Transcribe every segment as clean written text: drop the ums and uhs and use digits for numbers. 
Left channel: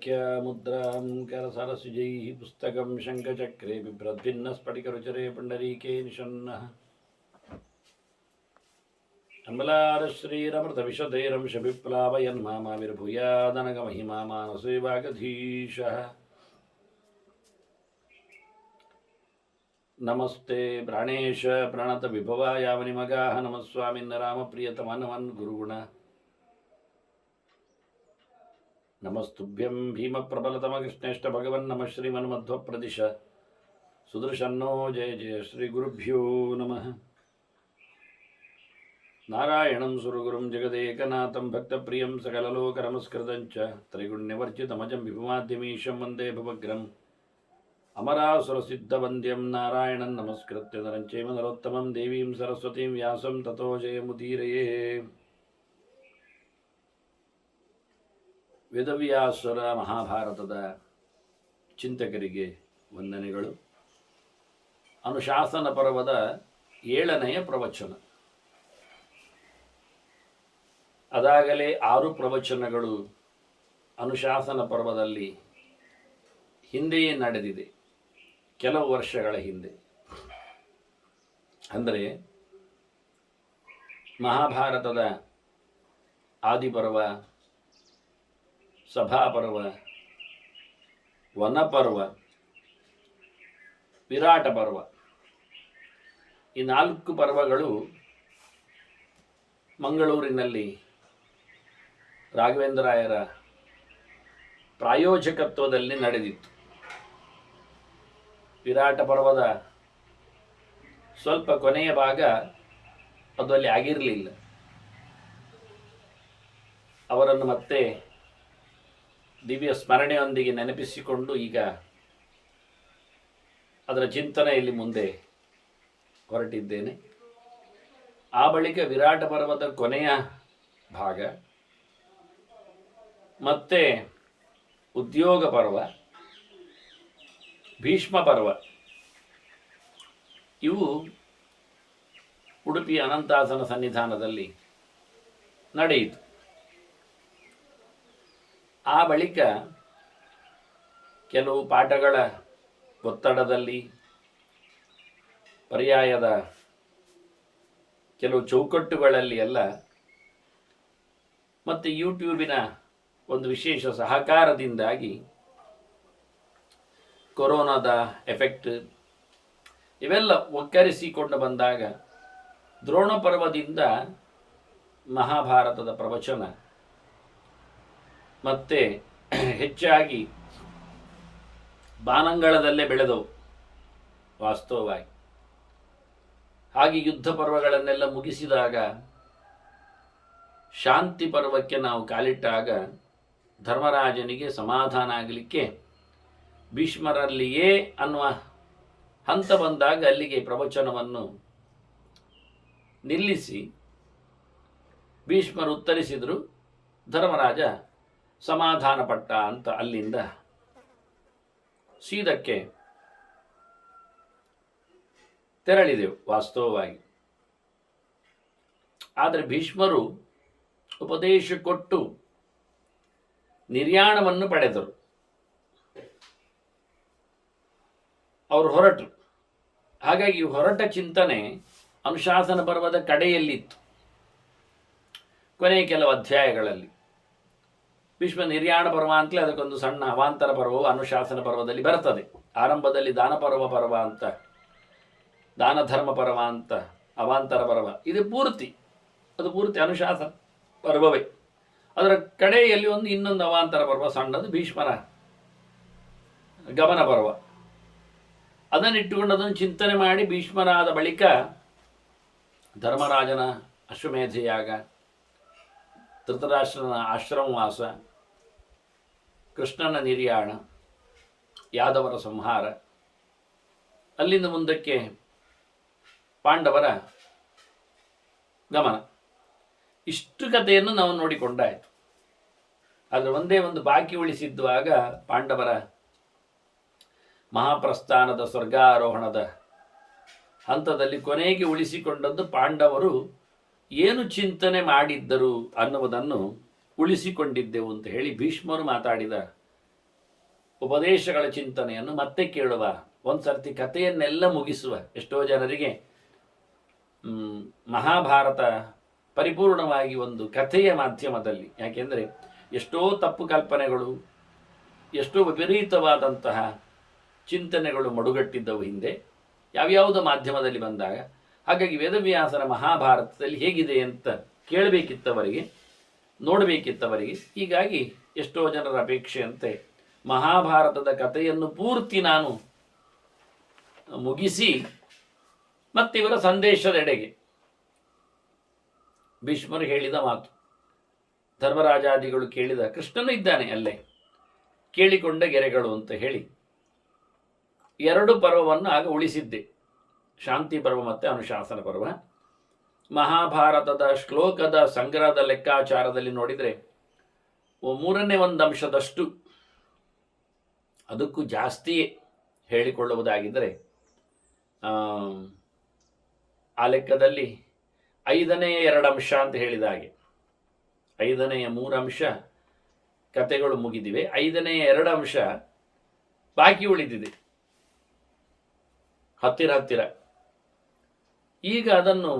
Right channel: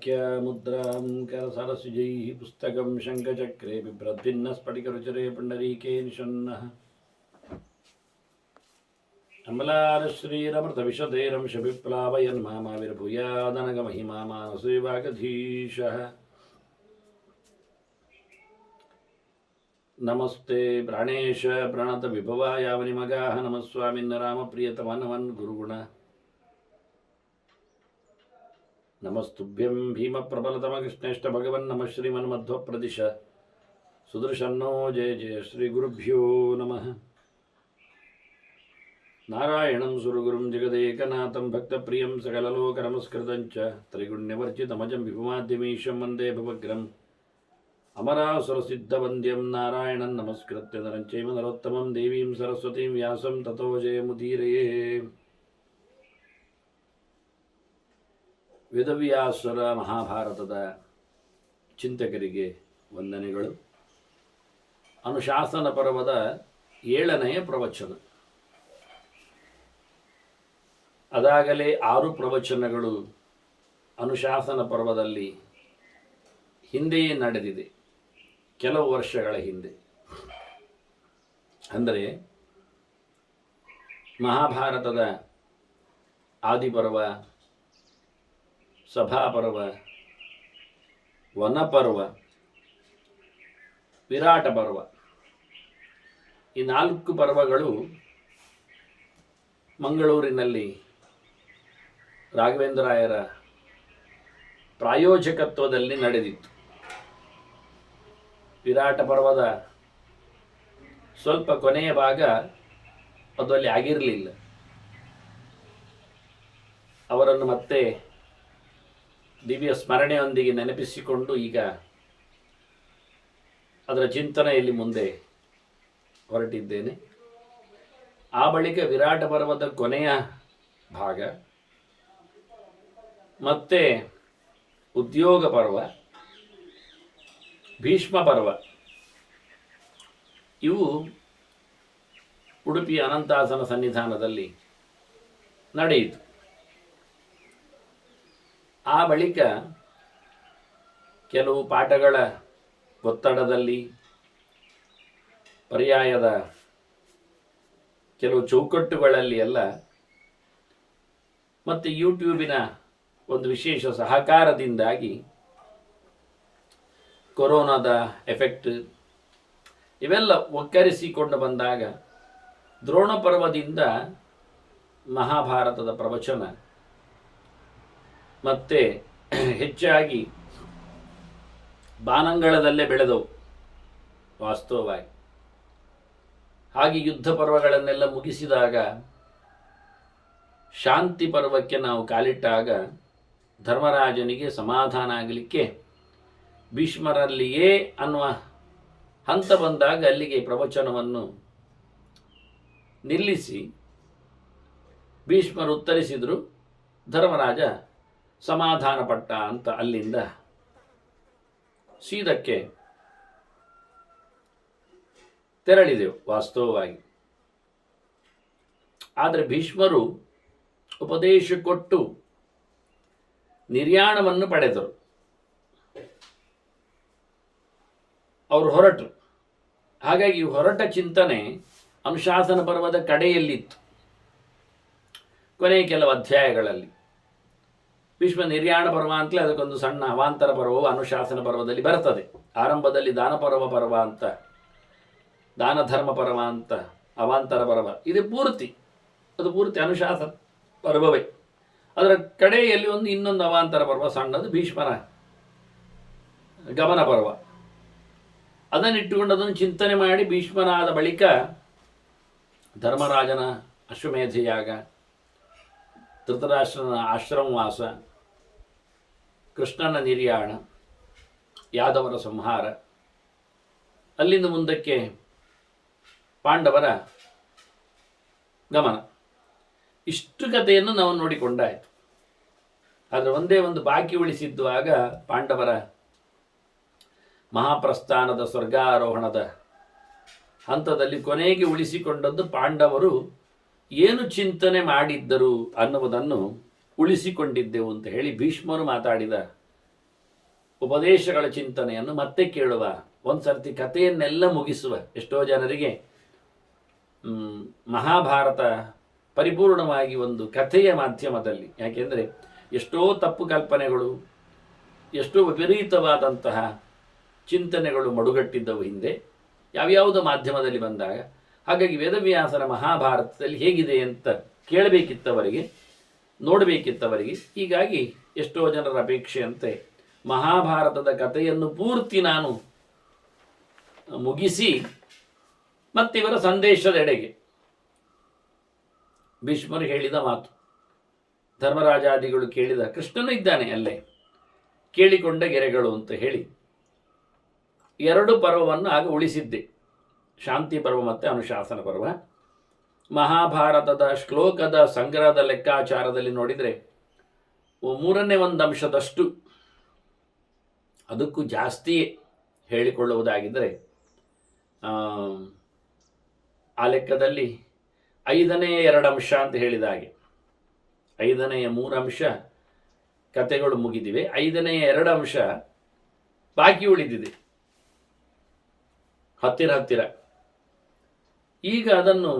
व्याख्यामुद्रां करसरसिजैः पुस्तकं शङ्खचक्रे बिभ्रद्भिन्नस्फटिकरुचिरे पुण्डरीके निषण्णः अमलारश्रीरमृतविशदैरंशविप्लावयन्मामाविर्भूयादनगमहिमा मानसे वागधीशः नमस्ते प्राणेश प्रणतविभवायावनिमगाः नमः स्वामिन् रामप्रियतमनवन् गुरुगुण नमस्तुभ्यं भीमप्रबलतमकृष्णेष्ट भगवन् नमः श्रीमन्मध्वप्रदिश सुदर्शन्नो जय जय श्रीगुरुभ्यो नमः नारायणं सुरगुरुं जगदेकनाथं भक्तप्रियं सकललोकनमस्कृतं च त्रैगुण्यवर्जितमजं विभुमाद्यमीशं वन्दे भवग्रम् अमरासुरसिद्धवन्द्यं नारायणं नमस्कृत्य नरं चैव नरोत्तमं देवीं सरस्वतीं व्यासं ततो जयमुदीरये ವೇದವ್ಯಾಸರ ಮಹಾಭಾರತದ ಚಿಂತಕರಿಗೆ ವಂದನೆಗಳು. ಅನುಶಾಸನ ಪರ್ವದ 7ನೆಯ ಪ್ರವಚನ. ಅದಾಗಲೇ 6 ಪ್ರವಚನಗಳು ಅನುಶಾಸನ ಪರ್ವದಲ್ಲಿ ಹಿಂದೆಯೇ ನಡೆದಿದೆ, ಕೆಲವು ವರ್ಷಗಳ ಹಿಂದೆ. ಅಂದರೆ ಮಹಾಭಾರತದ ಆದಿಪರ್ವ, ಸಭಾಪರ್ವ, ವನಪರ್ವ, ವಿರಾಟ ಪರ್ವ, ಈ 4 ಪರ್ವಗಳು ಮಂಗಳೂರಿನಲ್ಲಿ ರಾಘವೇಂದ್ರಾಯರ ಪ್ರಾಯೋಜಕತ್ವದಲ್ಲಿ ನಡೆದಿತ್ತು. ವಿರಾಟ ಪರ್ವದ ಸ್ವಲ್ಪ ಕೊನೆಯ ಭಾಗ ಅದು ಅಲ್ಲಿ ಆಗಿರಲಿಲ್ಲ. ಅವರನ್ನು ಮತ್ತೆ ದಿವ್ಯ ಸ್ಮರಣೆಯೊಂದಿಗೆ ನೆನಪಿಸಿಕೊಂಡು ಈಗ ಅದರ ಚಿಂತನೆಯಲ್ಲಿ ಮುಂದೆ ಹೊರಟಿದ್ದೇನೆ. ಆ ಬಳಿಕ ವಿರಾಟ ಪರ್ವದ ಕೊನೆಯ ಭಾಗ ಮತ್ತೆ ಉದ್ಯೋಗ ಪರ್ವ, ಭೀಷ್ಮ ಪರ್ವ ಇವು ಉಡುಪಿಯ ಅನಂತಾಸನ ಸನ್ನಿಧಾನದಲ್ಲಿ ನಡೆಯಿತು. ಆ ಬಳಿಕ ಕೆಲವು ಪಾಠಗಳ ಒತ್ತಡದಲ್ಲಿ, ಪರ್ಯಾಯದ ಕೆಲವು ಚೌಕಟ್ಟುಗಳಲ್ಲಿ ಎಲ್ಲ, ಮತ್ತು ಯೂಟ್ಯೂಬಿನ ಒಂದು ವಿಶೇಷ ಸಹಕಾರದಿಂದಾಗಿ ಕೊರೋನಾದ ಎಫೆಕ್ಟ್ ಇವೆಲ್ಲ ಒಕ್ಕರಿಸಿಕೊಂಡು ಬಂದಾಗ ದ್ರೋಣ ಪರ್ವದಿಂದ ಮಹಾಭಾರತದ ಪ್ರವಚನ ಮತ್ತೆ ಹೆಚ್ಚಾಗಿ ಬಾನಂಗಳದಲ್ಲೇ ಬೆಳೆದವು ವಾಸ್ತವವಾಗಿ. ಹಾಗೆ ಯುದ್ಧ ಪರ್ವಗಳನ್ನೆಲ್ಲ ಮುಗಿಸಿದಾಗ ಶಾಂತಿ ಪರ್ವಕ್ಕೆ ನಾವು ಕಾಲಿಟ್ಟಾಗ ಧರ್ಮರಾಜನಿಗೆ ಸಮಾಧಾನ ಆಗಲಿಕ್ಕೆ ಭೀಷ್ಮರಲ್ಲಿಯೇ ಅನ್ನುವ ಹಂತ ಬಂದಾಗ ಅಲ್ಲಿಗೆ ಪ್ರವಚನವನ್ನು ನಿಲ್ಲಿಸಿ ಭೀಷ್ಮರು ಉತ್ತರಿಸಿದರು. ಧರ್ಮರಾಜ ಸಮಾಧಾನ ಪಟ್ಟ ಅಂತ ಅಲ್ಲಿಂದ ಸೀದಕ್ಕೆ ತೆರಳಿದೆವು ವಾಸ್ತವವಾಗಿ. ಆದರೆ ಭೀಷ್ಮರು ಉಪದೇಶ ಕೊಟ್ಟು ನಿರ್ಯಾಣವನ್ನು ಪಡೆದರು. ಅವರು ಹೊರಟರು. ಹಾಗಾಗಿ ಹೊರಟ ಚಿಂತನೆ ಅನುಶಾಸನ ಪರ್ವದ ಕಡೆಯಲ್ಲಿತ್ತು. ಕೊನೆಯ ಕೆಲವು ಅಧ್ಯಾಯಗಳಲ್ಲಿ ಭೀಷ್ಮ ನಿರ್ಯಾಣ ಪರ್ವ ಅಂತಲೇ ಅದಕ್ಕೊಂದು ಸಣ್ಣ ಅವಾಂತರ ಪರ್ವವು ಅನುಶಾಸನ ಪರ್ವದಲ್ಲಿ ಬರ್ತದೆ. ಆರಂಭದಲ್ಲಿ ದಾನ ಪರ್ವ ಅಂತ, ದಾನ ಧರ್ಮ ಪರ್ವ ಅಂತ ಅವಾಂತರ ಪರ್ವ ಇದು ಅದು ಪೂರ್ತಿ ಅನುಶಾಸನ ಪರ್ವವೇ. ಅದರ ಕಡೆಯಲ್ಲಿ ಇನ್ನೊಂದು ಅವಾಂತರ ಪರ್ವ ಸಣ್ಣದು, ಭೀಷ್ಮರ ಗಮನ ಪರ್ವ. ಅದನ್ನಿಟ್ಟುಕೊಂಡು ಅದನ್ನು ಚಿಂತನೆ ಮಾಡಿ ಭೀಷ್ಮರಾದ ಬಳಿಕ ಧರ್ಮರಾಜನ ಅಶ್ವಮೇಧಯಾಗ, ಧೃತರಾಷ್ಟ್ರನ ಆಶ್ರಮವಾಸ, ಕೃಷ್ಣನ ನಿರ್ಯಾಣ, ಯಾದವರ ಸಂಹಾರ, ಅಲ್ಲಿಂದ ಮುಂದಕ್ಕೆ ಪಾಂಡವರ ಗಮನ, ಇಷ್ಟು ಕಥೆಯನ್ನು ನಾವು ನೋಡಿಕೊಂಡಾಯಿತು. ಆದರೆ ಒಂದೇ ಒಂದು ಬಾಕಿ ಉಳಿಸಿದ್ದು ಆಗ ಪಾಂಡವರ ಮಹಾಪ್ರಸ್ಥಾನದ ಸ್ವರ್ಗಾರೋಹಣದ ಹಂತದಲ್ಲಿ ಕೊನೆಗೆ ಉಳಿಸಿಕೊಂಡದ್ದು ಪಾಂಡವರು ಏನು ಚಿಂತನೆ ಮಾಡಿದ್ದರು ಅನ್ನುವುದನ್ನು ಉಳಿಸಿಕೊಂಡಿದ್ದೆವು ಅಂತ ಹೇಳಿ ಭೀಷ್ಮರು ಮಾತಾಡಿದ ಉಪದೇಶಗಳ ಚಿಂತನೆಯನ್ನು ಮತ್ತೆ ಕೇಳುವ, ಒಂದು ಸರ್ತಿ ಕಥೆಯನ್ನೆಲ್ಲ ಮುಗಿಸುವ. ಎಷ್ಟೋ ಜನರಿಗೆ ಮಹಾಭಾರತ ಪರಿಪೂರ್ಣವಾಗಿ ಒಂದು ಕಥೆಯ ಮಾಧ್ಯಮದಲ್ಲಿ, ಯಾಕೆಂದರೆ ಎಷ್ಟೋ ತಪ್ಪು ಕಲ್ಪನೆಗಳು, ಎಷ್ಟೋ ವಿಪರೀತವಾದಂತಹ ಚಿಂತನೆಗಳು ಮಡುಗಟ್ಟಿದ್ದವು ಹಿಂದೆ ಯಾವ್ಯಾವುದೋ ಮಾಧ್ಯಮದಲ್ಲಿ ಬಂದಾಗ. ಹಾಗಾಗಿ ವೇದವ್ಯಾಸನ ಮಹಾಭಾರತದಲ್ಲಿ ಹೇಗಿದೆ ಅಂತ ಕೇಳಬೇಕಿತ್ತವರಿಗೆ, ನೋಡಬೇಕಿತ್ತವರಿಗೆ. ಹೀಗಾಗಿ ಎಷ್ಟೋ ಜನರ ಅಪೇಕ್ಷೆಯಂತೆ ಮಹಾಭಾರತದ ಕಥೆಯನ್ನು ಪೂರ್ತಿ ನಾನು ಮುಗಿಸಿ ಮತ್ತಿವರ ಸಂದೇಶದೆಡೆಗೆ, ಭೀಷ್ಮರು ಹೇಳಿದ ಮಾತು, ಧರ್ಮರಾಜಾದಿಗಳು ಕೇಳಿದ, ಕೃಷ್ಣನು ಇದ್ದಾನೆ ಅಲ್ಲೇ, ಕೇಳಿಕೊಂಡ ಗೆರೆಗಳು ಅಂತ ಹೇಳಿ 2 ಪರ್ವವನ್ನು ಆಗ ಉಳಿಸಿದ್ದೆ, ಶಾಂತಿ ಪರ್ವ ಮತ್ತು ಅನುಶಾಸನ ಪರ್ವ. ಮಹಾಭಾರತದ ಶ್ಲೋಕದ ಸಂಗ್ರಹದ ಲೆಕ್ಕಾಚಾರದಲ್ಲಿ ನೋಡಿದರೆ 1/3 ಅಂಶದಷ್ಟು, ಅದಕ್ಕೂ ಜಾಸ್ತಿ ಹೇಳಿಕೊಳ್ಳುವುದಾಗಿದ್ದರೆ ಆ ಲೆಕ್ಕದಲ್ಲಿ 5ನೇ 2 ಅಂಶ ಅಂತ ಹೇಳಿದ ಹಾಗೆ 5ನೇ 3 ಅಂಶ ಕತೆಗಳು ಮುಗಿದಿವೆ, 5ನೇ 2 ಅಂಶ ಬಾಕಿ ಉಳಿದಿದೆ ಹತ್ತಿರ. ಈಗ ಅದನ್ನು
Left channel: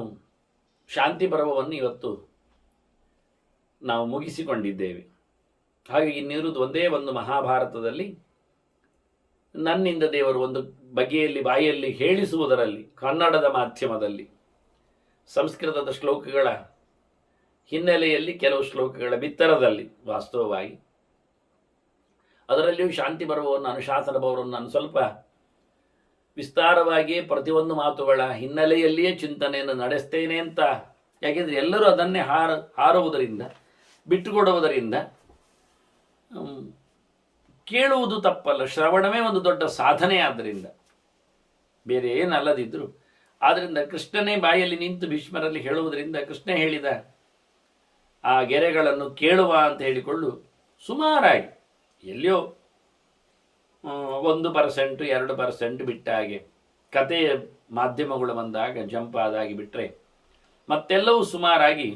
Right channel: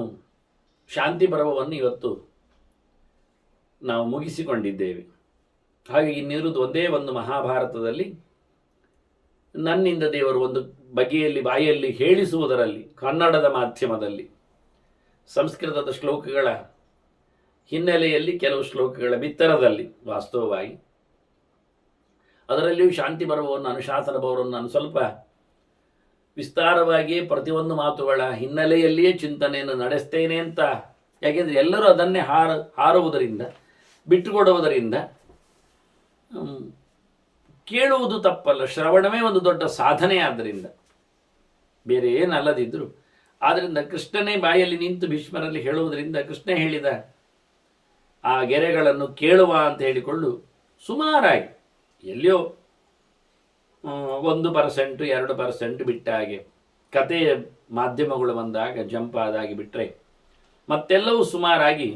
ಶಾಂತಿ ಪರ್ವವನ್ನು ಇವತ್ತು ನಾವು ಮುಗಿಸಿಕೊಂಡಿದ್ದೇವೆ. ಹಾಗೆ ಇನ್ನಿರುವುದು ಒಂದೇ ಒಂದು ಮಹಾಭಾರತದಲ್ಲಿ ನನ್ನಿಂದ ದೇವರು ಒಂದು ಬಗೆಯಲ್ಲಿ ಬಾಯಲ್ಲಿ ಹೇಳಿಸುವುದರಲ್ಲಿ, ಕನ್ನಡದ ಮಾಧ್ಯಮದಲ್ಲಿ ಸಂಸ್ಕೃತದ ಶ್ಲೋಕಗಳ ಹಿನ್ನೆಲೆಯಲ್ಲಿ ಕೆಲವು ಶ್ಲೋಕಗಳ ಬಿತ್ತರದಲ್ಲಿ ವಾಸ್ತವವಾಗಿ ಅದರಲ್ಲಿಯೂ ಶಾಂತಿ ಪರ್ವವನ್ನು ಅನುಶಾಸನ ಪರ್ವವನ್ನು ನಾನು ಸ್ವಲ್ಪ ವಿಸ್ತಾರವಾಗಿಯೇ ಪ್ರತಿಯೊಂದು ಮಾತುಗಳ ಹಿನ್ನೆಲೆಯಲ್ಲಿಯೇ ಚಿಂತನೆಯನ್ನು ನಡೆಸ್ತೇನೆ ಅಂತ. ಯಾಕೆಂದರೆ ಎಲ್ಲರೂ ಅದನ್ನೇ ಹಾರುವುದರಿಂದ, ಬಿಟ್ಟುಕೊಡುವುದರಿಂದ ಕೇಳುವುದು ತಪ್ಪಲ್ಲ, ಶ್ರವಣವೇ ಒಂದು ದೊಡ್ಡ ಸಾಧನೆ. ಆದ್ದರಿಂದ ಬೇರೆ ಏನಲ್ಲದಿದ್ದರೂ, ಆದ್ದರಿಂದ ಕೃಷ್ಣನೇ ಬಾಯಲ್ಲಿ ನಿಂತು ಭೀಷ್ಮರಲ್ಲಿ ಹೇಳುವುದರಿಂದ, ಕೃಷ್ಣ ಹೇಳಿದ ಆ ಗೆರೆಗಳನ್ನು ಕೇಳುವ ಅಂತ ಹೇಳಿಕೊಂಡು ಸುಮಾರಾಗಿ ಎಲ್ಲಿಯೋ 1% 2% ಬಿಟ್ಟ ಹಾಗೆ ಕಥೆಯ ಮಾಧ್ಯಮಗಳು ಬಂದಾಗ ಜಂಪ್ ಆದಾಗಿ ಬಿಟ್ಟರೆ ಮತ್ತೆಲ್ಲವೂ ಸುಮಾರಾಗಿ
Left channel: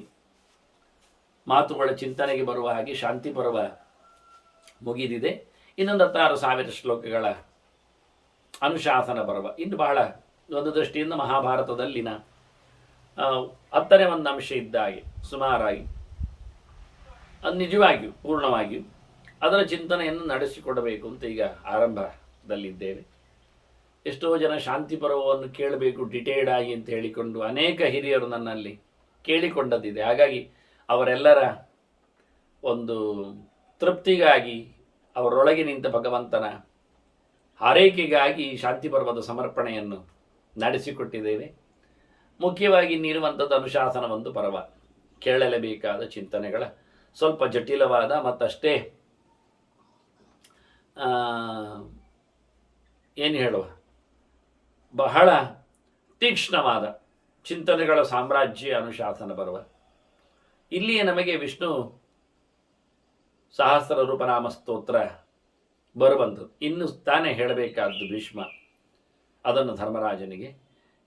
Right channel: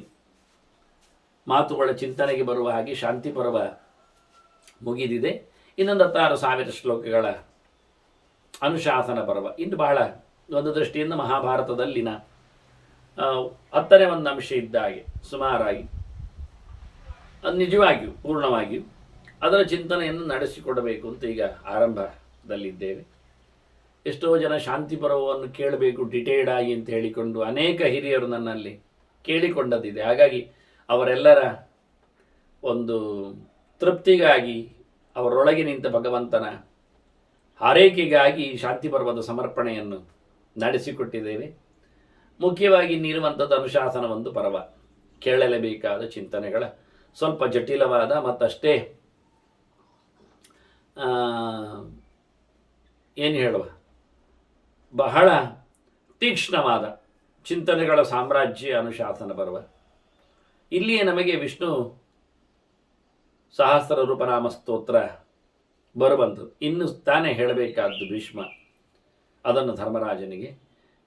ಮಾತುಗಳ ಚಿಂತನೆಗೆ ಬರುವ ಹಾಗೆ ಶಾಂತಿ ಪರ್ವ ಮುಗಿದಿದೆ. ಇನ್ನೊಂದು 16,000 ಶ್ಲೋಕಗಳ ಅನುಶಾಸನ ಪರ್ವ ಇನ್ನು ಬಹಳ ಒಂದು ದೃಷ್ಟಿಯಿಂದ ಮಹಾಭಾರತದಲ್ಲಿನ 10ನೇ 1 ಅಂಶ ಇದ್ದ ಹಾಗೆ ಸುಮಾರಾಗಿ ಅದು ನಿಜವಾಗಿಯೂ ಪೂರ್ಣವಾಗಿಯೂ ಅದರ ಚಿಂತನೆಯನ್ನು ನಡೆಸಿಕೊಡಬೇಕು ಅಂತ ಈಗ ಆರಂಭದಲ್ಲಿದ್ದೇವೆ. ಎಷ್ಟೋ ಜನ ಶಾಂತಿ ಪರ್ವವನ್ನು ಕೇಳಬೇಕು ಡಿಟೇಲ್ಡ್ ಆಗಿ ಅಂತ ಹೇಳಿಕೊಂಡು ಅನೇಕ ಹಿರಿಯರು ನನ್ನಲ್ಲಿ ಕೇಳಿಕೊಂಡದ್ದಿದೆ. ಹಾಗಾಗಿ ಅವರೆಲ್ಲರ ಒಂದು ತೃಪ್ತಿಗಾಗಿ, ಅವರೊಳಗೆ ನಿಂತ ಭಗವಂತನ ಹಾರೈಕೆಗಾಗಿ ಶಾಂತಿ ಪರ್ವದ ಸಮರ್ಪಣೆಯನ್ನು ನಡೆಸಿಕೊಟ್ಟಿದ್ದೇವೆ. ಮುಖ್ಯವಾಗಿ ಇನ್ನಿರುವಂಥದ್ದು ಅನುಶಾಸನ ಒಂದು ಪರ್ವ, ಕೇಳಲೇಬೇಕಾದ ಚಿಂತನೆಗಳ ಸ್ವಲ್ಪ ಜಟಿಲವಾದ ಮತ್ತಷ್ಟೇ ಏನು ಹೇಳುವ ಬಹಳ ತೀಕ್ಷ್ಣವಾದ ಚಿಂತನೆಗಳ ಸಾಮ್ರಾಜ್ಯ ಅನುಶಾಸನ ಪರ್ವ. ಇಲ್ಲಿಯೇ ನಮಗೆ ವಿಷ್ಣು ಸಹಸ್ರ ರೂಪನಾಮ ಸ್ತೋತ್ರ ಬರುವಂಥದ್ದು. ಇನ್ನು ತಾನೇ ಹೇಳಬೇಕಾದ್ದು ಭೀಷ್ಮ ಅದನ್ನು ಧರ್ಮರಾಜನಿಗೆ,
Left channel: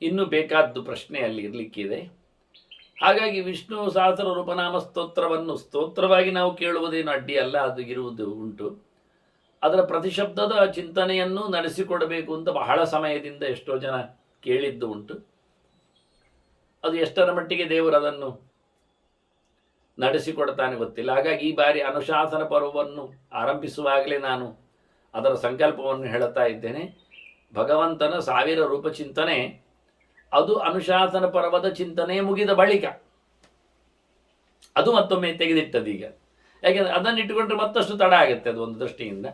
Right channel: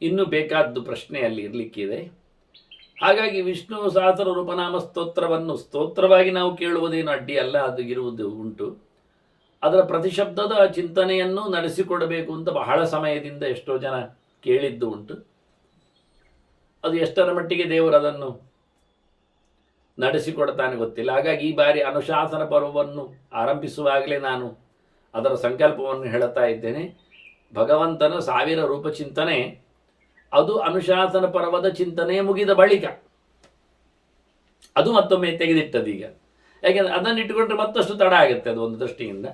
ಇನ್ನೂ ಬೇಕಾದ್ದು ಪ್ರಶ್ನೆಯಲ್ಲಿ ಇರಲಿಕ್ಕಿದೆ. ಹಾಗಾಗಿ ವಿಷ್ಣು ಸಹಸ್ರ ರೂಪನಾಮ ಸ್ತೋತ್ರವನ್ನು ಸ್ತೋತ್ರವಾಗಿ ನಾವು ಕೇಳುವುದೇನು ಅಡ್ಡಿ ಅಲ್ಲ, ಅದು ಇರುವುದು ಉಂಟು. ಅದರ ಪ್ರತಿಶಬ್ದದ ಚಿಂತನೆಯನ್ನು ನಡೆಸಿಕೊಡಬೇಕು ಅಂತ ಬಹಳ ಸಮಯದಿಂದ ಎಷ್ಟೋ ಜನ ಕೇಳಿದ್ದು ಉಂಟು. ಅದು ಎಷ್ಟರ ಮಟ್ಟಿಗೆ ದೇವರು ಅದನ್ನು ನಡೆಸಿಕೊಡ್ತಾನೆ ಗೊತ್ತಿಲ್ಲ. ಹಾಗಾಗಿ ಈ ಬಾರಿ ಅನುಶಾಸನ ಪರ್ವವನ್ನು ಆರಂಭಿಸುವಾಗಲೇ ನಾನು ಅದರ ಸಂಕಲ್ಪವನ್ನು ಹೇಳುತ್ತಾ ಇದ್ದೇನೆ. ಭಗವಂತನ 1000 ರೂಪ ಚಿಂತನೆ ಅದು ಅನುಶಾಸನ ಪರ್ವದ ಚಿಂತನೆ ಮುಗಿದ ಬಳಿಕ ಅದು ಮತ್ತೊಮ್ಮೆ ತೆಗೆದಿಟ್ಟದೀಗ. ಯಾಕೆಂದರೆ ಅದನ್ನು ಇಟ್ಟುಕೊಂಡ್ರೆ ಮತ್ತಷ್ಟು ತಡ ಆಗುತ್ತೆ ಅದು ಒಂದು ದೃಷ್ಟಿಯಿಂದ.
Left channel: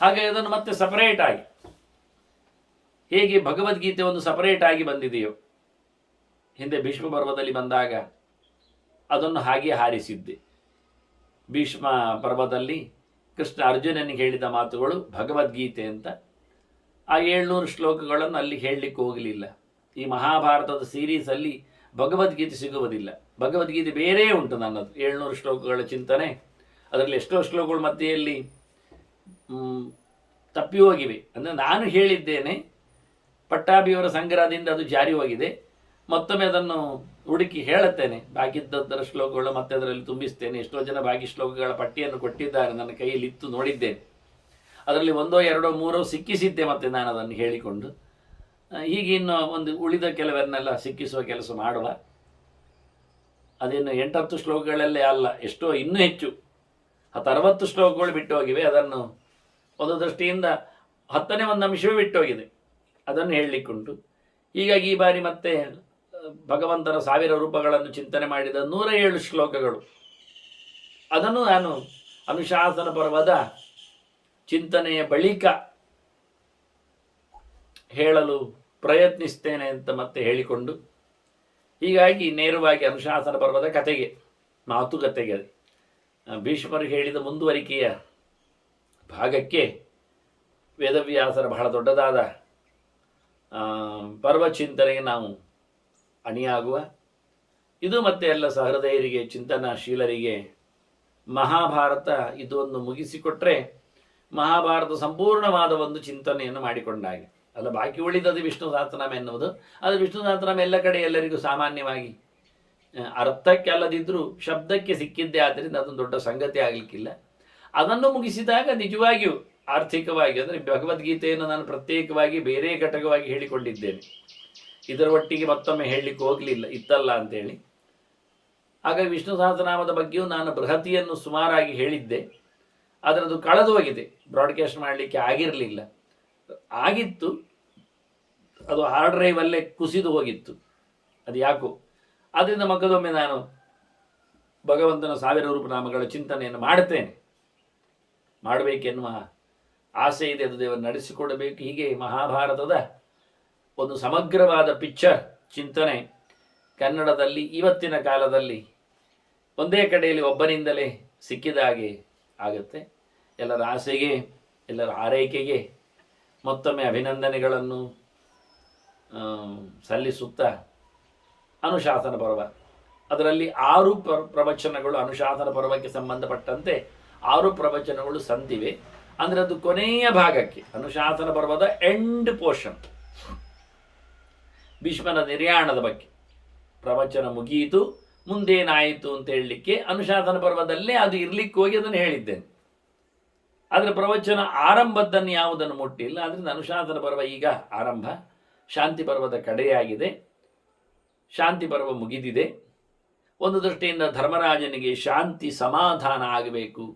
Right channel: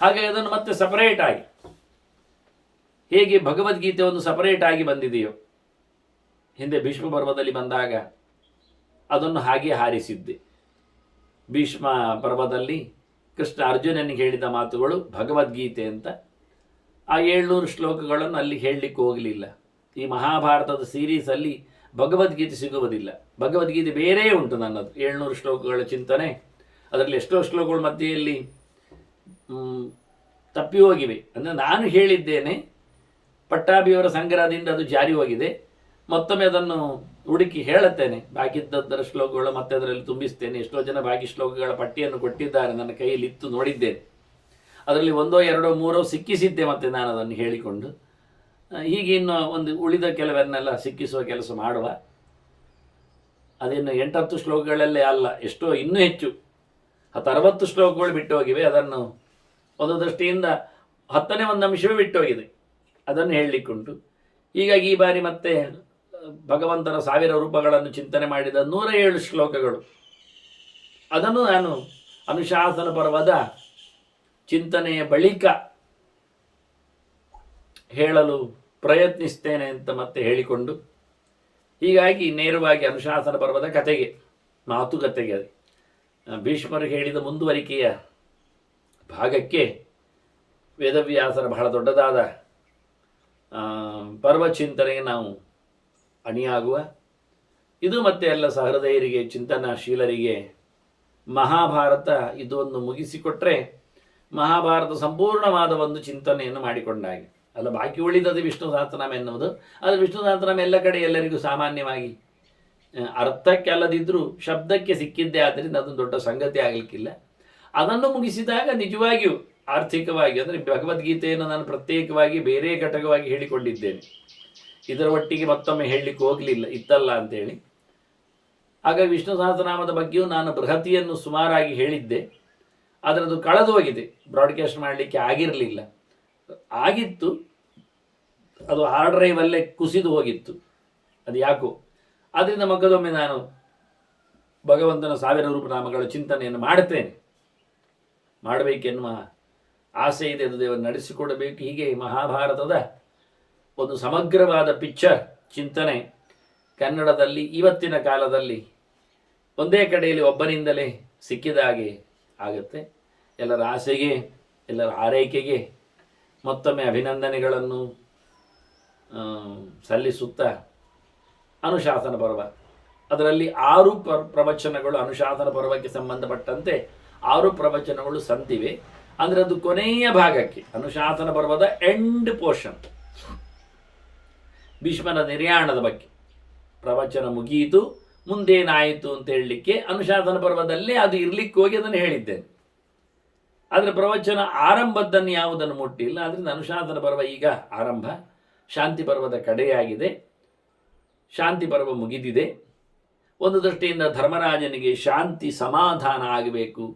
ಹಾಗಾಗಿ ಅದನ್ನು ಮತ್ತೆ ಸಪರೇಟ್ ಆಗಿ, ಹೇಗೆ ಭಗವದ್ಗೀತೆ ಒಂದು ಸಪರೇಟ್ ಆಗಿ ಬಂದಿದೆಯೋ, ಹಿಂದೆ ಭೀಷ್ಮ ಪರ್ವದಲ್ಲಿ ಬಂದಾಗ ಅದನ್ನು ಹಾಗೆ ಹಾರಿಸಿದ್ದೆ. ಭೀಷ್ಮ ಪರ್ವದಲ್ಲಿ ಕೃಷ್ಣ ಅರ್ಜುನನಿಗೆ ಹೇಳಿದ ಮಾತುಗಳು ಭಗವದ್ಗೀತೆ ಅಂತ. ಆ 700 ಶ್ಲೋಕಗಳನ್ನು ಅಲ್ಲಿ ಹೇಳಲಿಕ್ಕೆ ಹೋಗಲಿಲ್ಲ. ಈ ಮಹಾಭಾರತದ ಸೀರೀಸಲ್ಲಿ ಭಗವದ್ಗೀತೆ ಸಿಗುವುದಿಲ್ಲ. ಭಗವದ್ಗೀತೆ ಬೇರೆ ಉಂಟು ನನ್ನದು 700 ಶ್ಲೋಕಗಳ ಚಿಂತನೆ. ಅದರಲ್ಲಿ ಎಷ್ಟೋ ಶ್ಲೋಕಗಳು ಮಧ್ಯೆಯಲ್ಲಿ ತಪ್ಪಿ ಹೋಗಿವೆ. ಅಂದರೆ ನಾನು ಹೇಳಿದ್ದೇನೆ, ಪಟ್ಟಾಭಿಯವರ ಸಂಗ್ರಹದಿಂದ ಅದು ಜಾರಿ ಹೋಗಿದೆ. ಮತ್ತೊಮ್ಮೆ ಅದನ್ನು ಹುಡುಕಿ ಹೇಳುತ್ತೇನೆ. ಬಾಕಿದ್ದರ ಶ್ಲೋಕಗಳು ಮತ್ತೆ ಅದರಲ್ಲಿ ತುಂಬಿಸ್ತೇನೆ. ಎಷ್ಟೋ ಜನ ಬಾಕಿ ಶ್ಲೋಕಗಳ ಪಟ್ಟಿಯನ್ನು ಕೊಟ್ಟಿದ್ದಾರೆ, ನನ್ನ ಕೈಯಲ್ಲಿ ಇತ್ತು ನೋಡಿದ್ದೇನೆ. ಅದರಲ್ಲಿ ಒಂದೋ ಎರಡೋ ಮೂರೋ ಸಿಕ್ಕಿಸಿದ್ದೆ ಮತ್ತೆ ನಾನು ಅದನ್ನು ಹೇಳಿಕೊಂಡು. ಹೀಗೆ ಇನ್ನು ಒಂದು ಉಳಿದ ಕೆಲವನ್ನೆಲ್ಲ ಸಿಕ್ಕಿಸುವ ಕೆಲಸ ಮಾಡುವ. ಅದೇನು 8-10 ಶ್ಲೋಕಗಳಲ್ಲೇ ಅಲ್ಲ, ಎಷ್ಟೋ ಇನ್ನೂ ಹೆಚ್ಚು 10-60 ಶ್ಲೋಕಗಳು ಬಿಟ್ಟು ಹೋಗಿವೆ. ಅದನ್ನು ಒಂದು ದೃಷ್ಟಿಯಿಂದ 10ನೇ ಒಂದು ಅಂಶವೇ ಬಿಟ್ಟು ಹೋಗಿದೆ, ಅದನ್ನು ಹೇಳಲಿಕ್ಕುಂಟು. ಹೀಗಾಗಿ ಈ ಬಾರಿ ಮತ್ತೆ ಭಗವಂತನ 1000 ರೂಪಗಳನ್ನು ಚಿಂತನೆ ಮಾಡಿದ 107 ಶ್ಲೋಕಗಳು, ಅದನ್ನು ನಾನು ಅನುಶಾಸನ ಪರ್ವದ ಚಿಂತನೆಯ ಬಳಿಕ ಹೇಳಲು ಪ್ರಯತ್ನಿಸ್ತೇನೆ ಅಂತ ಮತ್ತೆ ಹೇಳಿಕೊಂಡು, ಹೀಗಾಗಿ ನೇರವಾಗಿ ಅನುಶಾಸನ ಪರ್ವದ ಕತೆಗೆ, ಮಾತುಕತೆಗೆ, ಭೀಷ್ಮರು ಹೇಳಿದ ಮುಂದುವರಿಕೆಯ ಭಾಗಕ್ಕೆ ವೇದವ್ಯಾಸರ ಬಹಳ ದೊಡ್ಡದಾದ ಪರ್ವ ಚಿಂತನೆಗೆ ನಾವು ಅಣಿಯಾಗುವ. ಇದು ಮತ್ತೆ ಎಲ್ಲ ಸಹೃದಯರಿಗೆ, ಚಿಂತನಾಶೀಲರಿಗೆ ಮಹಾಭಾರತ ಇದನ್ನು ಮುಗಿಸಿಕೊಟ್ರೆ ಮಹಾಭಾರತ ಸಂಪೂರ್ಣವಾದ ಒಂದು ಚಿಂತನೆಯನ್ನು ಮಾಡಿಕೊಂಡಾಗೆ ಅಲ್ಲ. ಬಾಕಿ ಉಳಿದದು ವಿಷ್ಣು ಸಹಸ್ರನಾಮ ಎನ್ನುವುದು, ಅದು ವಿಷ್ಣು ಸಹಸ್ರನಾಮ ಎಲ್ಲ ಕಡೆ ಎಲ್ಲರಿಗೂ ಸಾಮಾನ್ಯವಾಗಿ ಅರ್ಥಕ್ಕೆ ಅಲ್ಲದಿದ್ದರೂ ಶಬ್ದಕ್ಕೆ ಸಿಕ್ಕಿದ್ದೇ, ಆದ್ದರಿಂದ ಅದೊಂದು ದೊಡ್ಡ ಸಂಗತಿ ಆಗಲಿಕ್ಕಿಲ್ಲ. ಅದನ್ನು ಮುಗಿಸಿದಾಗ ನಿಜವಾಗಿಯೂ ಆರ್ಥಿಕವಾಗಿ, ಅಂದರೆ ಭಗವದ್ಗೀತೆಯನ್ನು ನಾನು ಪ್ರತ್ಯೇಕವಾಗಿ ಬೇರೆ ಘಟಕವಾಗಿ ಹೇಳಿಕೊಂಡಿದ್ದೇನೆ, ಇದರ ಒಟ್ಟಿಗೆ ಮತ್ತೊಮ್ಮೆ ಹೇಳಲಿಕ್ಕೆ ಹೋಗಲಿಲ್ಲ ಇತ್ತಲ್ಲ ಅಂತೇಳಿ. ಹಾಗಾಗಿ ವಿಷ್ಣು ಸಹಸ್ರನಾಮದ ಬಗ್ಗೆಯೂ ನಾನು ಬೃಹತಿಯನ್ನು ಸುಮಾರಾಗಿ ಹೇಳಿದ್ದೆ, ಆದರೆ ಅದು ಕಳೆದು ಹೋಗಿದೆ, ಬ್ರಾಡ್ಕಾಸ್ಟ್ ಮಾಡಲಿಕ್ಕೆ ಆಗಿರಲಿಲ್ಲ. ಆಗಿತ್ತು, ಅದು ಹಾರ್ಡ್ ಡ್ರೈವಲ್ಲೇ ಕುಸಿದು ಹೋಗಿತ್ತು, ಅದು ಯಾಕೋ. ಆದ್ದರಿಂದ ಮಗದೊಮ್ಮೆ ನಾನು ಭಗವಂತನ 1000 ರೂಪನಾಮಗಳ ಚಿಂತನೆಯನ್ನು ಮಾಡುತ್ತೇನೆ, ಮಾಡಬೇಕೆನ್ನುವ ಆಸೆ ಇದೆ, ಅದು ದೇವರು ನಡೆಸಿಕೊಡಬೇಕು. ಹೀಗೆ ಮಹಾಭಾರತದ ಒಂದು ಸಮಗ್ರವಾದ ಪಿಕ್ಚರ್ ಚಿಂತನೆ ಕನ್ನಡದಲ್ಲಿ ಇವತ್ತಿನ ಕಾಲದಲ್ಲಿ ಒಂದೇ ಕಡೆಯಲ್ಲಿ ಒಬ್ಬನಿಂದಲೇ ಸಿಕ್ಕಿದ ಹಾಗೆ ಆಗುತ್ತೆ. ಎಲ್ಲರ ಆಸೆಗೆ, ಎಲ್ಲರ ಆರೈಕೆಗೆ ಮತ್ತೊಮ್ಮೆ ಅಭಿನಂದನೆಗಳನ್ನು ಸಲ್ಲಿಸುತ್ತಾ, ಅನುಶಾಸನ ಪರ್ವ ಅದರಲ್ಲಿ 6 ಪ್ರವಚನಗಳು, ಅನುಶಾಸನ ಪರ್ವಕ್ಕೆ ಸಂಬಂಧಪಟ್ಟಂತೆ 6 ಪ್ರವಚನಗಳು ಸಂತಿವೆ. ಅಂದರೆ ಅದು ಕೊನೆಯ ಭಾಗಕ್ಕೆ, ಅನುಶಾಸನ ಪರ್ವದ ಎಂಡ್ ಪೋರ್ಷನ್, ಭೀಷ್ಮನ ನಿರ್ಯಾಣದ ಬಗ್ಗೆ ಪ್ರವಚನ ಮುಗಿಯಿತು, ಮುಂದೇನಾಯಿತು ಅಂತ ಹೇಳಲಿಕ್ಕೆ ಅನುಶಾಸನ ಪರ್ವದಲ್ಲೇ ಅದು ಇರಲಿಕ್ಕೆ ಹೋಗಿ ಅದನ್ನು ಹೇಳಿದ್ದೇನೆ. ಆದರೆ ಪ್ರವಚನ ಆರಂಭದ್ದನ್ನು ಯಾವುದನ್ನು ಮುಟ್ಟಿಲ್ಲ. ಆದ್ದರಿಂದ ಅನುಶಾಸನ ಪರ್ವ ಈಗ ಆರಂಭ, ಶಾಂತಿ ಪರ್ವದ ಕಡೆಯಾಗಿದೆ, ಶಾಂತಿ ಪರ್ವ ಮುಗಿದಿದೆ. ಒಂದು ದೃಷ್ಟಿಯಿಂದ ಧರ್ಮರಾಜನಿಗೆ ಶಾಂತಿ ಸಮಾಧಾನ ಆಗಬೇಕು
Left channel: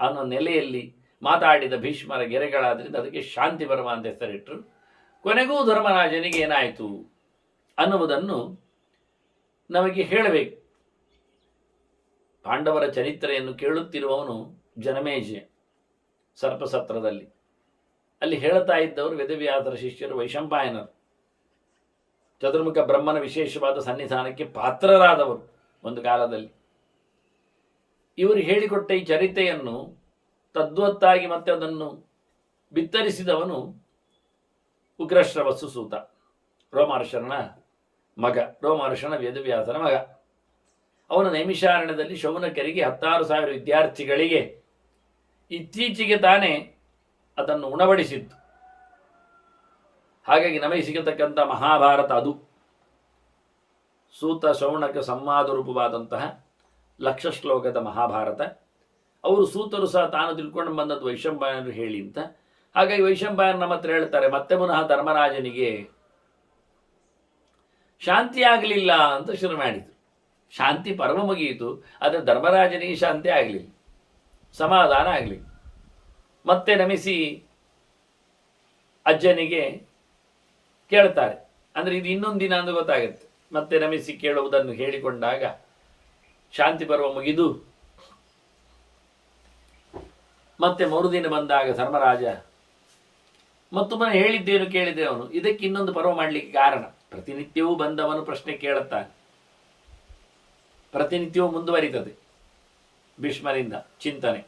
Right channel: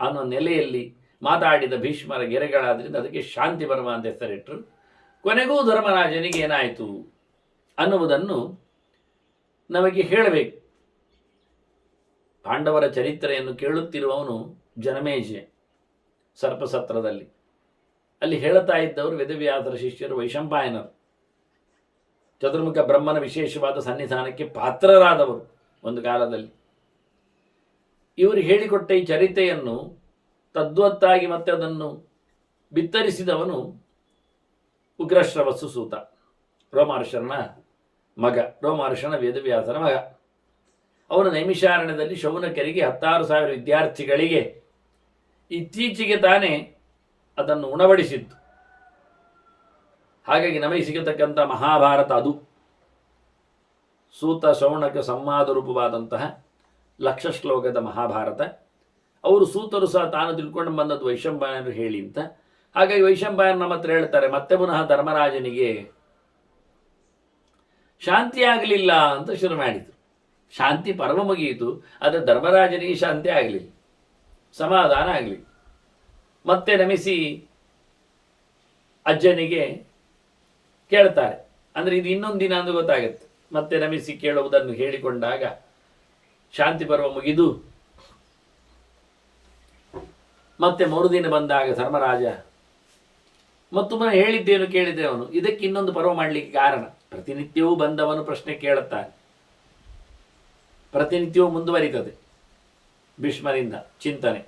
ಅನ್ನೋ ನೆಲೆಯಲ್ಲಿ ಮಾತಾಡಿದ ಭೀಷ್ಮರ ಗೆರೆಗಳಾದ್ದರಿಂದ ಅದಕ್ಕೆ ಶಾಂತಿ ಪರ್ವ ಅಂತ ಹೆಸರಿಟ್ಟರು. ಕೊನೆಗೂ ಧರ್ಮರಾಜನಿಗೆ ಏನಾಯಿತು ಅನ್ನುವುದನ್ನು ನಮಗೆ ಹೇಳಬೇಕು. ಪಾಂಡವರ ಚರಿತ್ರೆಯನ್ನು ಕೇಳುತ್ತಿರುವವನು ಜನಮೇಜಯ ಸರ್ಪಸತ್ರದಲ್ಲಿ, ಅಲ್ಲಿ ಹೇಳುತ್ತಾ ಇದ್ದವರು ವೇದವ್ಯಾಸರ ಶಿಷ್ಯರು ವೈಶಂಪಾಯನರು, ಚತುರ್ಮುಖ ಬ್ರಹ್ಮನ ವಿಶೇಷವಾದ ಸನ್ನಿಧಾನಕ್ಕೆ ಪಾತ್ರರಾದವರು ಒಂದು ಕಾಲದಲ್ಲಿ. ಇವರು ಹೇಳಿಕೊಟ್ಟ ಈ ಚರಿತೆಯನ್ನು ತದ್ವತ್ತಾಗಿ ಮತ್ತೆ ಅದನ್ನು ಬಿತ್ತರಿಸಿದವನು ಉಗ್ರಶ್ರವಸ್ಸು ಸೂತ, ರೋಮಹರ್ಷನ ಮಗ, ರೋಮಹರ್ಷನ ವೇದವ್ಯಾಸರ ಮಗ. ಅವನು ನೈಮಿಷಾರಣ್ಯದಲ್ಲಿ ಶೌನಕರಿಗೆ 16,000 ವಿದ್ಯಾರ್ಥಿಗಳಿಗೆ ಇತ್ತೀಚೆಗೆ ತಾನೇ ಅದನ್ನು ಉಣಬಡಿಸಿದ್ದು. ಹಾಗಾಗಿ ನಮಗೆ ಸಿಗತಕ್ಕಂಥ ಮಹಾಭಾರತ ಅದು. ಸೂತ ಶೌನಕ ಸಂವಾದ ರೂಪವಾದಂತಹ 1,00,000 ಶ್ಲೋಕದ ಮಹಾಭಾರತ. ಅವರು ಸೂತರು ಸಹ ತಾನು ತಿಳ್ಕೊಂಡು ಬಂದದ್ದು ವೈಶಂಪಾಯನರು ಹೇಳಿ ಅಂತ. ಹಾಗಾಗಿ ವೈಶಂಪಾಯನ ನಮ್ಮ ಹತ್ರ ಹೇಳ್ತಾರೆ, ಮತ್ತೆ ಪುನಃ ಧರ್ಮರಾಜನಿಗೆ ಶಾಂತಿ ಆಗಲಿಲ್ಲ ಅಂತ ಶುರು ಮಾಡಿದರು. ಶಾಂತಿ ಪರ್ವ ಮುಗಿಯಿತು, ಆದರೆ ಧರ್ಮರಾಜನಿಗೆ ಶಾಂತಿ ಆಗಲಿಲ್ಲ, ಸಮಾಧಾನ ಆಗಲಿಲ್ಲ. ಮತ್ತೆ ನಮಿಸಿ ಅಜ್ಜನಿಗೆ ಕೇಳ್ತಾರೆ, ಅಂದರೆ ಇದು ಇನ್ನೊಂದು ದಿನ ಅಂತ ಗೊತ್ತಾಗುತ್ತೆ. ಮತ್ತೆ ನಮಿಸಿ ಕೇಳುವುದನ್ನು ಹೇಳಿಕೊಂಡಾಗ ಶಾಂತಿ ಪರ್ವ ಮುಗಿದು ಮತ್ತೆ ಮರುದಿನ ಬಂದಾಗ ಧರ್ಮರಾಜ ಮತ್ತೊಮ್ಮೆ ಹೇಳಿದ್ದೇನು ಕೇಳಿದೆ ಅವನು, ಇದಕ್ಕೆ ಇನ್ನೊಂದು ಪರ್ವ ಮಾಡಲಿಕ್ಕೆ ಕಾರಣ, ಪ್ರತಿನಿತ್ಯವೂ ಬಂದವನು ಪ್ರಶ್ನೆ ಕೇಳುತ್ತಾನೆ, ಪ್ರತಿನಿತ್ಯವೂ ಮುಂದುವರಿತದೆ ಭೀಷ್ಮರಿಂದ ಚಿಂತನೆ.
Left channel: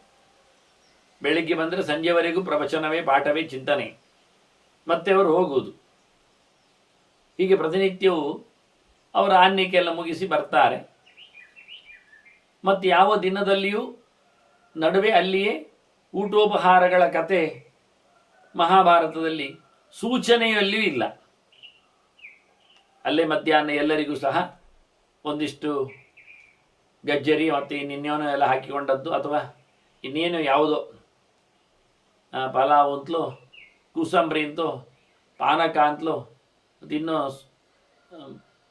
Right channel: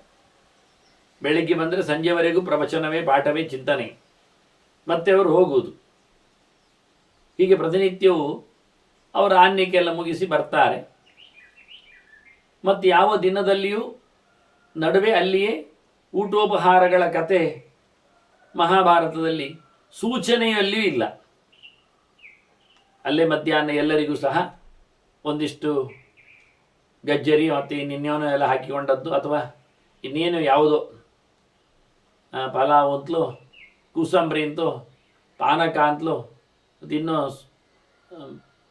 ಬೆಳಿಗ್ಗೆ ಬಂದರೆ ಸಂಜೆವರೆಗೂ ಪ್ರವಚನವೇ, ಪಾಠವೇ, ಚಿಂತನೆ, ಮತ್ತೆ ಅವರು ಹೋಗುವುದು. ಹೀಗೆ ಪ್ರತಿನಿತ್ಯವೂ ಅವರ ಆನ್ಯಕ್ಕೆಲ್ಲ ಮುಗಿಸಿ ಬರ್ತಾರೆ. ಮತ್ತು ಯಾವ ದಿನದಲ್ಲಿಯೂ ನಡುವೆ ಅಲ್ಲಿಯೇ ಊಟೋಪಹಾರಗಳ ಕತೆ ಮಹಾಭಾರತದಲ್ಲಿ ಸೂಚನೆಯಲ್ಲಿಯೂ ಇಲ್ಲ. ಅಲ್ಲೇ ಮಧ್ಯಾಹ್ನ ಎಲ್ಲರಿಗೂ ಸಹ ಒಂದಿಷ್ಟು ಗಜ್ಜರಿ ಮತ್ತು ಇನ್ನೇನೋ ಎಲ್ಲ ಹಾಕಿಕೊಂಡದ್ದು, ಅಥವಾ ಇನ್ನೇನು ಯಾವುದೋ ಪಲಾವ್ ಅಂತಲೂ, ಕೂಸಂಬರಿ ಅಂತೂ, ಪಾನಕ ಅಂತಲೂ, ಇನ್ನು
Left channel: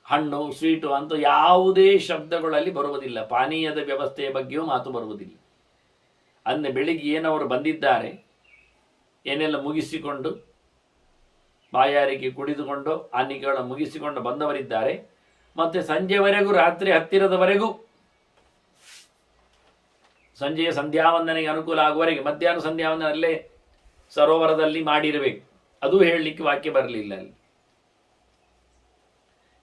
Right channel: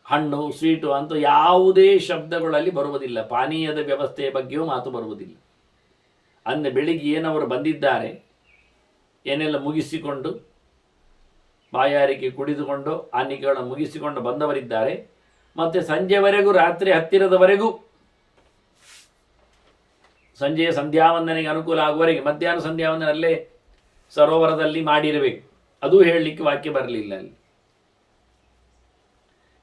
ಹಣ್ಣು ಸ್ವೀಟು ಅಂತೂ ಯಾವುದೇ ಶಬ್ದಗಳಲ್ಲಿ ಬರುವುದಿಲ್ಲ. ಪಾನೀಯದ ವ್ಯವಸ್ಥೆಯ ಬಗ್ಗೆಯೂ ಮಾತು ಬರುವುದಿಲ್ಲ. ಅಂದರೆ ಬೆಳಿಗ್ಗೆ ಏನವರು ಬಂದಿದ್ದಾರೆ, ಏನೆಲ್ಲ ಮುಗಿಸಿಕೊಂಡು ಬಾಯಾರಿಕೆ ಕುಡಿದುಕೊಂಡು ಆನಿಕೆಗಳನ್ನು ಮುಗಿಸಿಕೊಂಡು ಬಂದವರಿದ್ದಾರೆ, ಮತ್ತು ಸಂಜೆವರೆಗೂ, ರಾತ್ರಿ ಹತ್ತಿರದವರೆಗೂ, ಸಂಜೆಯ ಸಂಧ್ಯಾವಂದನೆಗೆ ಅನುಕೂಲ ಆಗುವವರೆಗೆ, ಮಧ್ಯಾಹ್ನ ಸಂಧ್ಯಾವಂದನಲ್ಲೇ ಸರೋವರದಲ್ಲಿ ಮಾಡಿರಬೇಕು. ಅದು ಹೇಳಲಿಕ್ಕೆ ವಾಕ್ಯ ಬರಲಿಲ್ಲ ಅಲ್ಲಿ.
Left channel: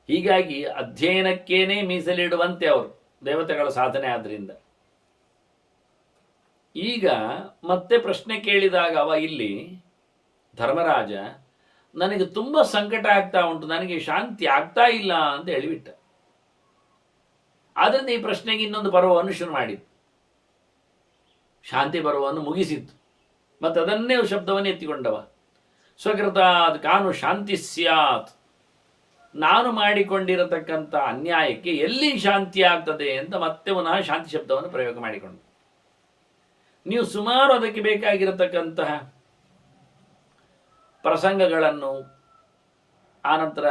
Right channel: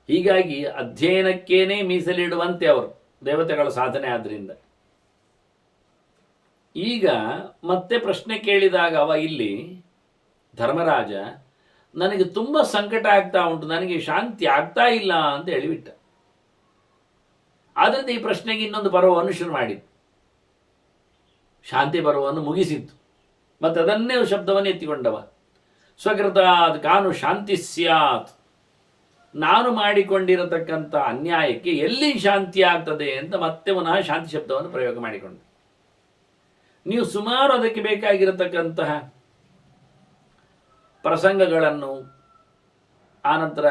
ಹೀಗಾಗಿ ಅಧ್ಯಯನಕ್ಕೇನೆ ಮೀಸಲಿಡುವಂತೆ ಅವರು ದೇವತೆಗಳ ಸಾಧನೆ. ಆದ್ದರಿಂದ ಈಗ ಮತ್ತೆ ಪ್ರಶ್ನೆ ಕೇಳಿದಾಗ ಅವ ಇಲ್ಲಿ ಧರ್ಮರಾಜ, ನನಗೆ ತುಂಬ ಸಂಕಟ ಆಗ್ತಾ ಉಂಟು, ನನಗೆ ಶಾಂತಿ ಆಗ್ತಾ ಇಲ್ಲ ಅಂತ ಹೇಳಿಬಿಟ್ಟ. ಆದ್ದರಿಂದ ಈ ಪ್ರಶ್ನೆಗೆ ಇನ್ನೊಂದು ಪರ್ವವನ್ನು ಶುರು ಮಾಡಿದ್ದು, ಶಾಂತಿ ಪರ್ವವನ್ನು ಮುಗಿಸಿತ್ತು. ಮತ್ತು ಅದನ್ನೇ ಶಬ್ದವನ್ನು ಎತ್ತಿಕೊಂಡವ, ಸ್ವಕೃತಾದ್ ಕಾನು ಶಾಂತಿ ಸ್ಯಾತ್, ನಾನು ಮಾಡಿಕೊಂಡಿರತಕ್ಕಂಥ ಅನ್ಯಾಯಕ್ಕೆ ಎಲ್ಲಿ ಶಾಂತಿ ಆಗ್ತದೆ ಅಂತ ಮತ್ತೆ ಪುನಃ ಶಾಂತಿ ಶಬ್ದವನ್ನು ಪ್ರಯೋಗ ಮಾಡಿಕೊಂಡು, ನೀವು ಸುಮಾರು ಅದಕ್ಕೆ ಬೇಕಾಗಿರತಕ್ಕಂತಹ ಪ್ರಸಂಗಗಳನ್ನು, ಆನಂತರ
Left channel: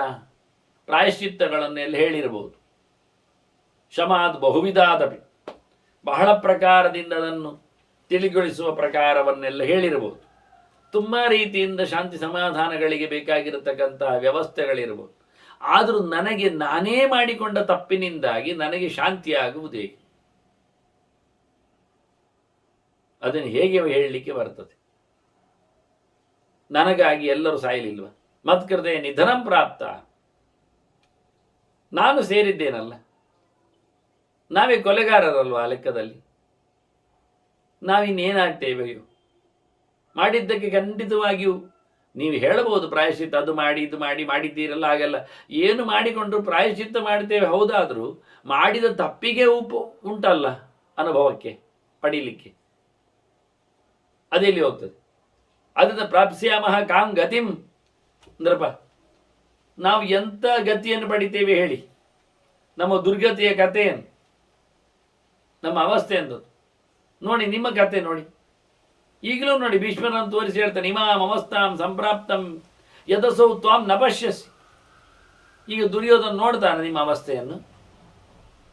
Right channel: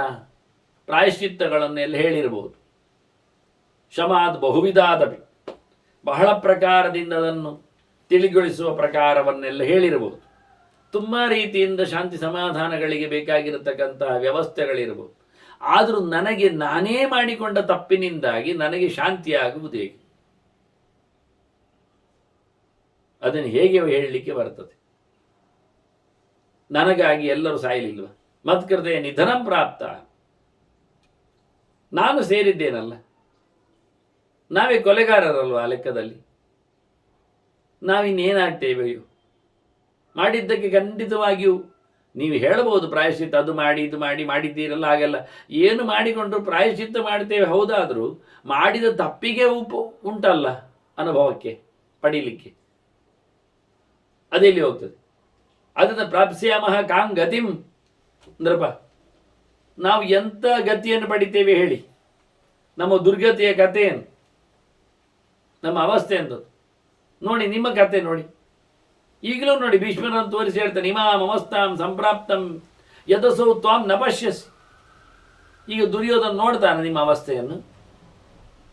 ಪ್ರಾಯಶ್ಚಿತ್ತಗಳನ್ನೆಲ್ಲ ಹೇಳಿರಬಹುದು. ಶಮಾದ್ ಬಹುವಿಧಾದಪಿ, ಬಹಳ ಪ್ರಕಾರದಿಂದ ಅದನ್ನು ತಿಳಿಗೊಳಿಸುವ ಪ್ರಕಾರವನ್ನೆಲ್ಲ ಹೇಳಿರಬಹುದು. ತುಂಬ ರೀತಿಯಿಂದ ಶಾಂತಿ ಸಮಾಧಾನಗಳಿಗೆ ಬೇಕಾಗಿರತಕ್ಕಂತಹ ವ್ಯವಸ್ಥೆಗಳಿರಬಹುದು. ಆದರೂ ನನಗೆ ನಾನೇ ಮಾಡಿಕೊಂಡ ತಪ್ಪಿನಿಂದಾಗಿ ನನಗೆ ಶಾಂತಿಯಾಗುವುದು ಹೇಗೆ? ಅದನ್ನು ಹೇಗೆ ಹೇಳಲಿಕ್ಕೆ ಬರ್ತದೆ? ನನಗಾಗಿ ಎಲ್ಲರೂ ಸಾಯಲಿಲ್ವ? ಮತ್ಕೃತೆ ನಿಧನಂ ಪ್ರಾಪ್ತ, ನಾನು ಸೇರಿದ್ದೇನಲ್ಲ, ನಾವೇ ಕೊಲೆಗಾರರಲ್ವ ಆ ಲೆಕ್ಕದಲ್ಲಿ. ನಾವಿನ್ನೇನಾಗ್ತೇವೆಯೋ? ಮಾಡಿದ್ದಕ್ಕೆ ಖಂಡಿತವಾಗಿಯೂ ನೀವು ಹೇಳಬಹುದು ಪ್ರಾಯಶ್ಚಿತ್ತ, ಅದು ಮಾಡಿ ಇದು ಮಾಡಿ ಮಾಡಿದ್ದೀರಲ್ಲ, ಹಾಗಲ್ಲ. ಏನು ಮಾಡಿಕೊಂಡ್ರು ಪ್ರಾಯಶ್ಚಿತ್ತ ಮಾಡ್ತೇವೆ ಹೌದಾದರೂ ಮಾಡಿದ ತಪ್ಪಿಗೆ ಉಂಟಲ್ಲ ಅನುಭವಕ್ಕೆ ಪಡೀಲಿಕ್ಕೆ, ಅದೆಲ್ಲಿ ಹೋಗ್ತದೆ? ಅದನ್ನು ಪ್ರಾಪ್ಸ್ಯಾಮಹ ಕಾಂ ಗತಿಂ ಅಂದ್ರಪ್ಪ, ನಾವು ಎಂಥ ಗತಿಯನ್ನು ಪಡಿತೇವೆ ಹೇಳಿ? ನಮ್ಮ ದುರ್ಗತಿಯ ಕಥೆಯನ್ನು, ನಮ್ಮ ಅವಸ್ಥೆ ಎಂದದ್ದು ನೋಡಿ. ನಿಮ್ಮ ಕತೆ ನೋಡಿ, ಈಗಲೂ ನೋಡಿ, ಭೀಷ್ಮರನ್ನು ತೋರಿಸಿ ಹೇಳ್ತಾನೆ, ಇಮಾಂ ಅವಸ್ಥಾಂ ಸಂಪ್ರಾಪ್ತಂ ಯದಸೌ ತ್ವಾಂ ನ ಪಶ್ಯಸಿ. ಈಗ ದುರ್ಯೋಧನ ನೋಡ್ತಾನೆ ನಿಮ್ಮ ಅವಸ್ಥೆಯನ್ನು,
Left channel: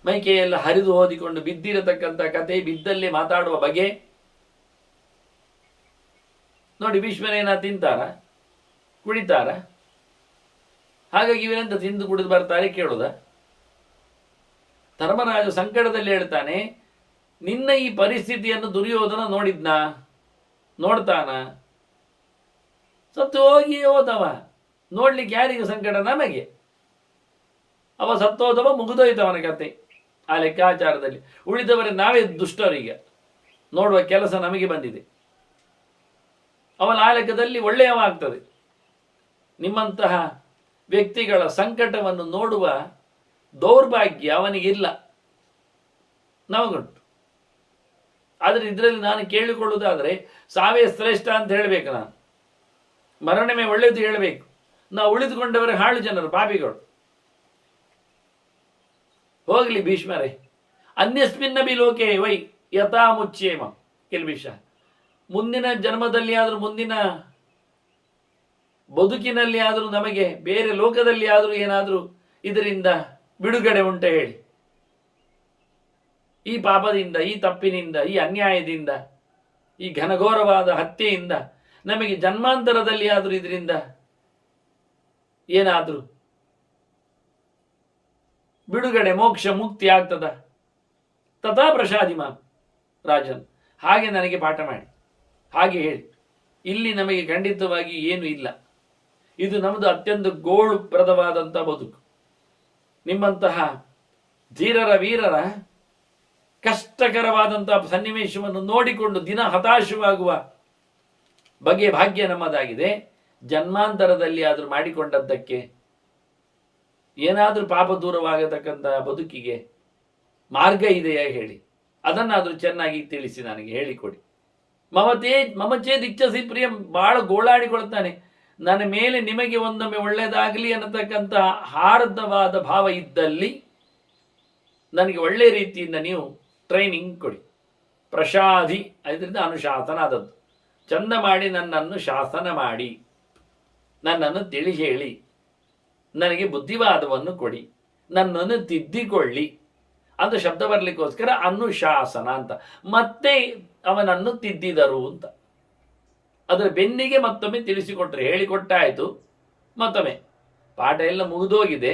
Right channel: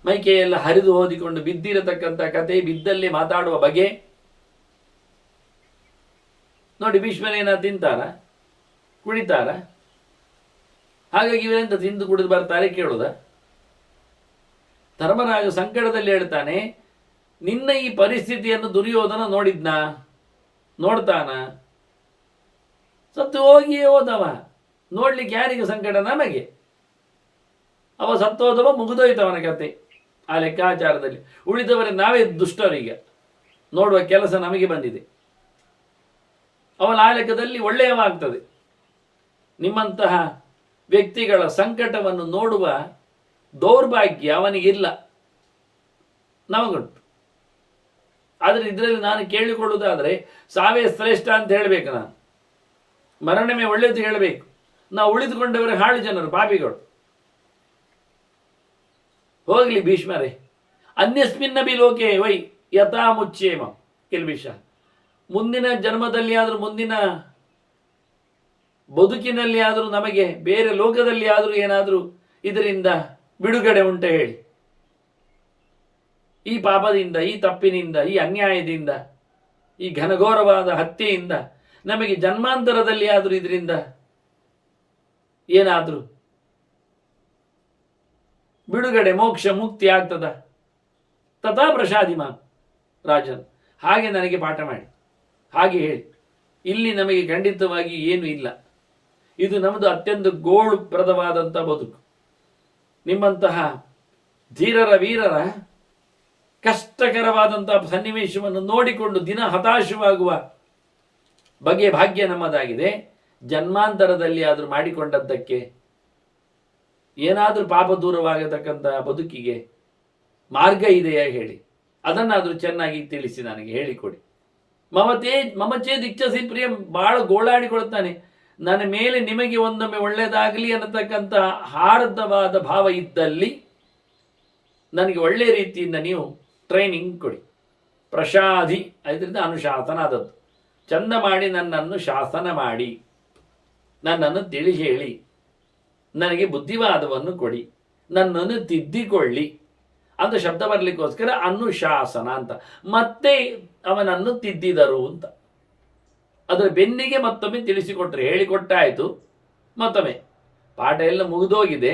ಮೈಕೆಯೆಲ್ಲ ಹರಿದು ಹೋದಿಕೊಂಡು ಬಿದ್ದಿರತಕ್ಕಂಥ ಕತೆ, ಬಿದ್ದಲ್ಲೇ ಮಾತಾಡುವ ಬಗೆ ನೋಡಿ. ಭೀಷ್ಮನೇನ ತಿಂತಾರ, ಕುಡಿತಾರ? ಹಾಗಾಗಿ ಇವರೆಂತ ತಿಂದು ಕುಡಿದು ಬರ್ತಾರೆ ಕೇಳುದ? ಧರ್ಮರಾಜ ಸಂಕಟದಲ್ಲಿ ಹೇಳ್ತಾನೆ, ನಿನ್ನ ಈ ಪರಿಸ್ಥಿತಿಯನ್ನು ದುರ್ಯೋಧನ ನೋಡಿದ್ನಾ? ನೋಡ್ತಾನ? ಸತ್ತು ಹೋಗಿಯೇ ಹೋದವ, ನೋಡ್ಲಿಕ್ಕೆ ಯಾರಿಗೆ ಸಂಕಟ? ನಮಗೆ. ಅವ ಸತ್ತೋದವ, ಮುಗಿದೋಯ್ತವನ ಕತೆ ಆ ಲೆಕ್ಕಾಚಾರದಲ್ಲಿ. ಉಳಿದವರೇ ನಾವೇ ದುಷ್ಟರೀಗ, ನೋಡುವ ಕೆಲಸ ನಮಗೆ ಬಂದಿದೆ. ಅವನ ಆ ಲೆಕ್ಕದಲ್ಲಿ ಒಳ್ಳೆಯವಾಗ್ತದೆ. ನಿಮ್ಮಂತಹ ವ್ಯಕ್ತಿಗಳ ಸಂಕಟವನ್ನು ನೋಡುವ ದೌರ್ಭಾಗ್ಯ ಅವನಿಗಿಲ್ಲ, ನಮಗುಂಟು. ಆದರೆ ಇದರಲ್ಲಿ ನಾನು ಕೇಳಿಕೊಳ್ಳುವುದಾದರೆ ಸಾವೇ ಶ್ರೇಷ್ಠ ಅಂತ ಹೇಳಬೇಕು, ನಾನು ಮರಣವೇ ಒಳ್ಳೆಯದು ಹೇಳಬೇಕು. ನಾವು ಉಳಿದುಕೊಂಡವರೇ ಹಾಳು ಜನರು, ಪಾಪಿಗಳು. ಹೋಗಲಿ ಭೀಷ್ಮರೇ, ಅನ್ಯಸ್ಮಿನ್ನಬಿ ಲೋಕೆ ವೈ ಯಥಾ ಮುಚ್ಚೇಮ ಕಿಲ್ಬಿಷ. ಮುಂದಿನ ಜನ್ಮದಲ್ಲಿ ಆದರೂ, ಮುಂದಿನ ಬದುಕಿನಲ್ಲಿ ಆದರೂ, ನಮಗೆ ಬೇರೆ ಲೋಕದಲ್ಲಿ ಆದರೂ ಏನಾದರೂ ಇದರಿಂದ ಬಿಡುಗಡೆ ಉಂಟ ಹೇಳಿ? ಈ ಪಾಪದಿಂದ, ಈ ತಪ್ಪಿನಿಂದ, ಈ ಅನ್ಯಾಯದಿಂದ, ಈ ಘನಘೋರವಾದ ಹತ್ಯೆಯಿಂದ ನಮಗೆ ಜನ್ಮಾಂತರದಲ್ಲಿ ಆದರೂ ಇದರಿಂದ ಏನಾದರೂ ಬಿಡುಗಡೆ, ಮೋಕ್ಷ, ಮುಕ್ತಿ ಆಗ್ತದ? ತಥಾ ಪ್ರಸಾದಿಮ ರಾಜನ್, ಹಾಗೆ ನನಗೆ ಪಾಠ ಮಾಡಿ, ಹಾಗೆ ಹೇಳಿ. ಇಲ್ಲಿ ನಮಗೆ ಖಂಡಿತವಾಗಿ ಏನು ಇಲ್ಲ. ಇದು ನಮ್ಮದು ಅತ್ಯಂತ ಗೋಳುಪ್ರದವಾದಂಥ ಬದುಕು. ನಿಮ್ಮಂತಹ ಧೀರರ, ವೀರರ ಕಷ್ಟಕರವಾದಂಥ ಸನ್ನಿವೇಶವನ್ನು ನೋಡಿಕೊಂಡು ದಿನ ಹತಾಶವಾಗುವ ಬಗೆಯ ಭಾಗ್ಯ ನಮ್ಮದಾಗಿದೆ. ಜನ್ಮಾಂತರದಲ್ಲಿ ಆದರೂ ಮಾಡಿಕೊಂಡದ್ದಕ್ಕೆ ಏನಾದರೂ ಪಾಪ ದೂರವಾಗತಕ್ಕಂತಹ ಬದುಕಿಗೆ ಮಾರ್ಗ ಇದೆಯಾ ಹೇಳಿ? ಅದನ್ನಾದರೂ ಚೆನ್ನಾಗಿ ತಿಳಿಸಿ, ನನಗೆ ಹೇಳಿಕೊಡಿ. ಮಮಚೇ ದಿಚ್ಚಸಿ ಪ್ರಿಯ, ಭಾಳ ಗೋಳಾಡಿಕೊಳ್ತಾನೆ. ನನ್ನ ಮೇಲೆ ನಿಮಗೆ ಒಂದೊಮ್ಮೆ ಒಳ್ಳೆಯದಾಗಲಿ ಅನ್ನತಕ್ಕಂಥ ಹಾರ್ದವಾದ ಭಾವ ಇದ್ದಲ್ಲಿ ನನಗೆ ಒಳ್ಳೆಯ ರೀತಿಯಿಂದ ನೀವು ಟ್ರೈನಿಂಗ್ ಕೊಡಿ. ಪ್ರಸಾದಿ, ಅದರಿಂದ ಅನುಶಾಸನ ಆದದ್ದು. ಚಂದ ಮಾಡಿ ನನ್ನನ್ನು ಶಾಸನ ಮಾಡಿ, ನನ್ನನ್ನು ತಿಳಿ ಹೇಳಿ, ನನಗೆ ಬುದ್ಧಿವಾದವನ್ನು ಕೊಡಿ, ನನ್ನನ್ನು ತಿದ್ದಿಕೊಳ್ಳಿ ಅಂತ ಶಬ್ದ ಬರಲಿಕ್ಕೋಸ್ಕರ ಅನುಶಾಸನ ಅಂತ. ಮತ್ತೆ ಅವನನ್ನು ತಿದ್ದಿದರು ಅಂತ. ಅದರ ಬೆನ್ನಿಗೆ ಮತ್ತೊಮ್ಮೆ ತಿಳಿಸಿಕೊಟ್ರೆ, ಹೇಳಿಕೊಟ್ಟಾಯಿತು. ಮತ್ತೊಮ್ಮೆ ಪಾಠ ಎಲ್ಲ ಮುಗಿದೋಗಿದೆ,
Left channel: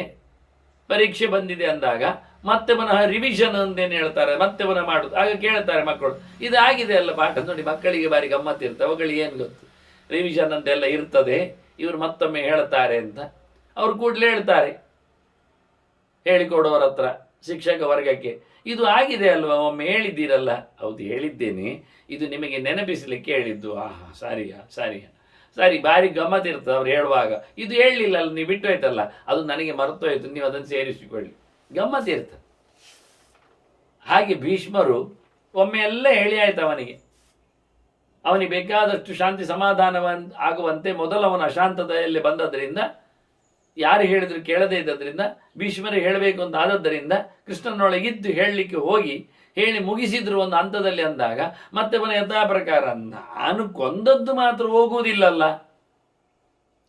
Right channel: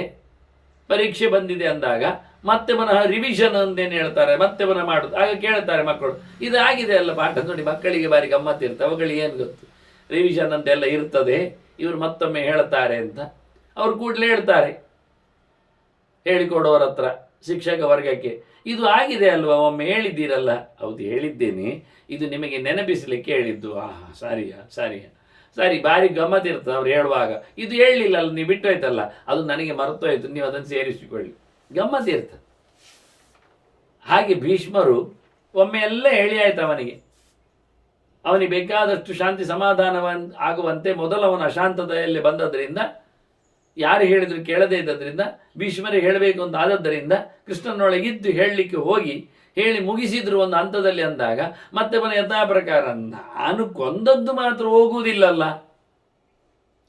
ಪರೀಕ್ಷೆ ಬಂದಿದೆ ಅಂದಾಗ ಮತ್ತೆ ಪುನಃ ರಿವಿಷನ್ ಅಂತೇನು ಹೇಳ್ತಾರೆ, ಮತ್ತೆ ಪುನಃ ಮಾಡುದು. ಆಗ ಕೇಳ್ತಾರೆ ಮಕ್ಕಳು, ಇದಾಗಿದೆ ಅಲ್ಲ ಪಾಠ ನೋಡಿ, ಮಕ್ಕಳಿಗೆ ಬಾರಿ ಗಮ್ಮತ್ತಿರ್ತವೆ, ಅವುಗಳಿಗೆ ಏನು ಗೊತ್ತು, ರಿವಿಷನ್ ಅಂತೆಲ್ಲ ಇರ್ತದೆ, ಇವರು ಮತ್ತೊಮ್ಮೆ ಹೇಳ್ತಾರೆ ಅಂತ ಅವರು ಕೂಡಲೇ ಹೇಳ್ತಾರೆ ಹೇಳಿಕೊಡುವರ ಹತ್ರ, ಶಿಕ್ಷಕ ವರ್ಗಕ್ಕೆ, ಇದು ಆಗಿದೆ ಅಲ್ವಾ, ಒಮ್ಮೆ ಹೇಳಿದ್ದೀರಲ್ಲ. ಹೌದು ಹೇಳಿದ್ದೇನೆ, ಇದು ನಿಮಗೆ ನೆನಪಿಸಲಿಕ್ಕೆ ಹೇಳಿದ್ದು. ಸರಿ, ಭಾರಿ ಗಮ್ಮತ್ತಿರ್ತದೆ ಅವ್ರು ಹೇಳುವಾಗ. ಇದು ಹೇಳಲಿಲ್ಲ ಅಲ್ಲ, ನೀವು ಬಿಟ್ಟು ಹೋಯ್ತಲ್ಲ, ಅದು ನನಗೆ ಮರೆತೋಯ್ತು, ನೀವು ಅದನ್ನು ಸೇರಿಸಿಕೊಳ್ಳಿ, ಗಮ್ಮತ್ತಿರ್ತದೆ. ಹಾಗೆ ಭೀಷ್ಮರು ಒಮ್ಮೆ ಎಲ್ಲ ಹೇಳಿ ಆಯ್ತು ಅವನಿಗೆ ಬೇಕಾದಷ್ಟು ಶಾಂತಿ ಸಮಾಧಾನ ಆಗುವಂತೆ ಮೊದಲು ಅವನ ಅಶಾಂತತೆಯಲ್ಲಿ ಬಂದದ್ದರಿಂದ, ಯಾರು ಹೇಳಿದ್ರು ಕೇಳದೇ ಇದ್ದದ್ರಿಂದ, ಭೀಷ್ಮರೇ ಹೇಳಬೇಕು ಅಂತ ಆದದ್ದರಿಂದ ಕೃಷ್ಣನೊಳಗಿದ್ದು ಹೇಳಲಿಕ್ಕೆ ಹೋಗಿ ಹೇಳಿ ಮುಗಿಸಿದ್ರು ಒಂದು ಹಂತದಲ್ಲಿ. ಅಂದಾಗ ಮತ್ತೆ ಅವನ ಯಥಾ ಪ್ರಕಾರ, ನಾನು ಕೊಂದದ್ದು ಮಾತ್ರ ಹೋಗುವುದಿಲ್ಲಲ್ಲ,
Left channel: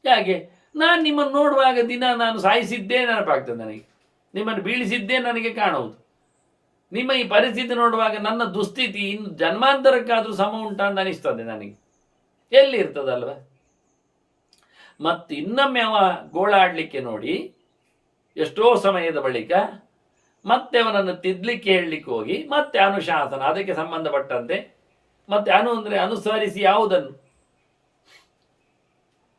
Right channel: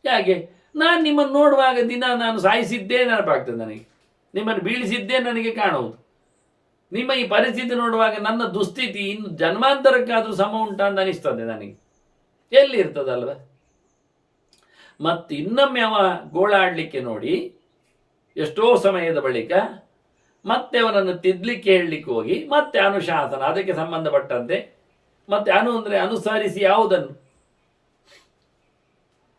ಯಾಕೆ, ನಾನು ನಿಮ್ಮನ್ನು ನೋಡುವಾಗ ದಿನ ನಾನು ಸಾಯಿಸಿದ್ದೇ ನೆನಪಾಗ್ತದೆ ನನಗೆ, ನಿಮ್ಮನ್ನು ಬೀಳಿಸಿದ್ದೇ ನನಗೆ ಕಾಣುವುದು. ನಿಮ್ಮ ಈ ಪರಿಸ್ಥಿತಿ ನೋಡುವಾಗ ನನ್ನ ದುಸ್ಥಿತಿ ಇನ್ನು ಜನ್ಮಾಂತರಕ್ಕಾದರೂ ಸಮ ಉಂಟಾ ಅಂತ ಅನಿಸ್ತದೆ ನನಗೆ. ಎಲ್ಲಿ ಇರ್ತದಲ್ವ? ಮತ್ತು ಇನ್ನೊಮ್ಮೆ ಅವ ಗೋಳಾಡಲಿಕ್ಕೆ ನೋಡಿ, ಎಷ್ಟೋ ಸಮಯದ ಬಳಿಕ ಮತ್ತೆ ಅವನನ್ನು ತಿದ್ದಲಿಕ್ಕೆ ಹೇಳಲಿಕ್ಕೆ ಹೋಗಿ ಮತ್ತೆ ಅನುಶಾಸನ, ಅದಕ್ಕೆ ಸಂಬಂಧಪಟ್ಟಂತೆ. ಮತ್ತೆ ಅಂದರೆ ಅನುಸರಿಸಿ ಯಾವುದನ್ನು,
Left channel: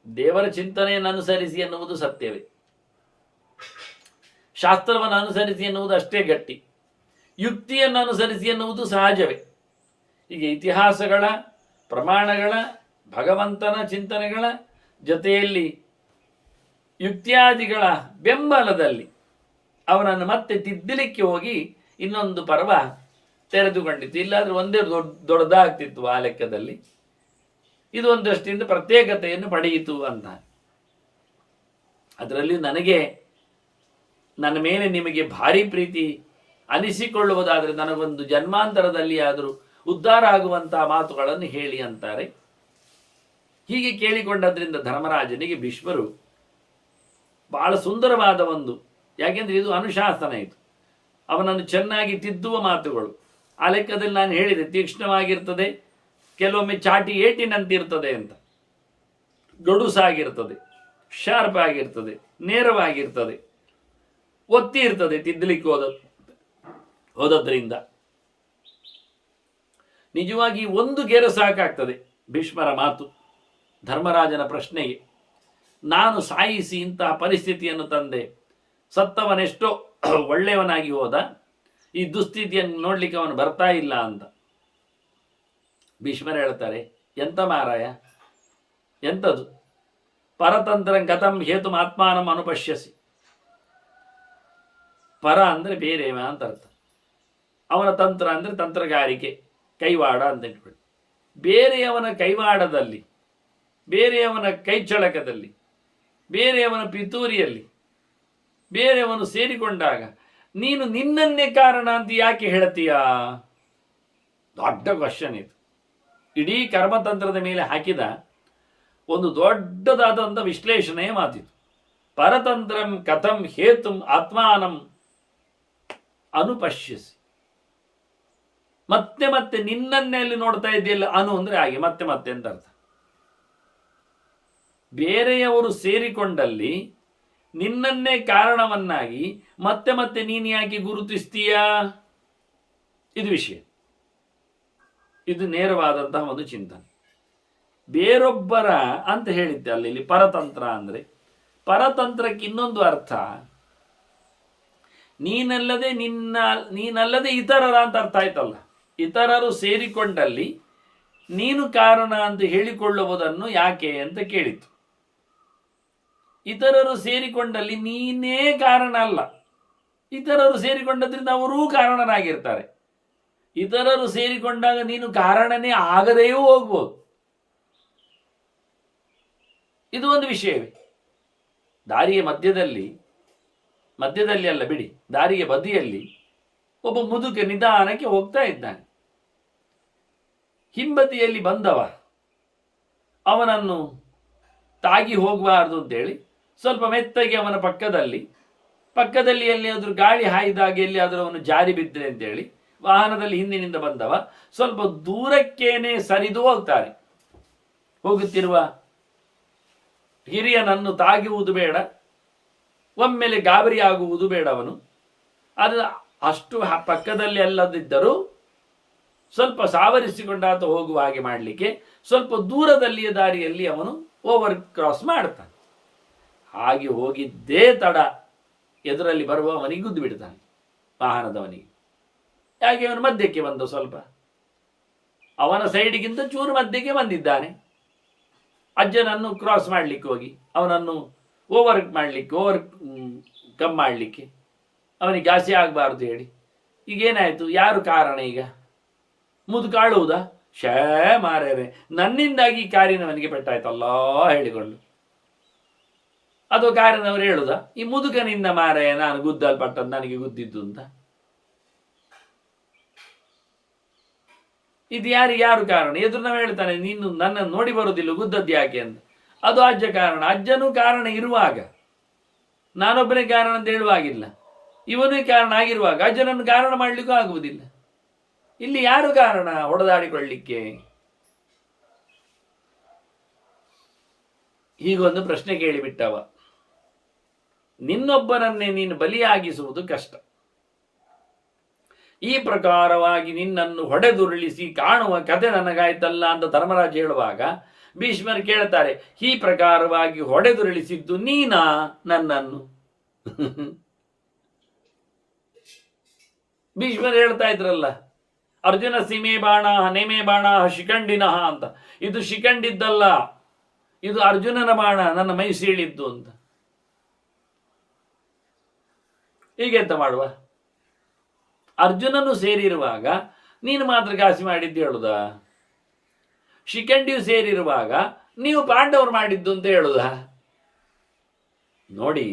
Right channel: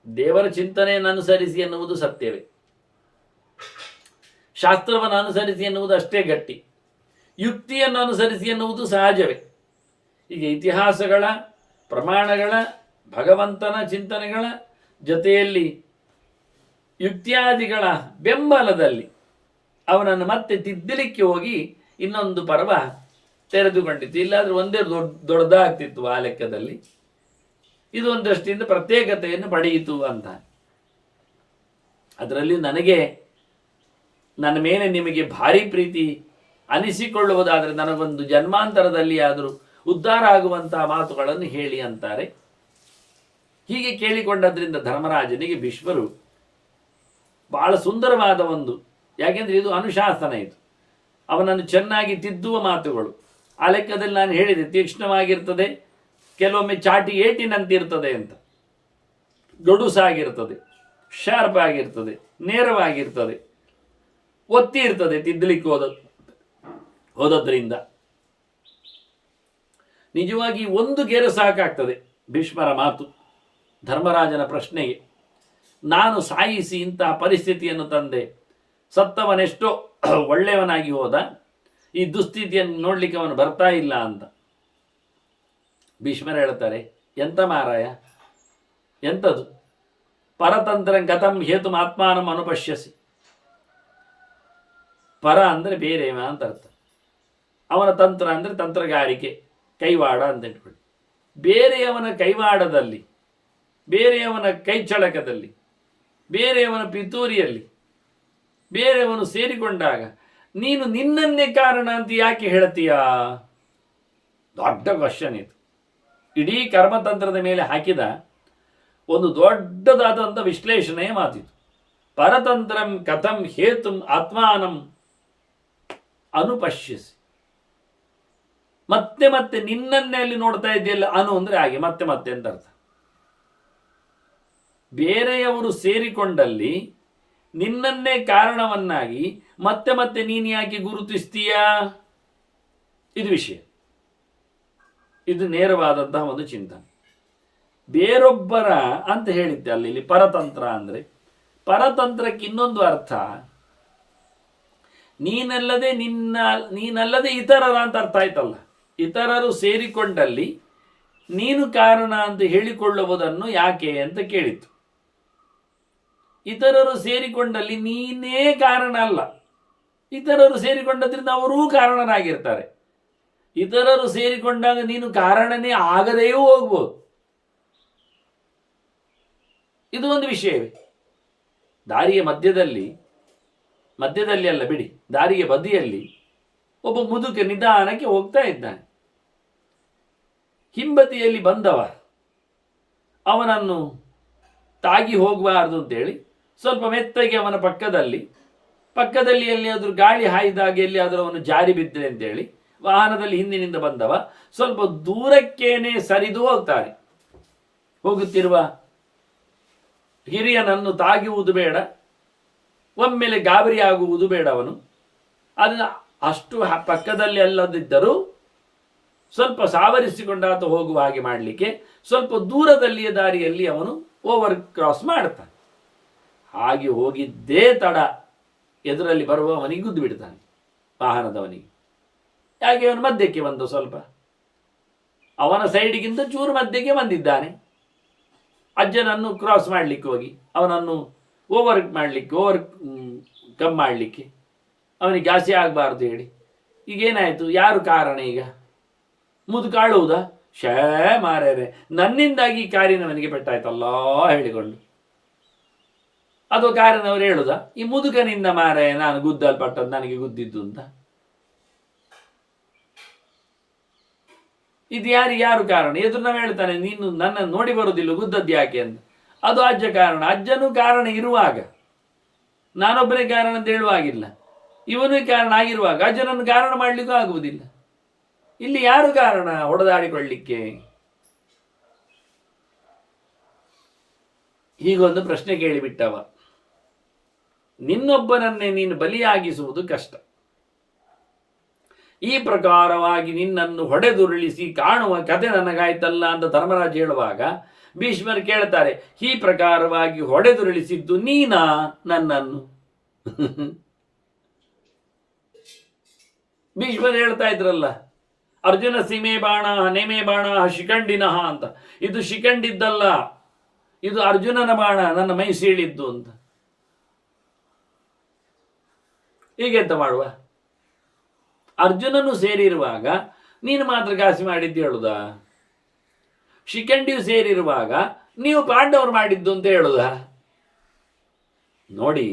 ದೇವರ ಚಿಂತನೆಯನ್ನು ಅನುಸರಿಸಿ ಎನ್ನುವುದು ಸತ್ಯವೇ, ಶಾಸ್ತ್ರವನ್ನು ಅನುಸರಿಸಿ ಎನ್ನುವುದು ಅಷ್ಟೇ ಗಟ್ಟಿ, ಯುಕ್ತಿಯನ್ನು ಅನುಸರಿಸಿ ಎನ್ನುವುದು ಸಹಜವೇ. ಹೀಗೆ ಇತಿಹಾಸಗಳ, ಪ್ರಮಾಣಗಳ, ಭಗವಂತನ ಚಿಂತನೆಗಳ ಜೊತೆಯಲ್ಲಿ ಯುಕ್ತ್ಯಾದಿಗಳ ಬೆಂಬಲದಲ್ಲಿ ಅವನನ್ನು ಮತ್ತೆ ತಿದ್ದಲಿಕ್ಕೆ ಹೋಗಿ ಇನ್ನೊಂದು ಪರ್ವ ತೆರೆದುಕೊಂಡಿತ್ತು. ಇಲ್ಲಾದರೂ ಒಂದೇ ದೊಡ್ಡದಾಗ್ತಿತ್ತು ಆ ಲೆಕ್ಕದಲ್ಲಿ. ಇದು ಒಂದು ದೃಷ್ಟಿಯಿಂದ ಪ್ರತ್ಯೇಕತೆಯನ್ನು ಪಡೆಯಿತು ಅಂತ. ಅದರಲ್ಲಿ ನನ್ನ ಮೇಲೆ ನಿಮಗೆ ಭಾರಿ ಪ್ರೀತಿ ಅನಿಸಿಕೊಳ್ಳುವುದಾದರೆ ನನಗೊಂದು ಜನ್ಮಾಂತರದಲ್ಲಿ ಆದರೂ ಉದ್ಧಾರ ಆಗುವಂತಹ ಮಾತುಗಳನ್ನು ಹೇಳಿ ಅಂತಾರೆ. ಹೀಗೆ ಕೇಳಿಕೊಂಡದ್ರಿಂದ ಧರ್ಮರಾಜನಿಗೆ ಭೀಷ್ಮರು ಬಹಳ ಸುಂದರವಾದ ಒಂದು, ಯಾಕೆಂದರೆ ಇದು ಅನುಶಾಸನ, ಇದು ಅವನನ್ನು ಚೆನ್ನಾಗಿ ತಿದ್ದುವ ಮಾತುಗಳು. ಆ ಲೆಕ್ಕದಲ್ಲಿ ನಾನು ಹೇಳಿದೆ, ತೀಕ್ಷ್ಣವಾಗಿರ್ತದೆ, ಕೆಲವೊಮ್ಮೆ ಚಾಟಿ ಏಟಿನಂತಿರ್ತದೆ ಅಂತ, ಗಡುಸಾಗಿರ್ತದೆ, ಶಾರ್ಪ್ ಆಗಿರ್ತದೆ, ನೇರವಾಗಿರ್ತದೆ, ಒತ್ತಿ ಇರ್ತದೆ ತಿದ್ದಲಿಕ್ಕೆ ಹೋದದ್ರಿಂದ. ನಿಜವಾಗಿ ಒಂದು ಗೆರೆ ಸಾಕಾಗ್ತದೆ ಭೀಷ್ಮರ ಮಾತು ಧರ್ಮರಾಜನ ಪ್ರಶ್ನೆಗೆ. ನಾನು ಸಾಯಿಸಿ ಇಂತಹ ಪರಿಸ್ಥಿತಿಯನ್ನು ತಂದೆ, ಸತ್ತವನೆಷ್ಟೋ ಒಳ್ಳೆಯವನಾಗಿ ಹೋದ, ಈ ದುಸ್ಥಿತಿಯನ್ನು ನೋಡ್ಲಿಕ್ಕೆ ಅವನು ಬರ್ತಾ ಇಲ್ಲ ಅಂತ. ಭೀಷ್ಮರು ಹೇಳ್ತಾರೆ, ಎಂತ ಮಾರಾಯ, ಎಂಥದು, ಪರತಂತ್ರಂ ಗತಂ ಹೇತು ಆತ್ಮಾನಂ ಅನುಪಶ್ಯಸಿ. ಪರ ಅಂದರೆ ಬೇರೆವ ಅಂತ ಅರ್ಥ, ಅವನ ತಂತ್ರ ಅಂದರೆ ತಂತ್ರಗಾರಿಕೆ, ಕೈವಾಡ ಅಂತ ಇಟ್ಕೊಳ್ಳಿ. ಬೇರೆಯವನ ಕೈವಾಡದಲ್ಲಿ, ಬೇರೆಯವನ ಕೈಚಳಕದಲ್ಲಿ, ಬೇರೆಯವನ ಪಿತೂರಿಯಲ್ಲಿ ಬೇರೆಯವನು ಸೇರಿಕೊಂಡಾಗ ನೀನು ನಿನ್ನನ್ನೇ ಕಾರಣ ಅಂತ ಯಾಕೆ ಹೇಳ್ತೀಯಾ? ದೊಡ್ಡ ಕ್ವಶನ್ ಇದು. ಇಡೀ ಕರ್ಮತಂತ್ರದ ಮೇಲೆ ಹಾಕಿದ ಒಂದು ದೊಡ್ಡದಾದಂಥ ವಿಶ್ಲೇಷಣೆಯ ಮಾತಿದು. ಪರತಂತ್ರಂ ಕಥಂ ಹೇತುಂ ಆತ್ಮಾನಂ ಅನುಪಶ್ಯಸಿ. ಮತ್ತೆ ಮತ್ತೆ ನಿನ್ನನ್ನೇ ಅಲ್ಲಿ ನೋಡ್ತಾ ಇದೆಯಲ್ಲ, ಅಂದರೆ ಹಾಗೆ ಮತ್ತೆ ಮತ್ತೆ ಅಂತ ಅರ್ಥ. ಬೇರೆಯವರು ಸೇರಿಕೊಂಡಲ್ಲಿ ನಿನ್ನನ್ನೇ ಕಾರಣವನ್ನಾಗಿ ಮತ್ತೆ ಮತ್ತೆ ನೀನು ಯಾಕೆ ಗುರುತಿಸ್ತೀಯಾ? ಇದು ವಿಷಯ. ಇದು ನೇರವಾದಂತಹ ಒಂದು ಚಿಂತನೆ. ಬೇರೊಬ್ಬರ ಅಂತ ಹೇಳಿದ್ದೆ ಅಲ್ಲಿ ಪರತಂತ್ರ ಅಂದರೆ, ಪರತಂತ್ರಕ್ಕೆ ಇನ್ನೊಂದು ಅರ್ಥ, ನೀನಲ್ಲದೆ ಇತರರ ಅಂತ ಅರ್ಥ ಆಯ್ತಲ್ಲ. ಇತರರು ಸೇರಿಕೊಂಡಲ್ಲಿ ನೀನು ಕಾರಣ ಅಂತ ಹೇಳಿಕೊಳ್ಳುವುದನ್ನು ಯಾಕೆ ಅಂತ ಕೇಳಿತು. ಇತರರು ಸೇರಿಕೊಂಡಲ್ಲಿ ನೀನೇ ಕಾರಣ ಅಲ್ಲ, ಇತರರು ಸೇರಿಕೊಂಡದ್ರಿಂದ ಅವರೂ ಕಾರಣನಾಗಿರ್ತಾರೆ. ಇತರರು ಸೇರಿಕೊಂಡಾಗ ನೀನು ಕಾರಣನೇ ಆಗದೆಯೂ ಹೋಗ್ಬೋದು. ಇದು ಒಂದು ವಿಷಯವೇ. ದಾರಿಯ ಮಧ್ಯದಲ್ಲಿ ಅಲ್ಲ ಬಿಡಿ, ದಾರಿಯ ಬದಿಯಲ್ಲಿ ಒಬ್ಬ ಮುದುಕ ನಿಧಾನಕ್ಕೆ ಹೋಗ್ತಾ ಇದ್ದಾನೆ. ಹಿಂಬದಿಯಲ್ಲಿ ಬಂದವ ಅವನನ್ನು ತಾಗಿ ಹೋಗಬಾರ್ದು ಅಂತೇಳಿ ಸ್ವಲ್ಪ ಮೆತ್ತಗೆ ಅವನ ಪಕ್ಕದಲ್ಲಿ ಎಲ್ಲಿಯಾದರೂ ಗಾಳಿ ಹಾಯ್ದಾಗ ಎಲ್ಲಿಯಾದರೂ ಅವನು ಜಾರಿ ಬಿದ್ದರೆ ಅಂತೇಳಿ ವಾಹನದಲ್ಲಿ ಹಿಂದಿನಿಂದ ಬಂದವ ಸ್ವಲ್ಪ ದೂರಕ್ಕೇನೆ ಸರಿದು ಹೋಗ್ತಾನೆ. ಹೋಗುತ್ತಿರುವ ಹಿರಿಯನನ್ನು ತಾಗುವುದು ಬೇಡ, ಒಮ್ಮೆಲೆ ಗಾಬರಿಯಾಗುವುದು ಬೇಡ. ಅವನು ಅದನ್ನು ಅಷ್ಟು ಪಕ್ಕದಲ್ಲಿ ಅಲ್ಲದಿದ್ದರೂ ಸ್ವಲ್ಪ ಸಾವರಿಸಿಕೊಂಡಾತ ಹೋಗುವ ಹಾಗೆ ಮಾಡಲಿಕ್ಕೆ ಸ್ವಲ್ಪ ದೂರದಲ್ಲಿಯ ದಾರಿಯಲ್ಲಿ ಅವನು ಓವರ್ ಕ್ರಾಸ್ ಮಾಡ್ತಾನೆ. ಹಾಗೆ ಹೋಗಿದ್ದೇ ತಡ ಎದುರಲ್ಲಿ ಬರುವವನಿಗೆ ಗುದ್ದು ಬಿಡ್ತಾನೆ, ವಾಹನದವನಿಗೆ. ಯಾಕೆ ಅವನು ಮಧ್ಯಕ್ಕೆ ಬಂದು ಸ್ವಲ್ಪ ಅವನ ಸೈಡಿಗಿಂತ ಚೂರು ಮಧ್ಯಕ್ಕೆ ಬಂದಿದ್ದಾನೆ. ಅಜ್ಜನನ್ನು ಕ್ರಾಸ್ ಮಾಡಲಿಕ್ಕೆ ಹೋಗಿ ಅವನನ್ನು ಓವರ್ ಕಮ್ ಮಾಡಲಿಕ್ಕೆ ಅವನಿಗೆ ಘಾಸಿ ಆಗಬಾರ್ದು ಹೇಳಿ. ಈಗೇನಾಯಿತು? ಯಾರು ಕಾರಣ? ಈಗ ಮುದುಕಾಳುವುದಾ? ಶೇ ಮಾರೇರೆ, ನನ್ನಿಂದಾಗಿ ಕಾರಿನವನಿಗೆ ಪೆಟ್ಟಾಯ್ತಲ್ಲ ಹೇಳಿಕೊಂಡು. ಅದು ಕಾರಿನವರು ಹೇಳುದ ಈ ಮುದುಕನಿಂದ ಮಾರೇ ನಾನು ಗುದ್ದಲ್ಪಟ್ಟದ್ದು, ನನಗೆ ಗುದ್ದಿದ್ದು ಅಂತ. ಇದು ಯಾರು ಕಾರಣ? ಎದುರು ನಾವು ಹೇಳ್ತಾನೆ, ನೀನು ನನ್ನನ್ನು ನೋಡಿ ಬರುವುದಿಲ್ಲ, ಗುದ್ದದ್ದು ಯಾಕೆ ಅಂತ. ಅದು ಅಜ್ಜ ಕಾರಣ. ಅಜ್ಜನೂ ಕಾರಣ ಇರುವಾಗ, ನಾನೊಬ್ಬನೇ ಕಾರಣ ಅಂತ ಹೇಳುವಾಗಿಲ್ಲ. ಇವನೇ ಕಾರಣ ಆಗಿರುವಾಗ ಅಜ್ಜನನ್ನು ಕಾರಣ ಮಾಡಲಿಕ್ಕೂ ಆಗುವುದಿಲ್ಲ. ಇಲ್ಲಿ ಯಾರು ಕಾರಣ ಹೊಡೆದಾಡಿಕೊಳ್ಳಿಕ್ಕೆ? ಹೀಗೊಂದು ಪ್ರಶ್ನೆ ಕೇಳಿಬಿಟ್ಟವ. ನಿನ್ನೊಬ್ಬನನ್ನೇ ನೀನು ಬಲಿಯಾಗಿಸುವುದು ಕಷ್ಟ. ಈ ಪ್ರಕಾರವಾಗಿ ನಿನ್ನನ್ನು ಹೊಡೆದುರುಳಿಸಿ ಕಾಣುವ ಕತೆ ನನಗಾಯ್ತಲ್ಲ ಅಂತ ಧರ್ಮರಾಜ ಹೇಳುವಾಗ ಭೀಷ್ಮರು ಕೇಳ್ತಾರೆ, ಈ ಪ್ರಕಾರವಾಗಿ ಹೊಡೆದುರುಳಿಸಿದ್ದು ನೀನಾ ನನ್ನನ್ನು? ಭೀಷ್ಮರು ಹೇಳ್ತಾ ಇದ್ರಲ್ಲ, ಅರ್ಜುನ ಸೀಮೆ ಬಾಣ ನೇಮೆ ಬಾಣ ಶಿಖಂಡಿನಃ ಅಂತ. ಇದು ಶಿಖಂಡಿದ್ದಲ್ಲ, ಇದು ಅರ್ಜುನನ ಬಾಣ, ನನ್ನ ಮೈ ಸೀಳಿದ್ದು ಅಂತ. ಹೀಗೆಂತ ಮಾಡುವ? ಅರ್ಜುನನು ಸೇರಿರುವಾಗ ನೀನು ಮಾತ್ರ ಘಾಸಿ ಮಾಡಿದ್ದು ಹೇಳುದ? ಶಿಖಂಡಿಯು ಸೇರಿರುವಾಗ ನೀವು ಪಾಂಡವರು ಮಾಡಿದ್ದು ಅಂತ ಹೇಳುದ? ನೋಡಿ,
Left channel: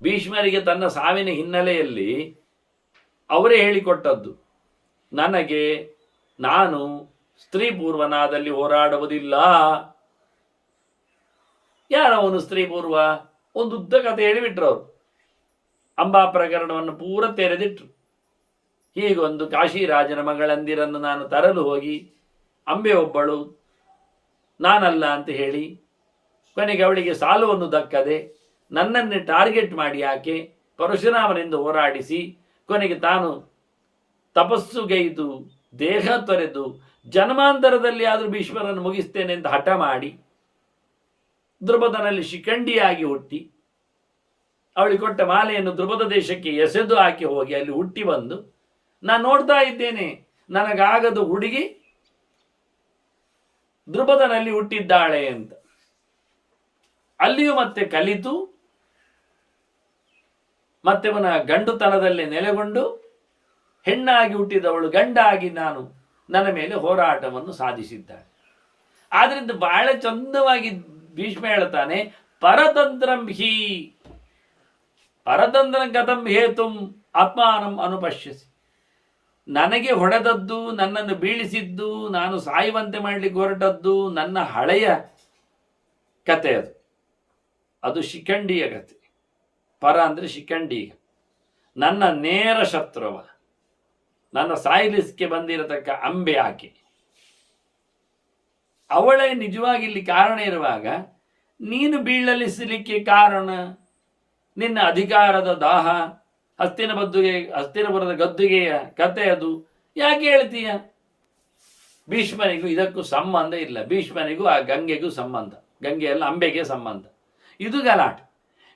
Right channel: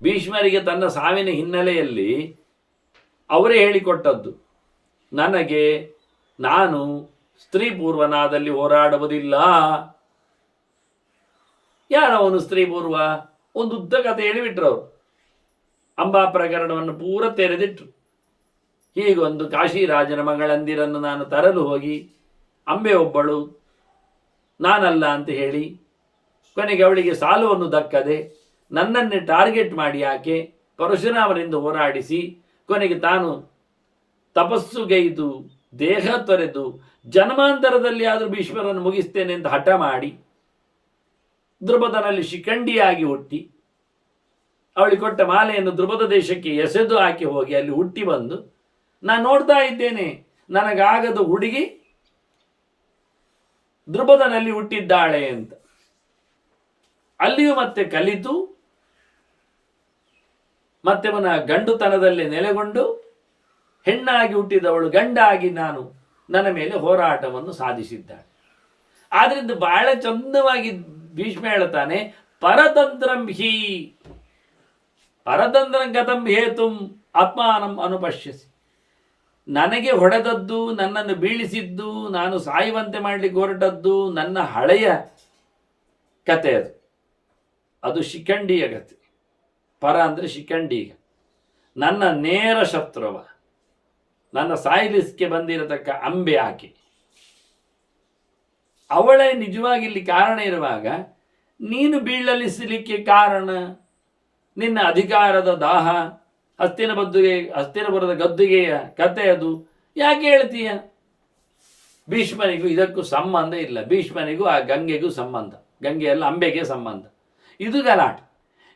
ಭೀಷ್ಮರಿಗೆ ತನ್ನ ಸಾವಿನ ಹಿನ್ನೆಲೆಯಲ್ಲಿ ಅವರೇ ಹೇಳಿಕೊಟ್ಟದ್ದು, ನಾನು ಸ್ತ್ರೀ ಪೂರ್ವನಾದಲ್ಲಿ ಹೋರಾಡುವುದಿಲ್ಲ. ಯಾರವನು ಸ್ತ್ರೀ ಪೂರ್ವ? ಒಂದು ಉದ್ದ ಕಥೆ ಹೇಳಿಬಿಟ್ರು ಅವರು. ಅಂಬಾ ಪ್ರಕರಣವನ್ನು ಪೂರ ತೆರೆದಿಟ್ರು. ಹೀಗೊಂದು ಕಾಶಿರಾಜನ ಮಗಳಂದಿರನ್ನು ನಾನು ತರಲು ಹೋಗಿ ಅಂಬೆ ಒಬ್ಬಳು ನಾನಲ್ಲ ಅಂತ ಹೇಳಿ ಕೊನೆಗೆ ಅವಳಿಗೆ ಸಾಲವನ್ನು ದಕ್ಕದೆ ನನ್ನನ್ನೇ ಟಾರ್ಗೆಟ್ ಮಾಡಿ ಆಕೆ ಪರಶುರಾಮನಿಂದ ಹೋರಾಡಿಸಿ ಕೊನೆಗೆ ತಾನು ತಪಸ್ಸುಗೈದು ದೇಹ ತೊರೆದು ಜನ್ಮಾಂತರದಲ್ಲಿ ಆದರೂ ಭೀಷ್ಮರನ್ನು ಮುಗಿಸ್ತೇನೆ ಅಂತ ಹಠ ಮಾಡಿ ದ್ರುಪದನಲ್ಲಿ ಶಿಖಂಡಿಯಾಗಿ ಹುಟ್ಟಿ ಅವಳಿಗೆ ಕೊಟ್ಟ ಮಾಲೆಯನ್ನು ದ್ರುಪದ ದೇಶಕ್ಕೆ ಎಸೆದು ಹಾಕಿ ಹೋಗಿ ಅಲ್ಲಿ ಹುಟ್ಟಿ ಬಂದು ನಾನು ನೋಡ್ತಾ ಇದ್ದೇನೆ, ನನಗಾಗದ ಹುಡುಗಿ ದ್ರುಪದನಲ್ಲಿ ಹುಟ್ಟಿದ್ದಾಳೆ ಅಂತ. ಅಲ್ಲಿಯೂ ಮತ್ತೆ ಕಲಿತು ಮತ್ತೆ ಪುನಃ ಗಂಡುತನದಲ್ಲಿ ನೆಲೆಗೊಂಡು ಹೆಣ್ಣಾಗಿ ಹುಟ್ಟಿದವಳು ಗಂಡಾಗಿ ನನ್ನ ಮೇಲೆ ಹೋರಾಟವನ್ನು ಸಾಧಿಸಿದ್ದಾಳೆ. ಆದ್ರಿಂದ ಬಹಳ ಚಂದವಾಗಿ ಭೀಷ್ಮ ಹೇಳ್ತಾನೆ, ಪರತಂತ್ರಂ ಹಿ ಪರತಂತ್ರಂ ಕಥಂ ಹೇತುಂ ಆತ್ಮಾನಂ ಅನುಪಶ್ಯಸಿ. ನನಗೆ ಹೊಡೆದದ್ದು, ನನ್ನನ್ನು ಬೀಳಿಸಿದ್ದು, ನಾನು ಸಾಯುವಂತೆ ಮಾಡಲಿಕ್ಕೆ ಹೊರಟದ್ದು ನನ್ನ ಹಳೆಯ ಕತೆ. ಅದು ಶಿಖಂಡಿಯ ಕತೆ. ಪರ ಅಂದರೆ ಶಿಖಂಡಿಯ, ನನ್ನ ನೇರ ಶತ್ರುವ, ನನ್ನ ಸಾಯಲಿಸ್ಗೆ ಬಂದಿರತಕ್ಕ ಅಂಬೆ ಆಕೆ. ಅವಳೇ ನಿಜವಾಗಿ ಇಲ್ಲಿ ಕಾರಣ ಇರುವಾಗ ನೀನು ಬೀಳಲಿಸಲಿಕ್ಕೆ ಕಾರಣ ನಿನ್ನ ಅಧಿಕಾರದ ದಾಹ, ಹಸ್ತಿನಪುರದ ಗದ್ದುಗೆಯ ಕತೆ. ಅದು ಯಾಕೆ ಹೇಳ್ತೀಯ? ಭೀಷ್ಮನಿಗೂ ಇದಕ್ಕೂ ಸಂಬಂಧ ಇಲ್ಲ. ಭೀಷ್ಮನಿಗೂ ಆ ಗಂಗೆಗೂ ಸಂಬಂಧ, ಗಂಗೆಯಲ್ಲ ಅಂಬೆಗೆ ಸಂಬಂಧ. ಇದು ಗಲಾಟೆ.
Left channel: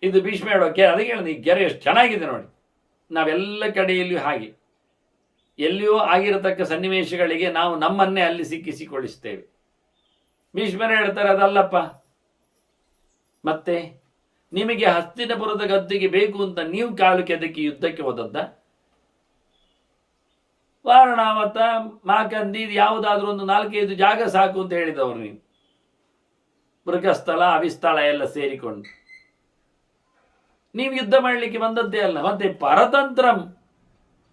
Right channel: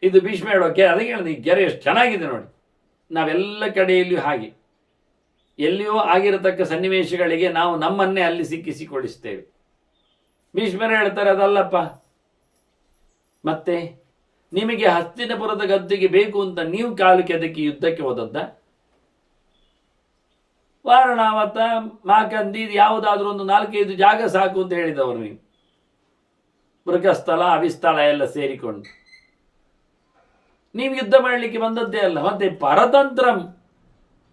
ಇದು ಭೀಷ್ಮ ಹೇಳೋ ಅದಕ್ಕೆ ಹೇಳಿದ ಈ ಗೆರೆ ಎಷ್ಟು ಚೆನ್ನಾಗಿದೆ ನೋಡಿ. ನಾವೆಲ್ಲ ಕಡೆಯಲ್ಲಿಯೂ ಹಾಗೆ ಎಲ್ಲಿಯೂ ಆಗಿರತಕ್ಕ ಸನ್ನಿವೇಶಗಳಿಗೆ ನಾವು ನಮ್ಮನ್ನೇ ಅಲ್ಲಿ ಸಿಕ್ಕಿಸಿಕೊಳ್ಳಿಸ್ತೇವೆ. ಭೀಷ್ಮರು ಹೇಳ್ತಾರೆ ಅದಲ್ಲಪ್ಪ, ಮತ್ತೆ ನಿಮಗೆ ಹಸ್ತಿನಪುರದ ಗದ್ದುಗೆ ಬೇಕು ಅಂತ ನೀವು ಕಾಲು ಕೆದಕಿ ಯುದ್ಧಕ್ಕೆ ಹೋದದ್ದ? ವಾರಣಾವತ ಮಾಕಂದಿ ಯಾವುದಾದ್ರೂ ಒಂದು 4-5 ಜಾಗ ಸಾಕು ಅಂತ ಹೇಳಿದವರು ನೀವು. ಮೃಗಸ್ಥಳ ಅವಿಸ್ಥಳ ಎಲ್ಲ ಸೇರಿಕೊಂಡು ನೀವು ಯುದ್ಧ ಮಾಡಲಿಕ್ಕೆ ಬಂದದ್ದೇ ಅಲ್ಲ. ಮತ್ತೆ ಪರತಂತ್ರಂ,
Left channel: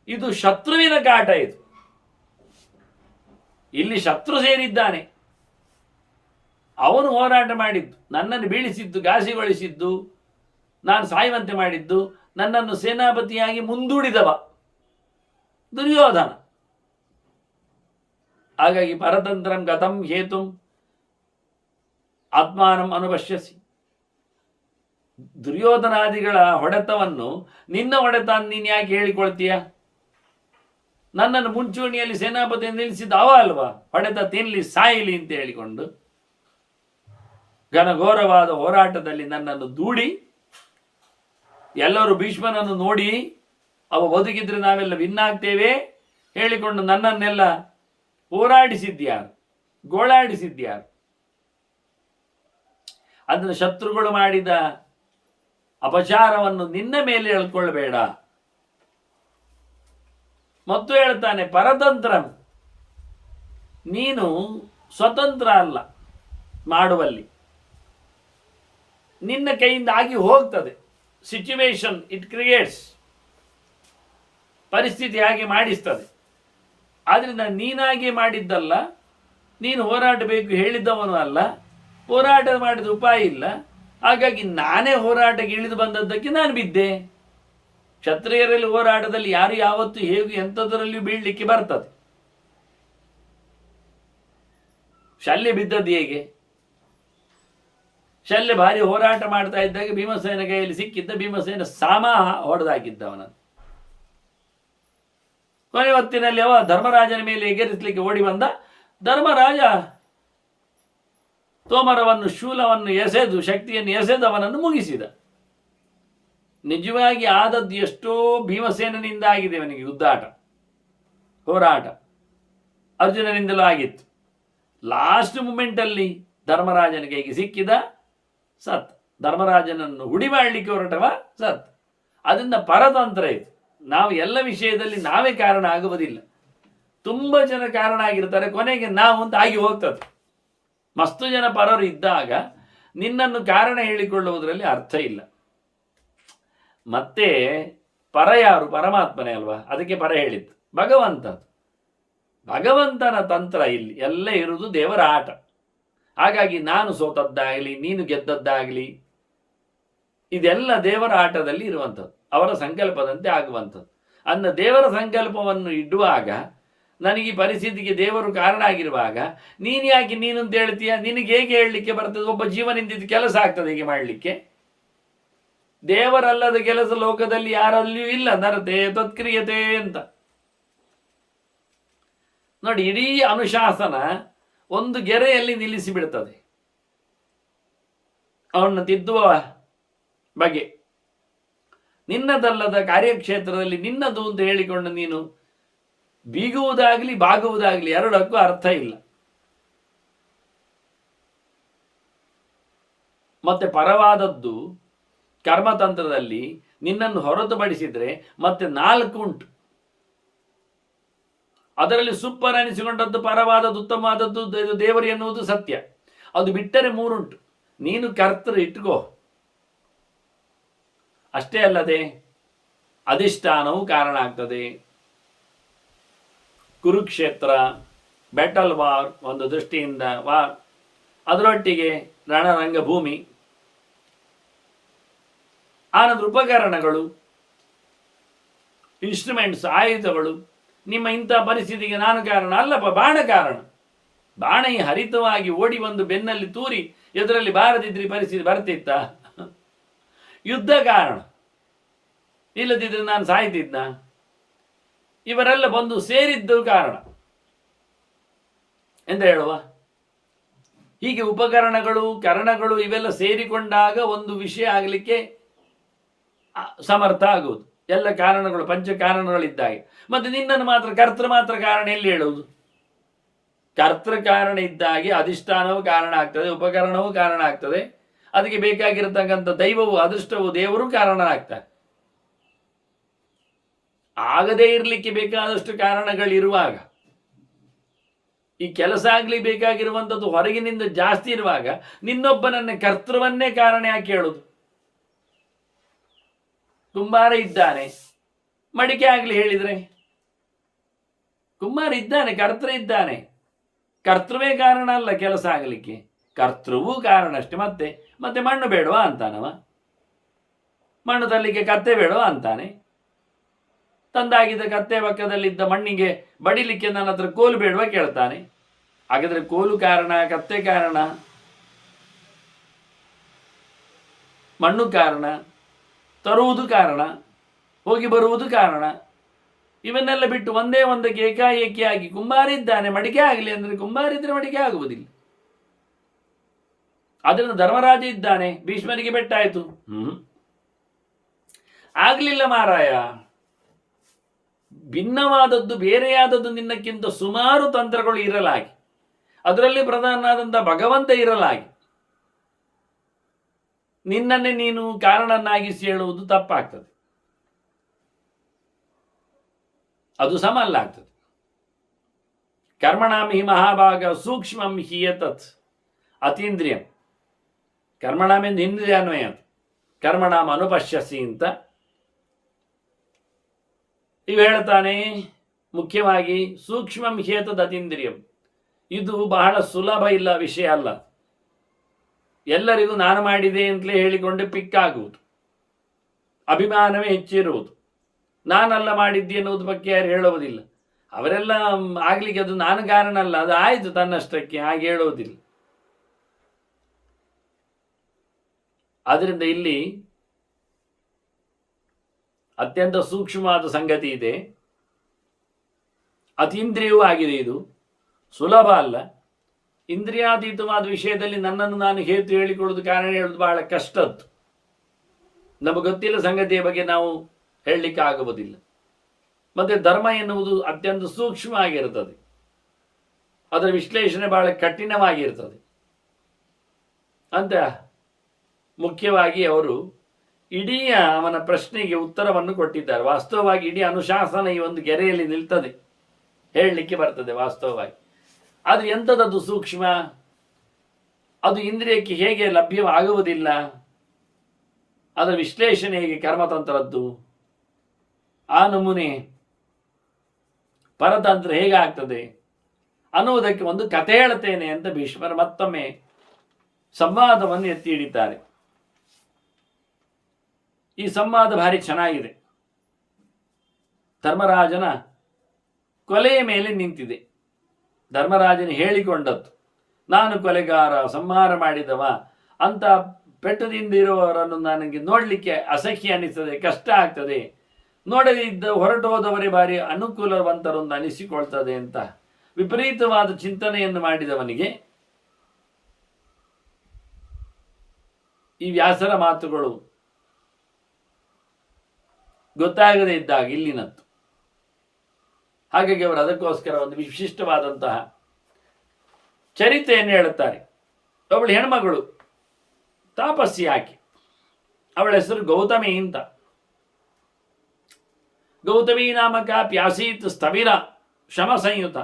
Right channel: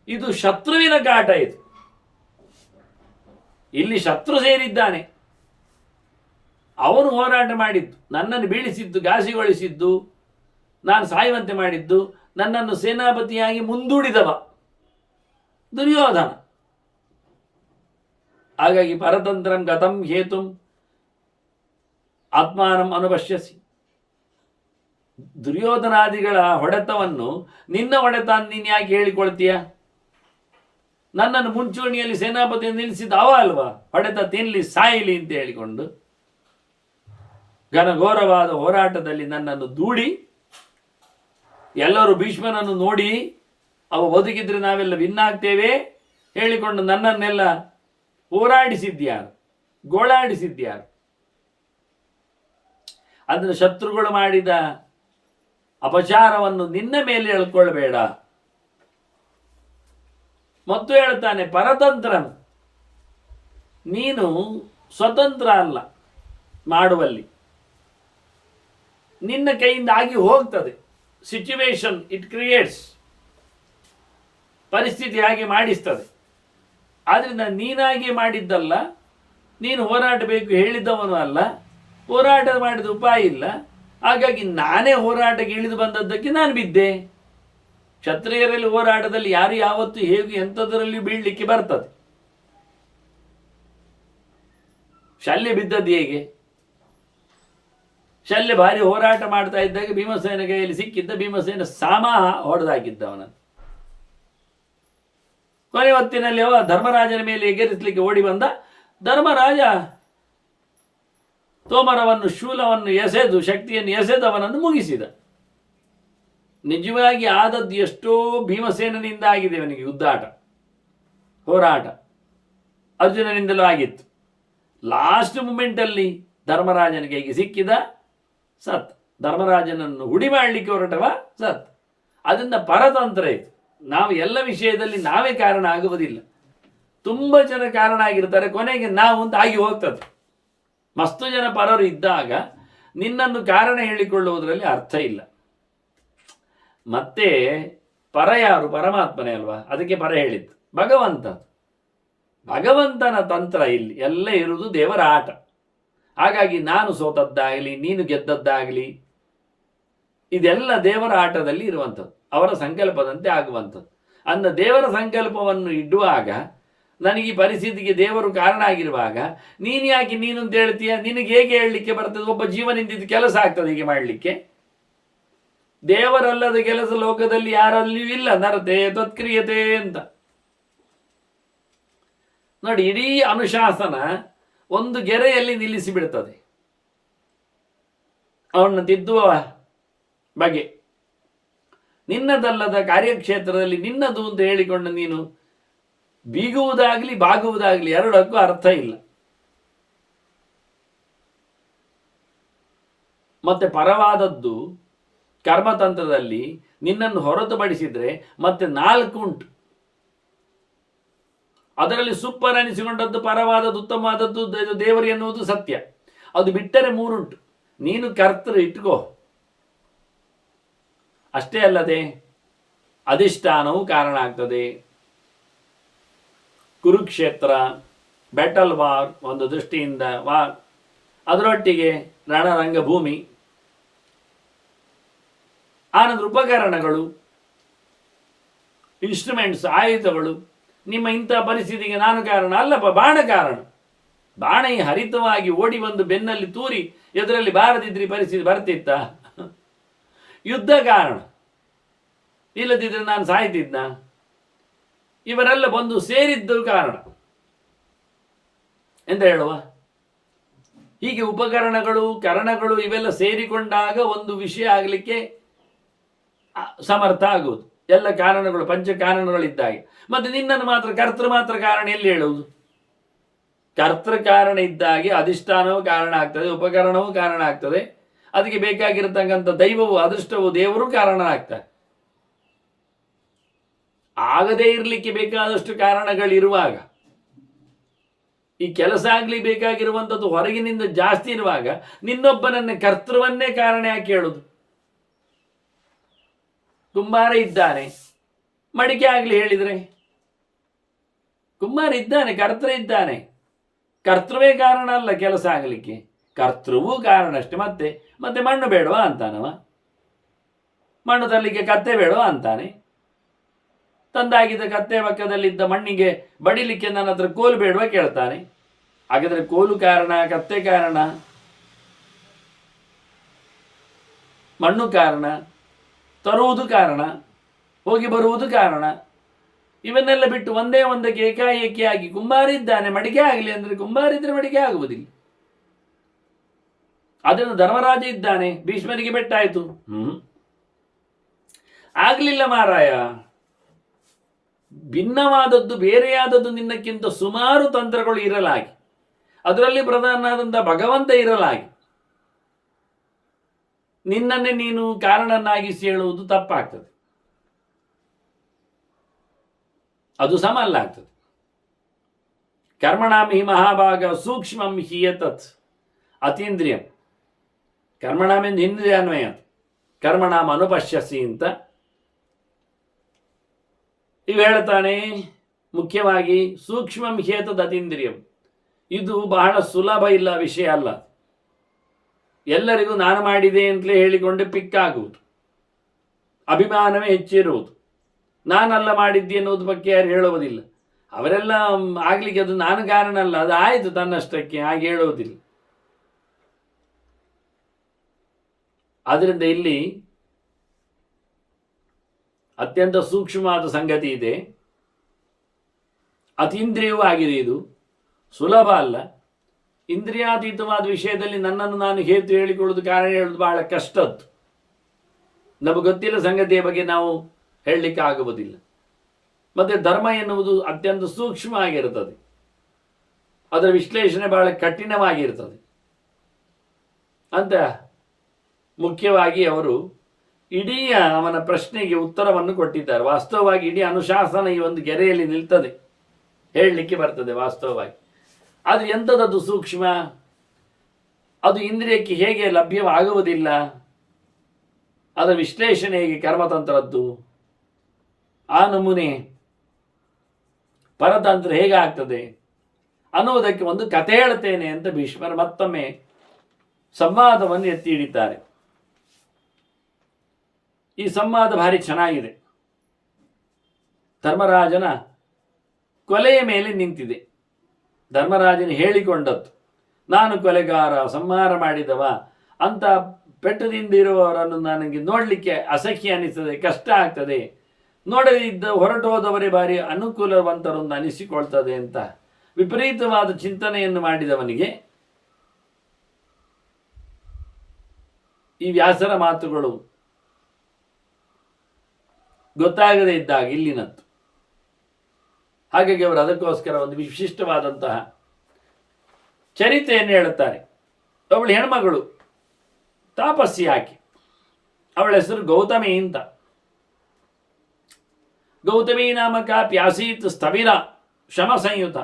ಇದು ಶತ್ರುವಿನ ಕಾಟ. ಇದು ಇಲ್ಲಿ ಶತ್ರು ಸೇರಿದ್ದಾನೆ. ಅವನು ಹೋರಾಟ ಮಾಡಿದ್ದು, ನನ್ನನ್ನು ಬೀಳಿಸಿದ್ದು, ಘಾಸಿಗೊಳಿಸಿದ್ದು, ನಾನು ಸಾಯುವಂತೆ ಮಾಡಿದ್ದು, ನನ್ನನ್ನು ಸೇನಾಪತಿಯಾಗಿ ಮುಂದೂಡಿದವ ದುರ್ಯೋಧನ. ಹಾಗಾಗಿ ಪರತಂತ್ರಂ ಗತಂ ಹೇತುಂ ಆತ್ಮಾನಂ ಅನುಪಶ್ಯಸಿ. ದುರ್ಯೋಧನಾದಿಗಳ ಹೊಡೆತವನ್ನು ನಿನ್ನ ಹೊಡೆತ ನೀನು ಯಾಕೆ ಹೇಳಿಕೊಳ್ತೀಯ? ನನ್ನನ್ನು ಮುಂಚೂಣಿಯಲ್ಲಿ ಸೇನಾಪತಿ ನಿಲ್ಲಿಸಿದ ಅವ ಅಲ್ವಾ, ಹೊಡೆತ ತಿನ್ನಲಿ ಸಾಯಲಿ ಅಂತ ಹೇಳಿಕೊಂಡು ಘನಘೋರವಾದ ಹೋರಾಟದಲ್ಲಿ ನನ್ನನ್ನು ದೂಡಿ, ಎಲ್ಲರೂ ಭೀಷ್ಮನನ್ನು ನೋಡಿ ಅವ ಬದುಕಿದ್ರೆ ನಾವೆಲ್ಲ ವಿನ್ನಾಗ್ತೇವೆ ಹೇಳಿಕೊಂಡು ನನ್ನನ್ನೆಲ್ಲ ಹೋರಾಡಿಸಿದ್ಯಾರು, ಗೋಳಾಡಿಸಿದ್ಯಾರು? ಅದನ್ನು ಶತ್ರುಗಳು ಮಾಡಿದ ಅಪಚಾರವನ್ನು ನಿನ್ನ ಮೇಲೆ ಹೇಳ್ಕೊಳ್ಬೇಡ. ಮತ್ತು ಹೇಳ್ತಾನೆ, ಪರತಂತ್ರ, ನೀನು ಸ್ವತಂತ್ರ ಅಲ್ಲ ಮಾಡುವಲ್ಲಿ, ನಿನ್ನ ಕೈಯಿಂದ ಆಗಿ ಹೋಗ್ತದೆ. ಸಿಚುವೇಶನ್ ಇಟ್ ಕ್ರಿಯೇಟ್ಸ್, ಪರಿಸ್ಥಿತಿ ಹಾಗೆ ಮಾಡಿಸ್ತದೆ. ಆದ್ದರಿಂದ ನೀನಾಗಿ ಮಾಡಿದ್ದಲ್ಲ, ನೀನು ಹೋರಾಡಬೇಕು ಹೇಳಿದ್ದವನು ಅಲ್ಲ, ಹೋರಾಟ ಮಾಡಿದ ಉಪಾಯ ಇಲ್ಲ. ಹಾಗಾಗಿ ನಾನೇ ಹೋರಾಟಕ್ಕೆ ಇಳಿದು ಬಂದದ್ದಕ್ಕೆ ನಾನು ಬಿದ್ದೆ. ಕ್ಷತ್ರಿಯರಲ್ಲಿ ಹೋರಾಟದಲ್ಲಿ ಯಾರು ಯಾವತ್ತೂ ಹೇಗೆ ಎಂಥದರಲ್ಲಿಯೂ ಬೀಳಲಿಕ್ಕೆ ಬರ್ತದೆ. ಶಲ್ಯ ಬಿದ್ದದ್ದು ಹೇಗೆ? ಶಲ್ಯ ಭಾರಿ ಹೋರಾಟ ಮಾಡ್ತಾ ಇದ್ದಾಗ ಭೀಮಸೇನ ಕೈಯಲ್ಲಿ ಸಿಕ್ಕಿದ್ದ, ಭೀಮಸೇನ ಸಾಮಾಹ ಹೊಡೆದಾಕಿದ್ದವನನ್ನು. ಕೊನೆ ಹೊತ್ತಿನಲ್ಲಿ ಅವ ಧರ್ಮರಾಜನ ಮೇಲೆ ಎಗರಿಸಲಿಕ್ಕೆ ಓಡಿ ಬಂದ. ಧರ್ಮರಾಜ ತೋಮರವನ್ನು, ಶೂಲವನ್ನು ಎಸೆದು, ಶಕ್ತಿಯನ್ನು ಎಸೆದು ಅವನನ್ನು ಮುಗಿಸಿದ. ನಿಜವಾಗಿ ಆದದ್ದು ಎಷ್ಟೋ ಭೀಮಸೇನಿಂದ ಆಗಿದೆ ಅವನಿಗೆ ಯುದ್ಧಾಟ, ಹೋರಾಟ ಅರ್ಜುನನಿಂದಲೂ ಆಗಿತ್ತು. ಲಾಸ್ಟ್ ಮೂಮೆಂಟಲ್ಲಿ ಧರ್ಮರಾಜನಿಗೆ ಹೇಗೆ ಸಿಕ್ಕಿದ, ಸತ್. ಧರ್ಮರಾಜನನ್ನು ಹುಡಿ ಮಾಡಲಿಕ್ಕೆ ಹೊರಟವ, ಸತ್. ಅದರಿಂದ ಪರತಂತ್ರ ಇದು. ನಾವು ಎಲ್ಲ ವಿಷಯದಲ್ಲಿ ನಾವೇ ಕಾರಣ ಆಗುವುದಿಲ್ಲ, ತುಂಬ ಜನ ಕಾರಣ ಆಗಿರ್ತಾರೆ, ಕೊನೆಗೆ ನಾವು ಅಂತ ಆಗಿ ಹೋಗ್ತದೆ. ಮಸ್ತು ಜನ ಪರರು ಇದ್ದಾಗ ನಿನ್ನನ್ನು ಕಾರಣ ಹೇಳಿಕೊಳ್ಳುವುದರಲ್ಲಿ ಅರ್ಥ ಇಲ್ಲ. ಮತ್ತೆ ಪರ ಯಾರು? ಪರಮಾತ್ಮನೇ ಅಲ್ವಾ, ಅದಕ್ಕೆ ಪರ ಹೇಳಿದ್ದು ಭಗವಂತ. ಭಗವಂತನ ತಂತ್ರ ಇಲ್ಲಿ ಎಲ್ಲ ಇರುವುದು ದೇವರ ಆಟ. ಹಾಗಾಗಿ ನಾನು ಸೋತದ್ದಾಗಲಿ, ನೀನು ಗೆದ್ದದ್ದಾಗಲಿ, ಇದೆಲ್ಲ ದೇವರ ಆಟದಲ್ಲಿ ಇರುವಂಥದ್ದು, ಅವರ ಸಂಕಲ್ಪದಂತೆ ಆಗುವಂಥದ್ದು. ಅನ್ನ ದೇವರ ಸಂಕಲ್ಪವನ್ನು ಇಡುವಾಗ, ನನಗೆ ಈ ಪರಿಸ್ಥಿತಿಗೆ ದೇವರು ಕಾರಣ ಆಗಿರುವಾಗ ನೀನು ಯಾಕೆ ನೀನು ಅಂತ ಹೇಳ್ತೀಯ? ನಿನಗೆ ಹೇಗೆ ಹೇಳಲಿಕ್ಕೆ ಬರ್ತದೆ? ಒಬ್ಬ ಜೀವನಿಂದ ಕೆಲಸ ಆಗ್ತದೆ ಹೀಗೆ ಮಾಡಲಿಕ್ಕೆ? ದೇವರಲ್ಲದ ಕೆಲಸ ಲೋಕದಲ್ಲಿ ಯಾರಲ್ಲಿಯೂ ಇಲ್ಲ. ನರತೆ ತತ್ಕ್ರಿಯತೆ ಅಂತ ನೋಡಿ, ಇಡೀ ಅನುಶಾಸನ ಒಂದು ಗೆರೆಯಲ್ಲಿ ನಿಲ್ಲಿಸಿ ಬಿಡ್ತದೆ ಅವನ್ನ ತಿದ್ದುವ ಬಗೆ. ನಿನ್ನದಲ್ಲದ ಕಾರ್ಯಕ್ಷೇತ್ರದಲ್ಲಿ ನಿನ್ನದು ಅಂತ ಹೇಳಿಕೊಂಡು ನೀನು ಬೀಗುವುದಾಗಲಿ ಬಾಗುವುದಾಗಲಿ ಎರಡಕ್ಕೂ ಅರ್ಥ ಇಲ್ಲ. ಮತ್ತೆ ಪರವಾದದ್ದು ಕರ್ಮತಂತ್ರದಲ್ಲಿ ನಿನ್ನನ್ನು ಹೊರತುಪಡಿಸಿದ್ರೆ ಮತ್ತೆ 4 ಉಂಟು. ಅದರಲ್ಲಿ ಸೂಪರ್ ಅನಿಸಿಕೊಂಡದ್ದು, ಪರವಾದದ್ದು, ಉತ್ತಮವಾದದ್ದು ದೇವರು ಎನ್ನುವುದು ಸತ್ಯ. ಅದು ಬಿಟ್ಟರೆ 3 ಉಂಟು. ನೀನು ಕರ್ತೃ ಇಟ್ಕೋ. ಅಷ್ಟೇ ಅಲ್ಲದೆ ಅಧಿಷ್ಠಾನವು ಕಾರಣ ಆಗ್ತದೆ. ಕುರುಕ್ಷೇತ್ರ, ಬ್ಯಾಟಲ್ ವಾರ್ ಒಂದು ದೃಷ್ಟಿಯಿಂದ ವಾರ್, ಅದರೊಟ್ಟಿಗೆ ರಣರಂಗಭೂಮಿ, ಆನಂತರ ಉಪಕರಣಗಳು, ಇನ್ಸ್ಟ್ರೂಮೆಂಟ್ಸ್, ಆಯುಧಗಳು. ನಿಮ್ಮ ಇಂಥ ಪರಿಸ್ಥಿತಿಗೆ ನಾನು ಕಾರಣ ಅಲ್ಲಪ್ಪ, ಬಾಣ ಕಾರಣ. ಬಾಣ ಹರಿತವಾಗಿ ಓಡಿ ಬಂದು ಬೆನ್ನಲ್ಲಿ ತೂರಿ ಎದುರಲ್ಲಿ ಬಾರದಿದ್ರಿ ಪರಿಸ್ಥಿತಿ ಬರ್ತಿತ್ತ? ಯುದ್ಧ ಕಾರಣ, ಇಲ್ಲದಿದ್ದರೆ ನಾನು ಸಾಯ್ತಿದ್ನ? ಇವರೆಲ್ಲ ಬಂದು ಸೇರಿದ್ದು ಕಾರಣ ಎಂತ ಹೇಳುವ? ಹೀಗೆ ಉಪಕರಣಗಳು, ಕರಣಗಳು ಇವೆಲ್ಲ ಸೇರಿಕೊಂಡಾಗ ಒಂದು ವಿಷಯ ಆಗಲಿಕ್ಕೆ ಸಮರ್ಥ ಆಗುವುದು. ಎಲ್ಲ ಕಾರಣಗಳು, ಪಂಚ ಕಾರಣಗಳಿದ್ದಾಗೆ. ಮತ್ತೆ ನಿನ್ನನ್ನು ಮಾತ್ರ ಕರ್ತೃ ಮಾತ್ರ ಕಾರಣ ಎಲ್ಲಿ ಹೇಳುವುದು? ಕರ್ತೃ ಕಾರಣ ಇದ್ದಾಗೆ ಅಧಿಷ್ಠಾನವೂ ಕಾರಣ ಆಗ್ತದೆ, ಉಪಕರಣವೂ ಕಾರಣ ಆಗ್ತದೆ, ಅದಕ್ಕೆ ಬೇಕಾಗಿರತಕ್ಕಂಥ ದೈವವು, ಅದೃಷ್ಟವು, ದೇವರು ಕಾರಣ ಆಗ್ತಾರೆ. ಆಗದೇ ಇರಲಿಕ್ಕೆ ಬೇಕಾದಷ್ಟು ಕಾರಣಗಳಿರುವಾಗ, ಈ ಕೆಲಸ ಆಗ್ಲಿಕ್ಕೆ ಬೇಕಾಗಿರುವಂಥದ್ದು ಹೊರಗಿನಿಂದ ಜಾಸ್ತಿ ಇರುವಾಗ ನಿನ್ನೊಬ್ಬನನ್ನೇ ಕರ್ತೃವನ್ನೇ ಕಾರಣ ಯಾಕೆ ಹೇಳುದು? ಕುಂಬಾರ ಇದ್ದಾನೆ, ಮಡಿಕೆ ಆಗಲಿ ಹೇಳಿದರೆ, ಕುಂಬಾರ ಇದ್ದಾನೆ, ಕರ್ತೃ ಇದ್ದಾನೆ, ಕರ್ತೃವೇ ಕಾರಣ ಅಲ್ಲ ಕೆಲಸ ಆಗಲಿಕ್ಕೆ. ಕರ್ತೃವೂ ಕಾರಣ ಅಷ್ಟೆ. ಮತ್ತೆ ಮತ್ತೆ ಮಣ್ಣು ಬೇಡವಾ ಅಂತಾನವ, ಮಣ್ಣು ತರಲಿಕ್ಕೆ ಕತ್ತೆ ಬೇಡವಾ ಅಂತಾನೆ. ತಂದಾಗಿದ್ದ ಕತ್ತೆ ಪಕ್ಕದಲ್ಲಿದ್ದ ಮಣ್ಣಿಗೆ ಬಡಿಲಿಕ್ಕೆ ನನ್ನ ಹತ್ರ ಕೋಲು ಬೇಡವಾ ಕೇಳ್ತಾನೆ. ಹಾಗಾದ್ರೆ ಕೋಲು ಕಾರಣ, ಕತ್ತೆ ಕಾರಣ, ಮಣ್ಣು ಕಾರಣ, ತರುವುದು ಕಾರಣ, ಹೋಗಿ ಬರುವುದು ಕಾರಣ. ಇವನ್ನೆಲ್ಲ ಬಿಟ್ಟು ಒಂದೇ ಒಂದಕ್ಕೆ ಏಕಾಏಕಿಯಾಗಿ ಕುಂಬಾರಿದ್ದಾನೆ ಮಡಿಕೆ ಆಗಲಿ ಅಂದರೆ ಕುಂಬಾರಿದ್ರೆ ಮಡಿಕೆ ಆಗುವುದಿಲ್ಲ. ಅದನ್ನು ಧರ್ಮರಾಜ ಇದ್ದಾನೆ, ಭೀಷ್ಮರಿಗೆ ಬೆಟ್ಟಾಯಿತು. ಆಗಲಿಲ್ಲ ಮಾರಾಯ, ಭಿನ್ನವಾದದ್ದು ಬೇರೆಯಾದದ್ದು ನಿನ್ನಕ್ಕಿಂತ ಸುಮಾರು ತಂತ್ರಗಳು ಇರಲಾಗಿ, ಅದರಲ್ಲಿ ಪ್ರಧಾನನಾದಂಥ ಭಗವಂತ ಇರಲಾಗಿ ನಿನ್ನನ್ನೇ ನೀನು ಕಾರಣನಾಗಿಸಿ ಹೇಳುವುದು ತಪ್ಪಾಗ್ತದೆ, ಅದು ಸಮಲ್ಲ ಆಗ್ತದೆ. ಕರ್ಮಣಾಂ ಹಿ ಮಹಾಭಾಗ ಸೂಕ್ಷ್ಮಂ ಹಿಯತತ್ ಅತೀಂದ್ರಿಯಂ. ಕರ್ಮಣಾಂ ಎಂದು ಇಂದ್ರಿಯ ಅನ್ವಯ, ಕರ್ಮಣಾಂ ಅನುಪಶ್ಯಸಿ ಅಂತ ಇವು ಹೇಳ್ತಾನೆ. ಮುಖ್ಯವಾಗಿ ಸೂಕ್ಷ್ಮಂ ಹಿಯತದ್ ಅತೀಂದ್ರಿಯಂ, ಇದು ಬಹಳ ಸುಲಭ ಇಲ್ಲ ವಿಷಯ ಅಲ್ಲ. ಎಲ್ಲರಿಗೂ ನಾನು ಮಾಡಿದೆ ಅಂತಲೇ ಹೇಳಿಕೊಂಡು ಪಿಕ್ಕಾಗುವುದು, ಅಭಿಮಾನವೇ ಹೆಚ್ಚಿರುವುದು. ನಾನಲ್ಲ ಮಾಡಿದ್ದೆ ಎನ್ನುವುದು ಬಗ್ಗೆ ಯಾರು ಹೇಳುವುದಿಲ್ಲ. ಅವರೆಲ್ಲ ಆಗ್ಲಿಕ್ಕೆ ಅದು ನಾನು ಕಾರಣ ಅಲ್ಲ, ಅದು ಆಯಿತು ತನ್ನಷ್ಟಕ್ಕೆ, ಹಾಗೆ ಹೇಳುವುದಿಲ್ಲ. ಆದ್ದರಿಂದ ಇಲ್ಲಿ ಅತ್ಯಂತ ಸೂಕ್ಷ್ಮವಾದ ಸಂಗತಿ ಇದೆ, ಅತೀಂದ್ರಿಯವೂ ಆಗಿದೆ. ಇದು ಸುಲಭ ಅಲ್ಲ. ಇಂದ್ರಿಯಾತೀತವಾದ ವಿಷಯದಲ್ಲಿ ನನ್ನನ್ನು ನಾನು ಹೇತು ಹೇಳಿಕೊಳ್ಳುವುದು, ಕಾರಣ ಹೇಳುವುದು ಬಹಳ ಕಷ್ಟದ್ದು. ನಮಗೆ ಗೊತ್ತಿಲ್ಲ ಸಂಗತಿಯ ಬಗ್ಗೆ ನಾವು ಹೇಳಲಿಕ್ಕೆ ಆಗುವುದಿಲ್ಲ. ಮತ್ತು ಧರ್ಮ ಎನ್ನುವುದು ಅತ್ಯಂತ ಸೂಕ್ಷ್ಮ ಆಗಿರುತ್ತದೆ, ಅದರ ವಿಶ್ಲೇಷಣೆ ಬಹಳ ಕಠಿಣವಾಗಿರ್ತದೆ ಅಂತ ಮುಖ್ಯವಾಗಿ ಅವರು ಇಡೀ ಅವನ ಪ್ರಶ್ನೆಗೆ ಉತ್ತರವನ್ನು ಕೊಟ್ಟಿದ್ದಾರೆ. ವಾಸ್ತವವಾಗಿ ಇಡೀ ಅನುಶಾಸನ ಈ ಒಂದು ಗೆರೆಯಲ್ಲಿ ನಿಲ್ತದೆ, ಹೇಳಲಿಕ್ಕೆ ಬರ್ತದೆ ವಾಸ್ತವವಾಗಿ. ಆದರೆ ಎಂಥದ್ದು ಸೂಕ್ಷ್ಮ, ಅದು ಇಂದ್ರಿಯಕ್ಕೆ ಹೇಗೆ ಲಭ್ಯವಾಗುವುದಿಲ್ಲ, ಅದರ ವಿಶ್ಲೇಷಣೆ ಹೇಗೆ ಕರ್ಮತಂತ್ರದ್ದು, ಆ ನಮೂನೆ ಪರತಂತ್ರ ಹೇಗಾಗ್ತದೆ ಅನ್ನುವುದಕ್ಕೆ ಒಂದು ಕಥೆ ಹೇಳ್ತೇನೆ ಅಂತ ಭೀಷ್ಮರು ಮತ್ತೊಮ್ಮೆ ಸಂವಾದವನ್ನು ಎತ್ತಿ ಹಿಡಿತಾರೆ. ಈ ಸಂವಾದ ಭಾರಿ ಚೆನ್ನಾಗಿದೆ. ಧರ್ಮರಾಜನ ಕೊಲೆಯ ಮೇಲೆ ನಿಂತಿದೆ. ಧರ್ಮರಾಜನ ಹೇಳಿಕೊಂಡದ್ದು, ನಾನು ಕೊಲೆಗಾರ, ಸಂಹಾರ ಮಾಡಿದವ ಅಂತ ಪೆಟ್ಟದಿಂದಿರುವವರನ್ನು ನನಗೆ ನೋಡಲಿಕ್ಕೆ ಅಸಹ್ಯ ಅನಿಸ್ತದೆ, ಕಷ್ಟ ಆಗ್ತದೆ, ನೋಡದಿದ್ದ ಹೊರಟು ಹೋದವರೇ ಬಾರಿ ಅನುಕೂಲವಂತರೊಂದು ಅನಿಸಿಕೊಳ್ತದೆ ಅಂತ ವಿಪರೀತವಾದ ಚಿಂತನೆಯನ್ನು ಮಾಡಿದವನಿಗೆ ಈ ವ್ಯಾಸರ ಮಾತುಗಳು ಗೊತ್ತಾಗದೇ ಇದ್ದಾಗ ಇಲ್ಲಿನದ್ದು. ಹಾಗಾಗಿ ಅವರು ಅದಕ್ಕೋಸ್ಕರ ಒಂದು ವಿಶಿಷ್ಟವಾದಂತಹ ಚರಿತ್ರೆಯನ್ನು ಹೇಳುತ್ತಾರೆ. ಅವಳು ಹೆಣ್ಮಗಳು, ತಾಪಸ್ಸಿ ಆಕೆ, ಅವಳ ಹೆಸರು ಗೌತಮಿ ಅಂತ. ಗೌತಮಿ ನಾಮಕ ಪ್ಯಾಸೀತ್ ಸ್ಥವಿರ ಶ್ರಮ ಸಂಯುತ,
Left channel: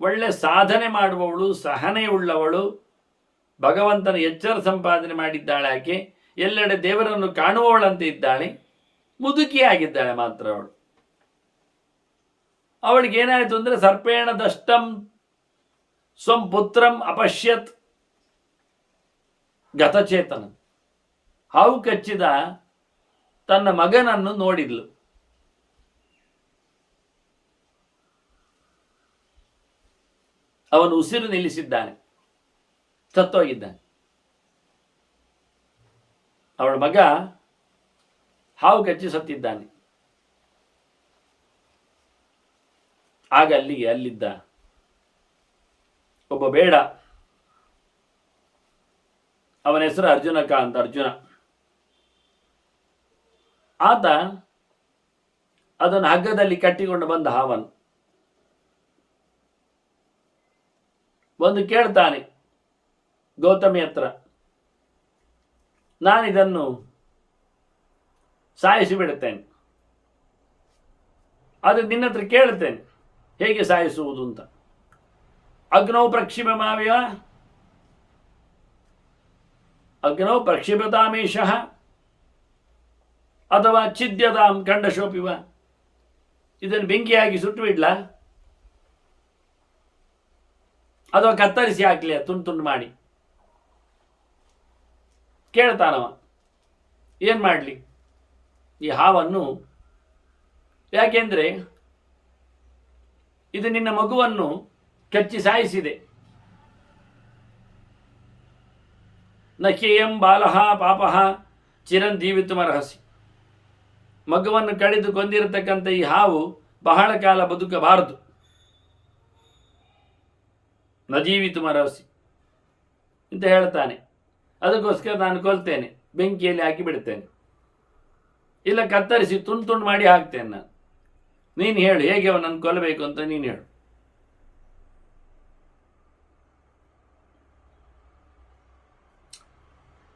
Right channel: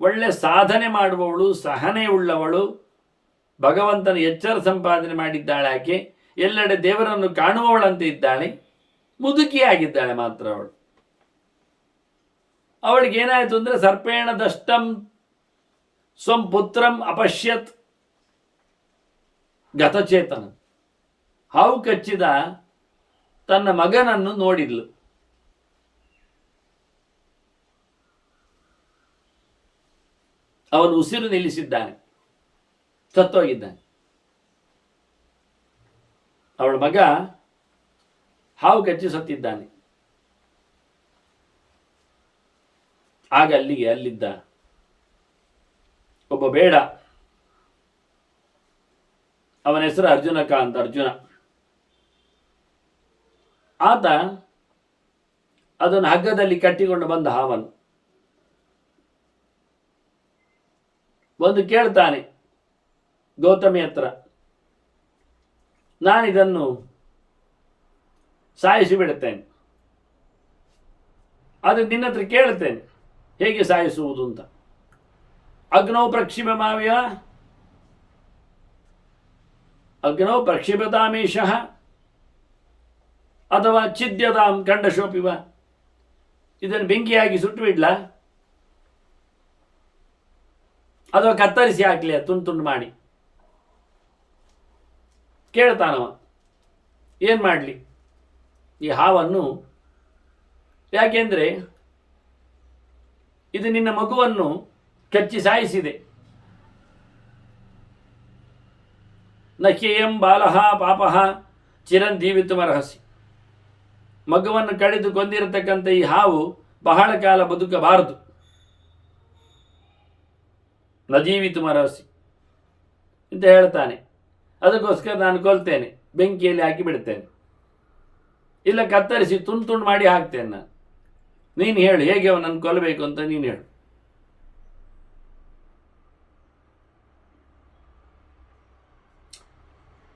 ಒಳ್ಳೆ ಸಾಧನೆ ಮಾಡುವವಳು, ಸಹನೆ ಉಳ್ಳವಳು, ಭಗವಂತನ ಎಚ್ಚರ ಸಂಪಾದನೆ ಮಾಡಿದ್ದಾಳೆ ಆಕೆ, ಎಲ್ಲೆಡೆ ದೇವರನ್ನು ಕಾಣುವವಳಂತೆ ಇದ್ದಾಳೆ, ಮುದುಕಿಯಾಗಿದ್ದಾಳೆ ಮಾತ್ರ ಅವಳು. ಅವಳಿಗೆ ಏನಾಯಿತು ಅಂದರೆ ಸರ್ಪೇಣ ದಷ್ಟಂ ಸ್ವಂ ಪುತ್ರಂ ಅಪಶ್ಯತ್ ಗತಚೇತನ, ಹಾವು ಕಚ್ಚಿದ ತನ್ನ ಮಗನನ್ನು ನೋಡಿದ್ಲು. ಅವನು ಉಸಿರು ನಿಲ್ಲಿಸಿದ್ದಾನೆ, ಸತ್ತೋಗಿದ್ದಾನೆ. ಅವಳ ಮಗ ಹಾವು ಕಚ್ಚಿ ಸತ್ತಿದ್ದಾನೆ. ಆಗ ಅಲ್ಲಿದ್ದ ಒಬ್ಬ ಬೇಡ, ಅವನ ಹೆಸರು ಅರ್ಜುನಕ ಅಂತ, ಅರ್ಜುನ. ಆತ ಅದನ್ನು ಹಗ್ಗದಲ್ಲಿ ಕಟ್ಟಿಕೊಂಡು ಬಂದ ಹಾವನ್ನು ಒಂದು ಕೇಳ್ತಾನೆ ಗೌತಮಿ ಹತ್ರ, ನಾನಿದನ್ನು ಸಾಯಿಸಿ ಬಿಡುತ್ತೇನೆ, ಆದರೆ ನಿನ್ನ ಹತ್ರ ಕೇಳುತ್ತೇನೆ ಹೇಗೆ ಸಾಯಿಸುವುದು ಅಂತ. ಅಗ್ನೌ ಪ್ರಕ್ಷಿಪಮಾವಿವ ಅಗ್ನೌ ಪ್ರಕ್ಷಿಪತಾಮೀಶಃ ಅಥವಾ ಛಿದ್ಯತಾಂ ಖಂಡಶೋಪಿವ, ಇದನ್ನು ಬೆಂಕಿಯಾಗಿ ಸುಟ್ಟು ಬಿಡ್ಲಾ ಅಥವಾ ಕತ್ತರಿಸಿ ಹಾಕಲಿ ತುಂಡು ತುಂಡು ಮಾಡಿ. ಕೇಳ್ತಾನವ, ಏನು ಮಾಡಲಿ ಈ ಹಾವನ್ನು? ಯಾಕೆಂದರೆ ಇದು ನಿನ್ನ ಮಗುವನ್ನು ಕಚ್ಚಿ ಸಾಯಿಸಿದೆ. ನಖೇಯಂ ಬಾಲಹ ಪಾಪಃ ಚಿರಂಜೀವಿತುಮರ್ಹಸಿ. ಮಗುವನ್ನು ಕಡಿದು ಕೊಂದಿರತಕ್ಕಂಥ ಈ ಹಾವು ಬಹಳ ಕಾಲ ಬದುಕಬಾರದು. ನ ಜೀವಿತುಮರ್ಹಸಿ ಅಂತ ಹೇಳ್ತಾನೆ. ಅದಕ್ಕೋಸ್ಕರ ನಾನು ಕೊಲ್ತೇನೆ, ಬೆಂಕಿಯಲ್ಲಿ ಹಾಕಿ ಬಿಡ್ತೇನೆ, ಇಲ್ಲ ಕತ್ತರಿಸಿ ತುಂಡು ತುಂಡು ಮಾಡಿ ಹಾಕ್ತೇನೆ ನಾನು. ನೀನು ಹೇಳು ಹೇಗೆ ಅವನನ್ನು ಕೊಲ್ಲಬೇಕು ಅಂತ ನೀನು ಹೇಳು.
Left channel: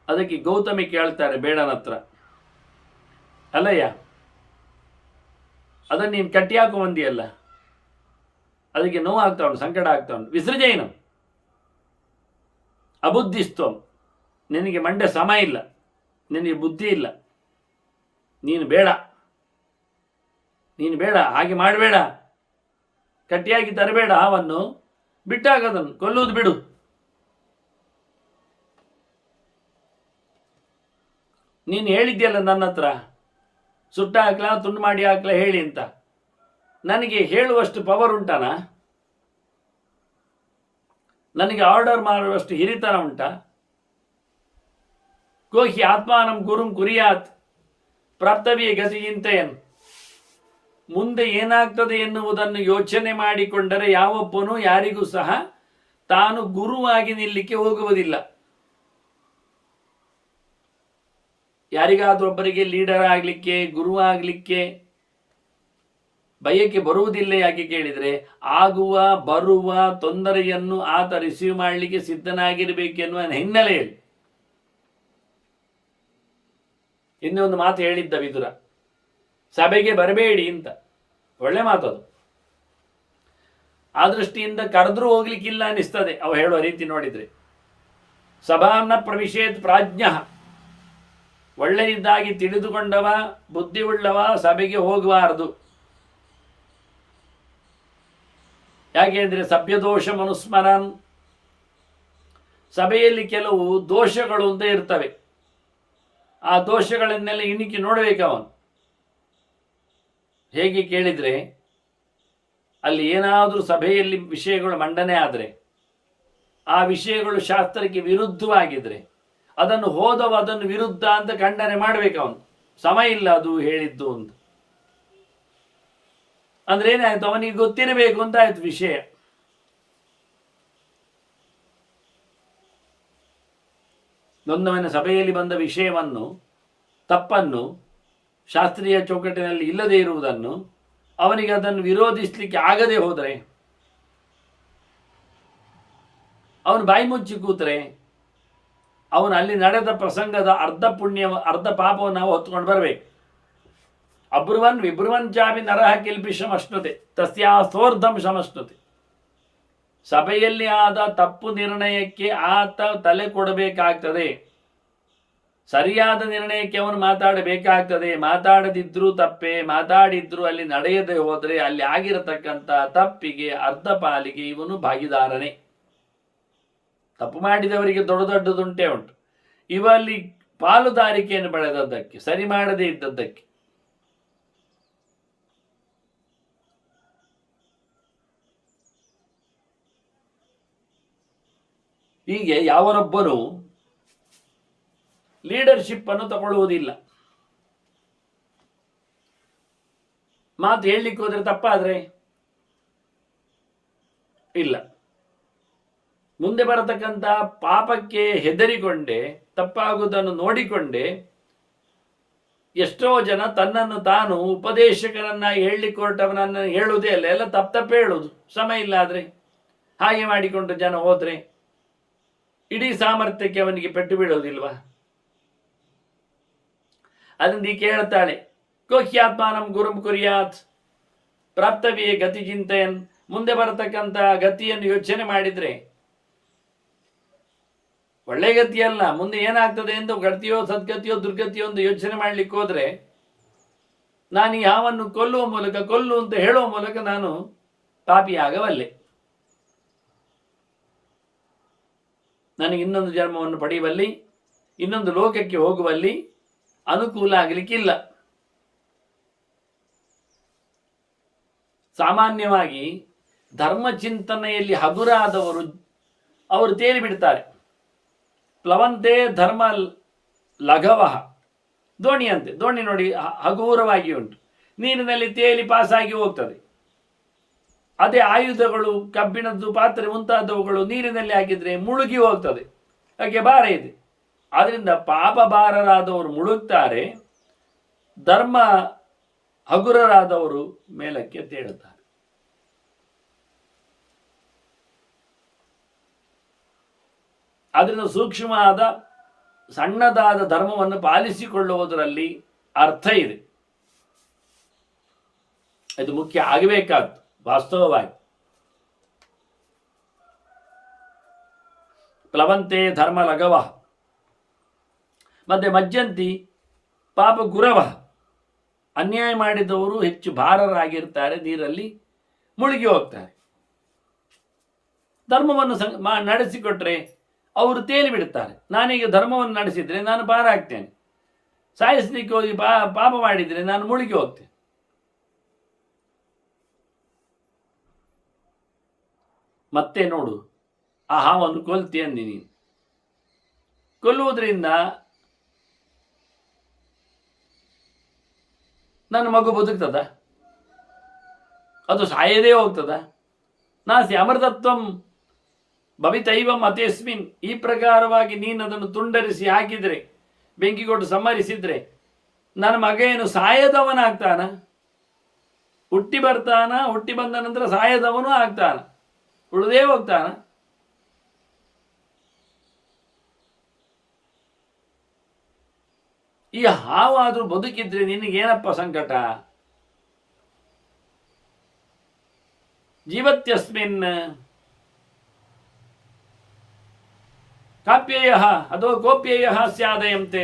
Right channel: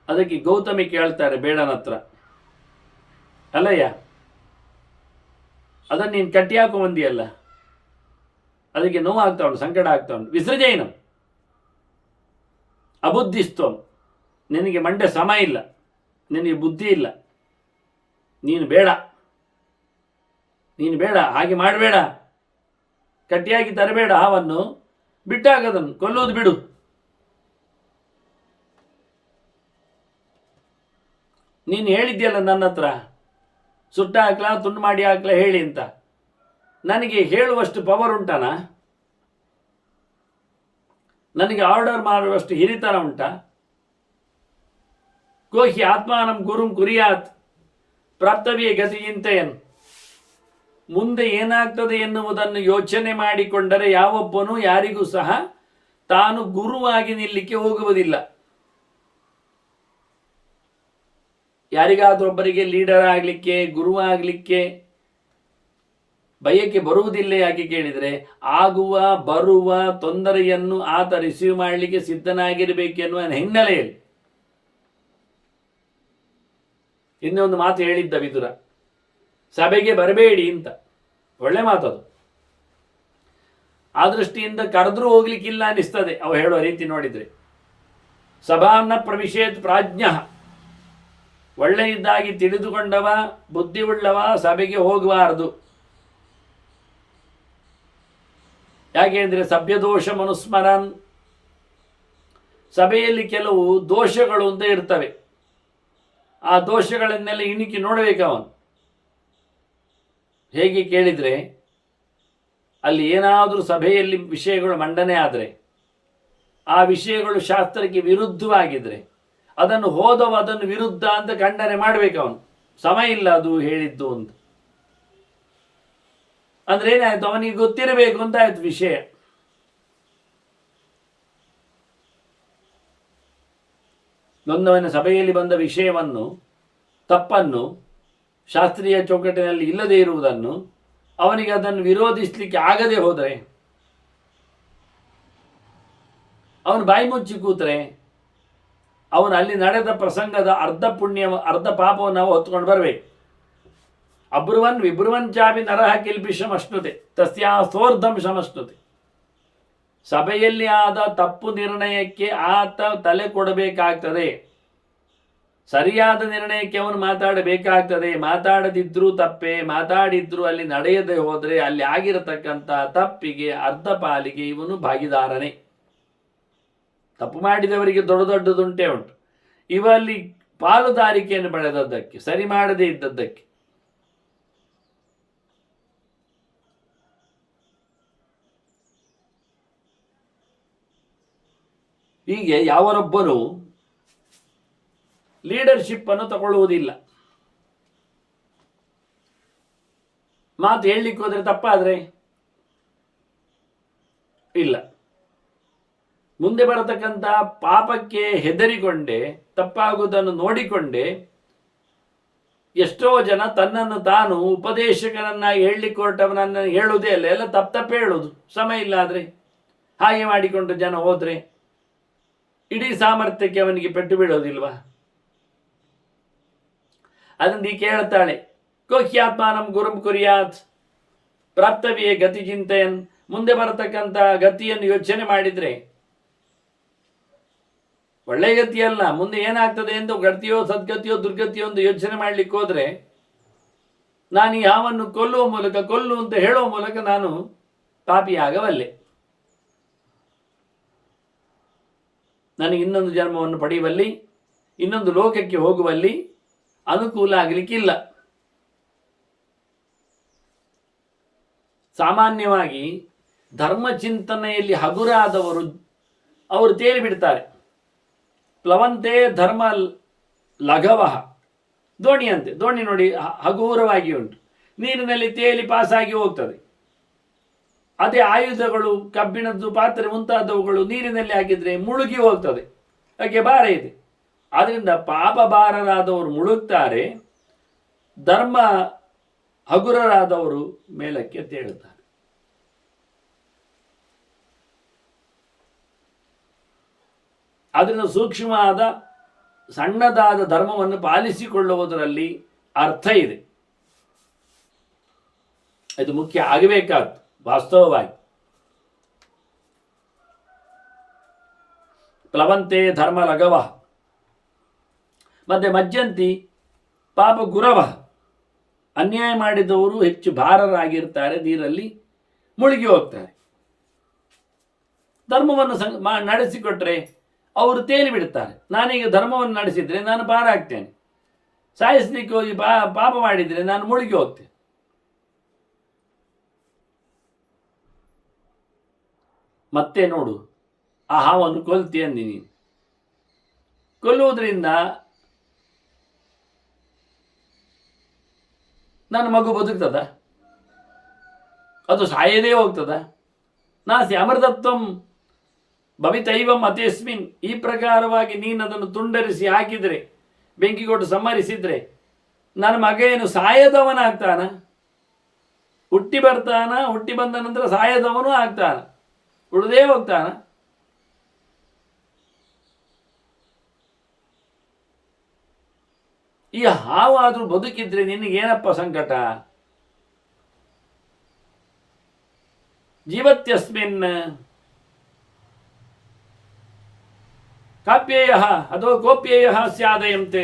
ಅದಕ್ಕೆ ಗೌತಮಿ ಕೇಳ್ತಾರೆ ಬೇಡನ ಹತ್ರ, ಅಲ್ಲಯ್ಯ ಅದನ್ನು ನೀನು ಕಟ್ಟಿ ಹಾಕೋ ಬಂದಿಯಲ್ಲ, ಅದಕ್ಕೆ ನೋವು ಆಗ್ತಾ ಉಂಟು, ಸಂಕಟ ಆಗ್ತಾ ಉಂಟು. ವಿಸೃಜೇನಂ ಅಬುದ್ಧಿಸ್ತ್ವಂ, ನಿನಗೆ ಮಂಡೆ ಸಮ ಇಲ್ಲ, ನಿನಗೆ ಬುದ್ಧಿ ಇಲ್ಲ, ನೀನು ಬೇಡ ಹಾಗೆ ಮಾಡಬೇಡ, ಕಟ್ಟಿಯಾಗಿ ತರಬೇಡ ಹಾವನ್ನು, ಬಿಟ್ಟಾಗದನ್ನು ಕೊಲ್ಲೋದು ಬಿಡು. ನೀನು ಹೇಳಿದ್ಯಲ್ಲ ನನ್ನ ಹತ್ರ, ಸುಟ್ಟ ಹಾಕ್ಲಾ ತುಂಡು ಮಾಡಿ ಹಾಕ್ಲಾ ಹೇಳಿ ಅಂತ. ನನಗೆ ಹೇಳುವಷ್ಟು ಪವರ್ ಉಂಟಾನ? ನನಗೆ ಆರ್ಡರ್ ಮಾಡುವಷ್ಟು ಹಿರಿತನ ಉಂಟಾ? ಕೋಹಿ ಆತ್ಮಾನಂ ಗುರುಂ ಕುರಿಯಾತ್ ಪ್ರಾಪ್ತವ್ಯ ಗತಿ ಚಿಂತೆಯನ್. ಮುಂದೆ ಏನಾಗ್ತದೆ ಎನ್ನುವುದನ್ನು ಯೋಚನೆ ಮಾಡಿಕೊಂಡರೆ ಯಾವೊಬ್ಬನೂ ಯಾರಿಗೂ ಸಹ ತಾನು ಗುರುವಾಗಿ ನಿಲ್ಲಕ್ಕೆ ಹೋಗುವುದಿಲ್ಲ. ಯಾರಿಗಾದ್ರೊಬ್ಬರಿಗೆ ಲೀಡರ್ ಆಗಲಿಕ್ಕೆ, ಗುರು ಆಗಲಿಕ್ಕೆ ಬಯಕೆ ಬರುವುದಿಲ್ಲ. ಯಾಕೆ ಕೇಳಿದರೆ, ಆಗುವ ಬರುವ ತೊಂದರೆಯನ್ನು ಆತ ರಿಸೀವ್ ಮಾಡಲಿಕ್ಕೆ ಸಿದ್ಧನಾಗಿರಬೇಕೆನ್ನುವ ಹಿನ್ನೆಲೆಯಲ್ಲಿ. ಇನ್ನೊಂದು ಮಾತು ಹೇಳಿದ್ದ ವಿದುರ, ಸಭೆಗೆ ಬರಬೇಡಿ ಅಂತ. ಒಳ್ಳೆ ಮಾತದು. ಆ ದೃಷ್ಟಿಯಿಂದ ಕರೆದ್ರೂ ಹೋಗ್ಲಿಕ್ಕಿಲ್ಲ ಅನಿಸ್ತದೆ ಅವ ಹೇಳುವ ರೀತಿ ನೋಡಿದರೆ. ಸಭಾನ್ನ ಪ್ರವಿಶೇತ್ ಪ್ರಾಜ್ಞ, ಒಳ್ಳೆಯದಾಗಿ ತಿಳಿದುಕೊಂಡವ ಬುದ್ಧಿ ಉಳ್ಳವ ಸಭೆಗೆ ಹೋಗಬಾರದು. ಯಾಕೆಂದರೆ ಸಭ್ಯದೋಷ ಮನುಸ್ಮರನ್, ಸಭೆಯಲ್ಲಿ ಕೆಲವು ದೋಷಗಳು ಅಂತ ಇರ್ತವೆ. ಆ ದೋಷಗಳನ್ನೆಲ್ಲ ಇಣಿಕಿ ನೋಡಬೇಕು ಅವನು. ಹೇಗೆ ಕೇಳಿದರೆ, ಅಲ್ಲಿ ಏನಾದರೂ ಸಭೆಯಲ್ಲಿ ವಿಷಯಗಳು ಮಂಡನೆ ಆದರೆ, ಆ ವಿಷಯಗಳು ಶಾಸ್ತ್ರಕ್ಕೆ ವಿರುದ್ಧವಾಗಿದ್ದರೆ ಅದನ್ನು ಹೋದವ ಅದನ್ನು ವಿರುದ್ಧ ಅಂತ ಖಂಡನೆ ಮಾಡಬೇಕು ಅವನು. ಸಮ ಇಲ್ಲ ಅದು ಹೇಳಿದ್ದು ಅಂತ. ಅಂದ್ರೆ ಏನಾಯ್ತು, ಅವನಿಗೆ ಗೊತ್ತಿರಬೇಕು ಅಂತ ಆಯ್ತು ವಿಷಯ. ನೊಂದವನ ಸಭೆಯಲ್ಲಿ ಬಂದ ವಿಷಯವನ್ನು, ತಪ್ಪನ್ನು, ಶಾಸ್ತ್ರೀಯ ಚೌಕಟ್ಟಿನಲ್ಲಿ ಇಲ್ಲದೇ ಇರುವುದನ್ನು ಅವನಿಗೆ ಅದನ್ನು ವಿರೋಧಿಸಲಿಕ್ಕೆ ಆಗದೆ ಹೋದರೆ, ಅವನು ಬಾಯಿ ಮುಚ್ಚಿ ಕೂತರೆ, ಅವನು ಅಲ್ಲಿ ನಡೆದ ಪ್ರಸಂಗದ ಅರ್ಧ ಪುಣ್ಯ ಅರ್ಧ ಪಾಪವನ್ನು ನಾವು ಹೊತ್ಕೊಂಡು ಬರಬೇಕು. ಅಬ್ರುವನ್ ವಿಬ್ರುವನ್ ಚಾಪಿ ನರಹ ಕಿಲ್ಪಿಷಮಶ್ನುತೆ ತಸ್ಯಾಸೋರ್ಧಂ ಶಮಶ್ನುತೆ. ಸಭೆಯಲ್ಲಿ ಆದ ತಪ್ಪು ನಿರ್ಣಯಕ್ಕೆ ಆತ ತಲೆ ಕೊಡಬೇಕಾಗ್ತದೆ. ಸರಿಯಾದ ನಿರ್ಣಯಕ್ಕೆ ಅವನು ಮಾತಾಡಬೇಕಾಗ್ತದೆ. ಮಾತಾಡದಿದ್ರೂ ತಪ್ಪೆ, ಮಾತಾಡಿದ್ರು ಅಲ್ಲಿ ನಡೆಯದೆ ಹೋದರೆ ಅಲ್ಲಿ ಆಗಿರತಕ್ಕಂಥ ತಪ್ಪಿಗೆ ಅರ್ಧ ಪಾಲಿಗೆ ಇವನು ಭಾಗಿದಾರನೇ. ತಪ್ಪು ಮಾಡಿದವರಿಗೆ ದೊಡ್ಡ ದೊಡ್ಡದುಂಟೇ ಉಂಟು. ಇವಲ್ಲಿ ಪಾಲುದಾರಿಕೆಯನ್ನು ಬೆಳೆದದ್ದಕ್ಕೆ, ಸರಿ ಮಾಡದೇ ಇದ್ದದ್ದಕ್ಕೆ. ಹೀಗೆ ಯಾವನೊಬ್ಬನು ಲೀಡರ್ಶಿಪ್ ಅನ್ನು ತಗೊಳ್ಳುವುದಿಲ್ಲ. ಮಾತು ಹೇಳಲಿಕ್ಕೆ ಹೋದರೆ ತಪ್ಪಾದ್ರೆ ಇಲ್ಲ, ಮುಂದೆ ಬರತಕ್ಕಂಥ ಪಾಪಕ್ಕೆ ಹೆದರಿಕೊಂಡೆ, ತಪ್ಪಾಗುವುದನ್ನು ನೋಡಿಕೊಂಡೆ ಎಷ್ಟೋ ಜನ ತನ್ನನ್ನು ತಾನು ಉಪದೇಶಕನನ್ನಾಗಿ ಹೇಳಲಿಕ್ಕೆ ಹೊರಟವನನ್ನು ಹೇಳುವುದೇ ಅಲ್ಲ, ಎಲ್ಲ ತಪ್ಪೇ ಹೇಳುವುದು. ಸಮಯ ಇಲ್ಲ ಆದರೆ ಹಾಗೆ ಮಾಡಿಕೊಂಡು ಜನ ಹೋದರೆ ಇಡೀ ಸಾಮರ್ಥ್ಯಕ್ಕೆ ಅವನಿಗೆ ಪೆಟ್ಟು ಬೀಳೋದಿಲ್ವಾ? ಅದನ್ನು ಈ ಕೇಳ್ತಾಳೆ, ಕೋಹ್ಯಾತ್ಮಾನಂ ಗುರುಂ ಕುರಿಯಾತ್ ಪ್ರಾಪ್ತವಿಯೇ ಗತಿ ಚಿಂತೆಯನ್. ಮುಂದೆ ಬರತಕ್ಕಂಥ ಗತಿಯನ್ನು ಯೋಚನೆ ಮಾಡಿದರೆ, ಒಳ್ಳೆ ಗತಿಯಲ್ಲ, ಮುಂದೆ ಏನಾಗ್ತದೆ ಎಂದು ಗತಿಯೋ ಸದ್ಗತಿಯೋ ದುರ್ಗತಿಯೋ ಒಂದು ಯೋಚನೆ ಮಾಡಲಿಕ್ಕೆ ಹೋದರೆ, ನಾನು ಈ ಹಾವನ್ನು ಕೊಲ್ಲುವ ಮೂಲಕ, ಕೊಲ್ಲು ಅಂತ ಹೇಳುವ ಮೂಲಕ ನಾನು ಪಾಪಿಯಾಗಬಲ್ಲೆ, ನನಗೆ ಇನ್ನೊಂದು ಜನ್ಮವನ್ನು ಪಡೆಯುವಲ್ಲಿ ಇನ್ನೊಂದು ಲೋಕಕ್ಕೆ ಹೋಗುವಲ್ಲಿ ಅನುಕೂಲ ಆಗಲಿಕ್ಕಿಲ್ಲ. ಸಾಮಾನ್ಯವಾಗಿ ಧರ್ಮಚಿಂತನೆಯಲ್ಲಿ ಹಗುರಾದವರು ಅವರು ತೇಲಿ ಬಿಡ್ತಾರೆ. ಪ್ಲವಂತೆ ಧರ್ಮ ಲಘವಃ, ದೋಣಿಯಂತೆ. ದೋಣಿ ನೋಡಿ ಹಗುರವಾಗಿ ಉಂಟು, ನೀರಿನಲ್ಲಿ ತೇಲಿ ಪಾಸಾಗಿ ಹೋಗ್ತದೆ. ಅದೇ ಆಯುಧಗಳು, ಕಬ್ಬಿಣದ್ದು ಪಾತ್ರೆ ಮುಂತಾದವುಗಳು ನೀರಿನಲ್ಲಿ ಹಾಕಿದರೆ ಮುಳುಗಿ ಹೋಗ್ತದೆ, ಹಾಗೆ ಭಾರ ಇದೆ. ಆದ್ದರಿಂದ ಪಾಪ ಭಾರರಾದವರು ಮುಳುಗ್ತಾರೆ, ಧರ್ಮ ಹಗುರರಾದವರು ಮೇಲಕ್ಕೆ ತೇಳುತ್ತಾರೆ. ಅದರಿಂದ ಸೂಕ್ಷ್ಮವಾದ ಸಣ್ಣದಾದ ಧರ್ಮವನ್ನು ಪಾಲಿಸಿಕೊಳ್ಳುವುದರಲ್ಲಿ ಅರ್ಥ ಇದೆ. ಇದು ಮುಖ್ಯ ಆಗಬೇಕಾದ್ದು ವಾಸ್ತವವಾಗಿ. ಪ್ಲವಂತೆ ಧರ್ಮ ಲಘವ, ಮತ್ತೆ ಮಜ್ಜಂತಿ ಪಾಪ ಗುರವ. ಅನ್ಯಾಯ ಮಾಡಿದವರು ಹೆಚ್ಚು ಭಾರರಾಗಿರ್ತಾರೆ, ನೀರಲ್ಲಿ ಮುಳುಗಿ ಹೋಗ್ತಾರೆ. ಧರ್ಮವನ್ನು ನಡೆಸಿಕೊಟ್ರೆ ಅವರು ತೇಲಿ ಬಿಡುತ್ತಾರೆ. ನಾನೀಗ ಧರ್ಮವನ್ನು ನಡೆಸಿದರೆ ನಾನು ಭಾರ ಆಗ್ತೇನೆ, ಸಾಯಿಸಲಿಕ್ಕೆ ಹೋಗಿ ಪಾಪ ಮಾಡಿದರೆ ನಾನು ಮುಳುಗಿ ಹೋಗ್ತೇನೆ. ಮತ್ತೆ ನೋಡು, ಆ ಹಾವನ್ನು ಕೊಲ್ತಿ ಅಂದಿ ನೀನು. ಕೊಲ್ಲುವುದರಿಂದ ನನ್ನ ಮಗು ಬದುಕ್ತದ? ಅದು ಸಾಯದೇ ಹೋಗ್ತದ? ನಾಸಿ ಅಮೃತತ್ವಂ ಭವಿತೈವಂ ಅತೇಸ್ಮಿನ್. ಈ ಪ್ರಕಾರವಾಗಿ ನೀನು ಅದನ್ನು ತುಂಡರಿಸಿ ಹಾಕಿದರೆ, ಬೆಂಕಿ ಕೊಟ್ಟು ಸಂಹರಿಸಿದರೆ, ನನ್ನ ಮಗ ಏನು ಸಾಯದವನಾಗ್ತಾನ? ಹುಟ್ಟಿ ಬರ್ತಾನ, ಹುಟ್ಟಿ ಬಂದ ನಂತರ ಸಾಯದವನು ಆಗ್ತಾನ, ಉಳಿದೇ ಹೋಗ್ತಾನ? ಈ ಹಾವಾದರೂ ಬದುಕಿದ್ರೆ ನಿನಗೇನಪ್ಪ ಸಂಕಟ? ಜೀವತ್ಯಸ್ಮಿನ್ ಕಾಪ್ಯೇಯ ಅಥವಾ ಕೋಪ್ಯೇಯ ಸ್ಯಾದಯಂತೆ.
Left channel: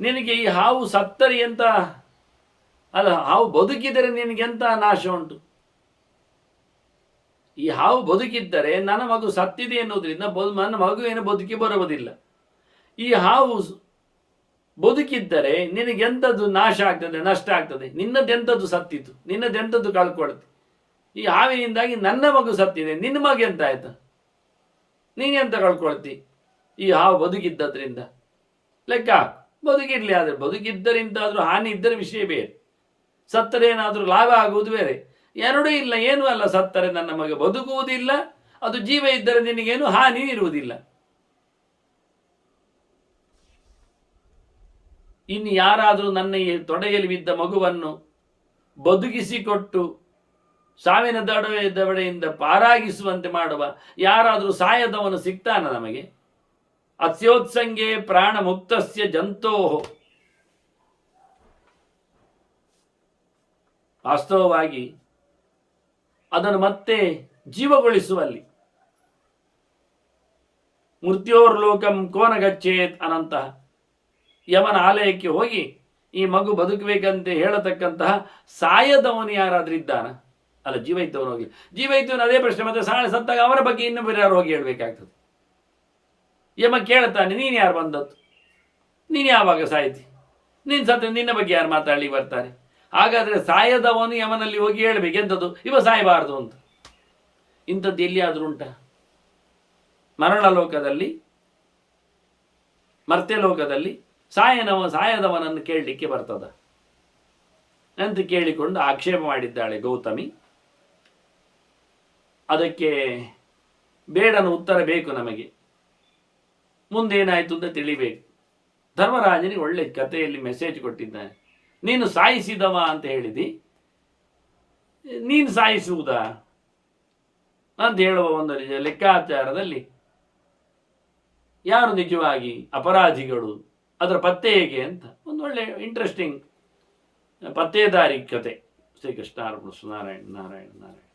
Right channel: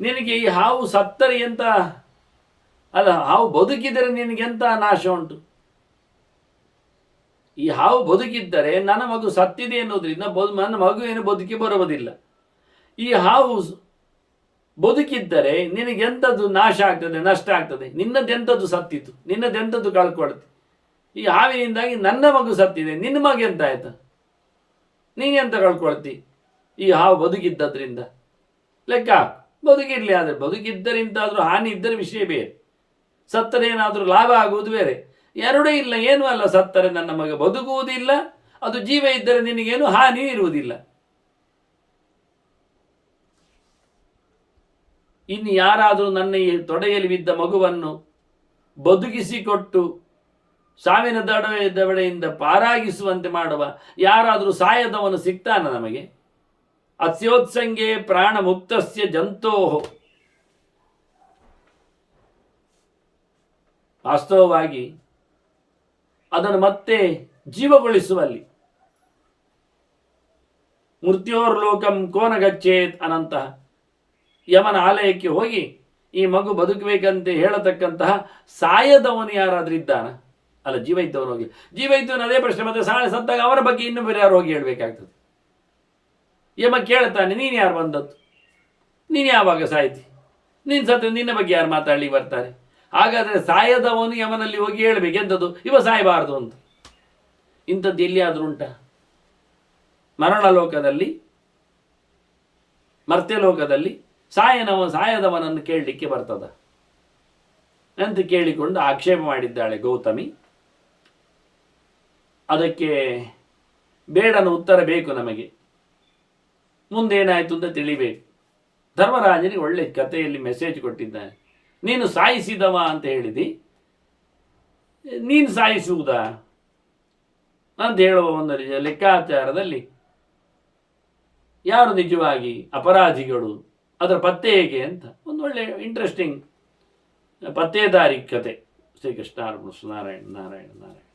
ನಿನಗೆ ಈ ಹಾವು ಸತ್ತರೆ ಎಂತ ಅಲ್ಲ, ಹಾವು ಬದುಕಿದರೆ ನಿನಗೆಂತ ನಾಶ ಉಂಟು? ಈ ಹಾವು ಬದುಕಿದ್ದರೆ ನನ್ನ ಮಗು ಸತ್ತಿದೆ ಎನ್ನುವುದರಿಂದ ನನ್ನ ಮಗು ಏನು ಬದುಕಿ ಬರುವುದಿಲ್ಲ. ಈ ಹಾವು ಬದುಕಿದ್ದರೆ ನಿನಗೆಂಥದ್ದು ನಾಶ ಆಗ್ತದೆ, ನಷ್ಟ ಆಗ್ತದೆ? ನಿನ್ನದೆಂಥದ್ದು ಸತ್ತಿತ್ತು, ನಿನ್ನದೆಂಥದ್ದು ಕಳ್ಕೊಳ್ತಿ? ಈ ಹಾವಿನಿಂದಾಗಿ ನನ್ನ ಮಗು ಸತ್ತಿದೆ, ನಿನ್ನ ಮಗ ಎಂತ ಆಯ್ತು? ನೀನೆಂತ ಕಳ್ಕೊಳ್ತಿ? ಈ ಹಾವು ಬದುಕಿದ್ದರಿಂದ ಲೆಕ್ಕ ಹಾಕು. ಬದುಕಿರಲಿ, ಆದರೆ ಬದುಕಿದ್ದರಿಂದಾದರೂ ಹಾನಿ ಇದ್ದರೆ ವಿಷಯ ಬೇರೆ, ಸತ್ತರೇನಾದರೂ ಲಾಭ ಆಗುವುದು ಬೇರೆ. ಎರಡೂ ಇಲ್ಲ, ಏನೂ ಅಲ್ಲ. ಸತ್ತರೆ ನನ್ನ ಮಗ ಬದುಕುವುದಿಲ್ಲ, ಅದು ಜೀವ ಇದ್ದರೆ ನಿನಗೇನು ಹಾನಿ ಇರುವುದಿಲ್ಲ. ಇನ್ನು ಯಾರಾದರೂ ನನ್ನ ಈ ತೊಡೆಯಲ್ಲಿ ಬಿದ್ದ ಮಗುವನ್ನು ಬದುಕಿಸಿಕೊಟ್ಟು ಸಾವಿನ ದವಡೆಯಿಂದ ಪಾರಾಗಿಸುವಂತೆ ಮಾಡುವ ಯಾರಾದರೂ ಸಾಯದವನು ಸಿಗ್ತಾನ ನಮಗೆ? ಅಸ್ಯೋತ್ಸಂಗೆ ಪ್ರಾಣ ಮುಕ್ತಸ್ಯ ಜಂತೋಹೋ. ವಾಸ್ತವವಾಗಿ ಅದನ್ನು ಮತ್ತೆ ಜೀವಗೊಳಿಸುವಲ್ಲಿ ಮೃತ್ಯೋರ್ಲೋಕಂ ಕೋನ ಗಚ್ಚೇತ್ ಅನಂತಹ ಯಮನ ಆಲಯಕ್ಕೆ ಹೋಗಿ ಈ ಮಗು ಬದುಕಬೇಕಂತೆ ಹೇಳತಕ್ಕಂತಹ ಸಾಯದವನು ಯಾರಾದ್ರೂ ಇದ್ದಾನ? ಅಲ್ಲ, ಜೀವ ಇದ್ದವನು ಹೋಗಿ. ಜೀವ ಇದ್ದವನು ಅದೇ ಪ್ರಶ್ನೆ, ಮತ್ತೆ ಸತ್ತಾಗ ಅವರ ಬಗ್ಗೆ ಇನ್ನೂ ಬೇರೆ ಯಾರು ಹೋಗಿ ಹೇಳ್ಬೇಕಾಗ್ತದೆ. ಯಮ ಕೇಳ್ತಾನೆ, ನೀನು ಯಾರು ಬಂದದ್ದು? ನೀನು ಯಾವಾಗ ಸಾಯ್ತಿ? ನೀನು ಸತ್ತ ನಿನ್ನ ಬಗ್ಗೆ ಯಾರು ಮಾತಾಡ್ಲಿಕ್ಕೆ ಬರ್ತಾರೆ? ಹಾಗಾದರೆ ಸಾಯದವನು ಯಮನಲ್ಲಿ ಹೋಗಿ ಹೇಳ್ಬೇಕು ಎಂಥದ್ದು, ಇವ ಸಾಯಬಾರ್ದು ಅಂತ. ಇಂಥದ್ದು ಎಲ್ಲಿಯಾದರೂ ಉಂಟ? ಮರಣಲೋಕದಲ್ಲಿ, ಮರ್ತ್ಯಲೋಕದಲ್ಲಿ ಸಾಯದವನನ್ನು ಕೇಳಲಿಕ್ಕೆ ಬರ್ತದ ಅಂತ ಕೇಳಿಕೊಂಡು ಆಕ್ಷೇಪ ಮಾಡಿದ್ದಾಳೆ ಗೌತಮಿ. ಅದಕ್ಕೆ ಬೇಡನ ಉತ್ತರ ಬೇಕು ನಮಗೆ. ಮುಂದೇನಾಯಿತು ಅಂತ ತಿಳಿಬೇಕು. ಧರ್ಮರಾಜನಿಗೆ ಒಳ್ಳೆ ಕಥೆಯಲ್ಲಿ ಮೆಸೇಜ್ ಕೊಟ್ಟಿದ್ದಾನೆ. ನೀನು ಸಾಯಿಸಿದವ ಅಂತ ಹೇಳಿದಿ, ನೀನು ಸಾಯಿಸುವುದಾ ಅಂತ ಹೇಳುವ ಒಂದು ಲೆಕ್ಕಾಚಾರದಲ್ಲಿ ಯಾರು ನಿಜವಾಗಿ ಅಪರಾಧಿಗಳು, ಅದರ ಪತ್ತೆ ಹೇಗೆ ಅಂತ ಒಂದು ಒಳ್ಳೆ ಇಂಟ್ರೆಸ್ಟಿಂಗ್ ಪತ್ತೇದಾರಿ ಕತೆ. ಶ್ರೀಕೃಷ್ಣ ಅರ್ಪಣ. ನಾರಾಯಣ ನಾರಾಯಣ ನಾರಾಯಣ.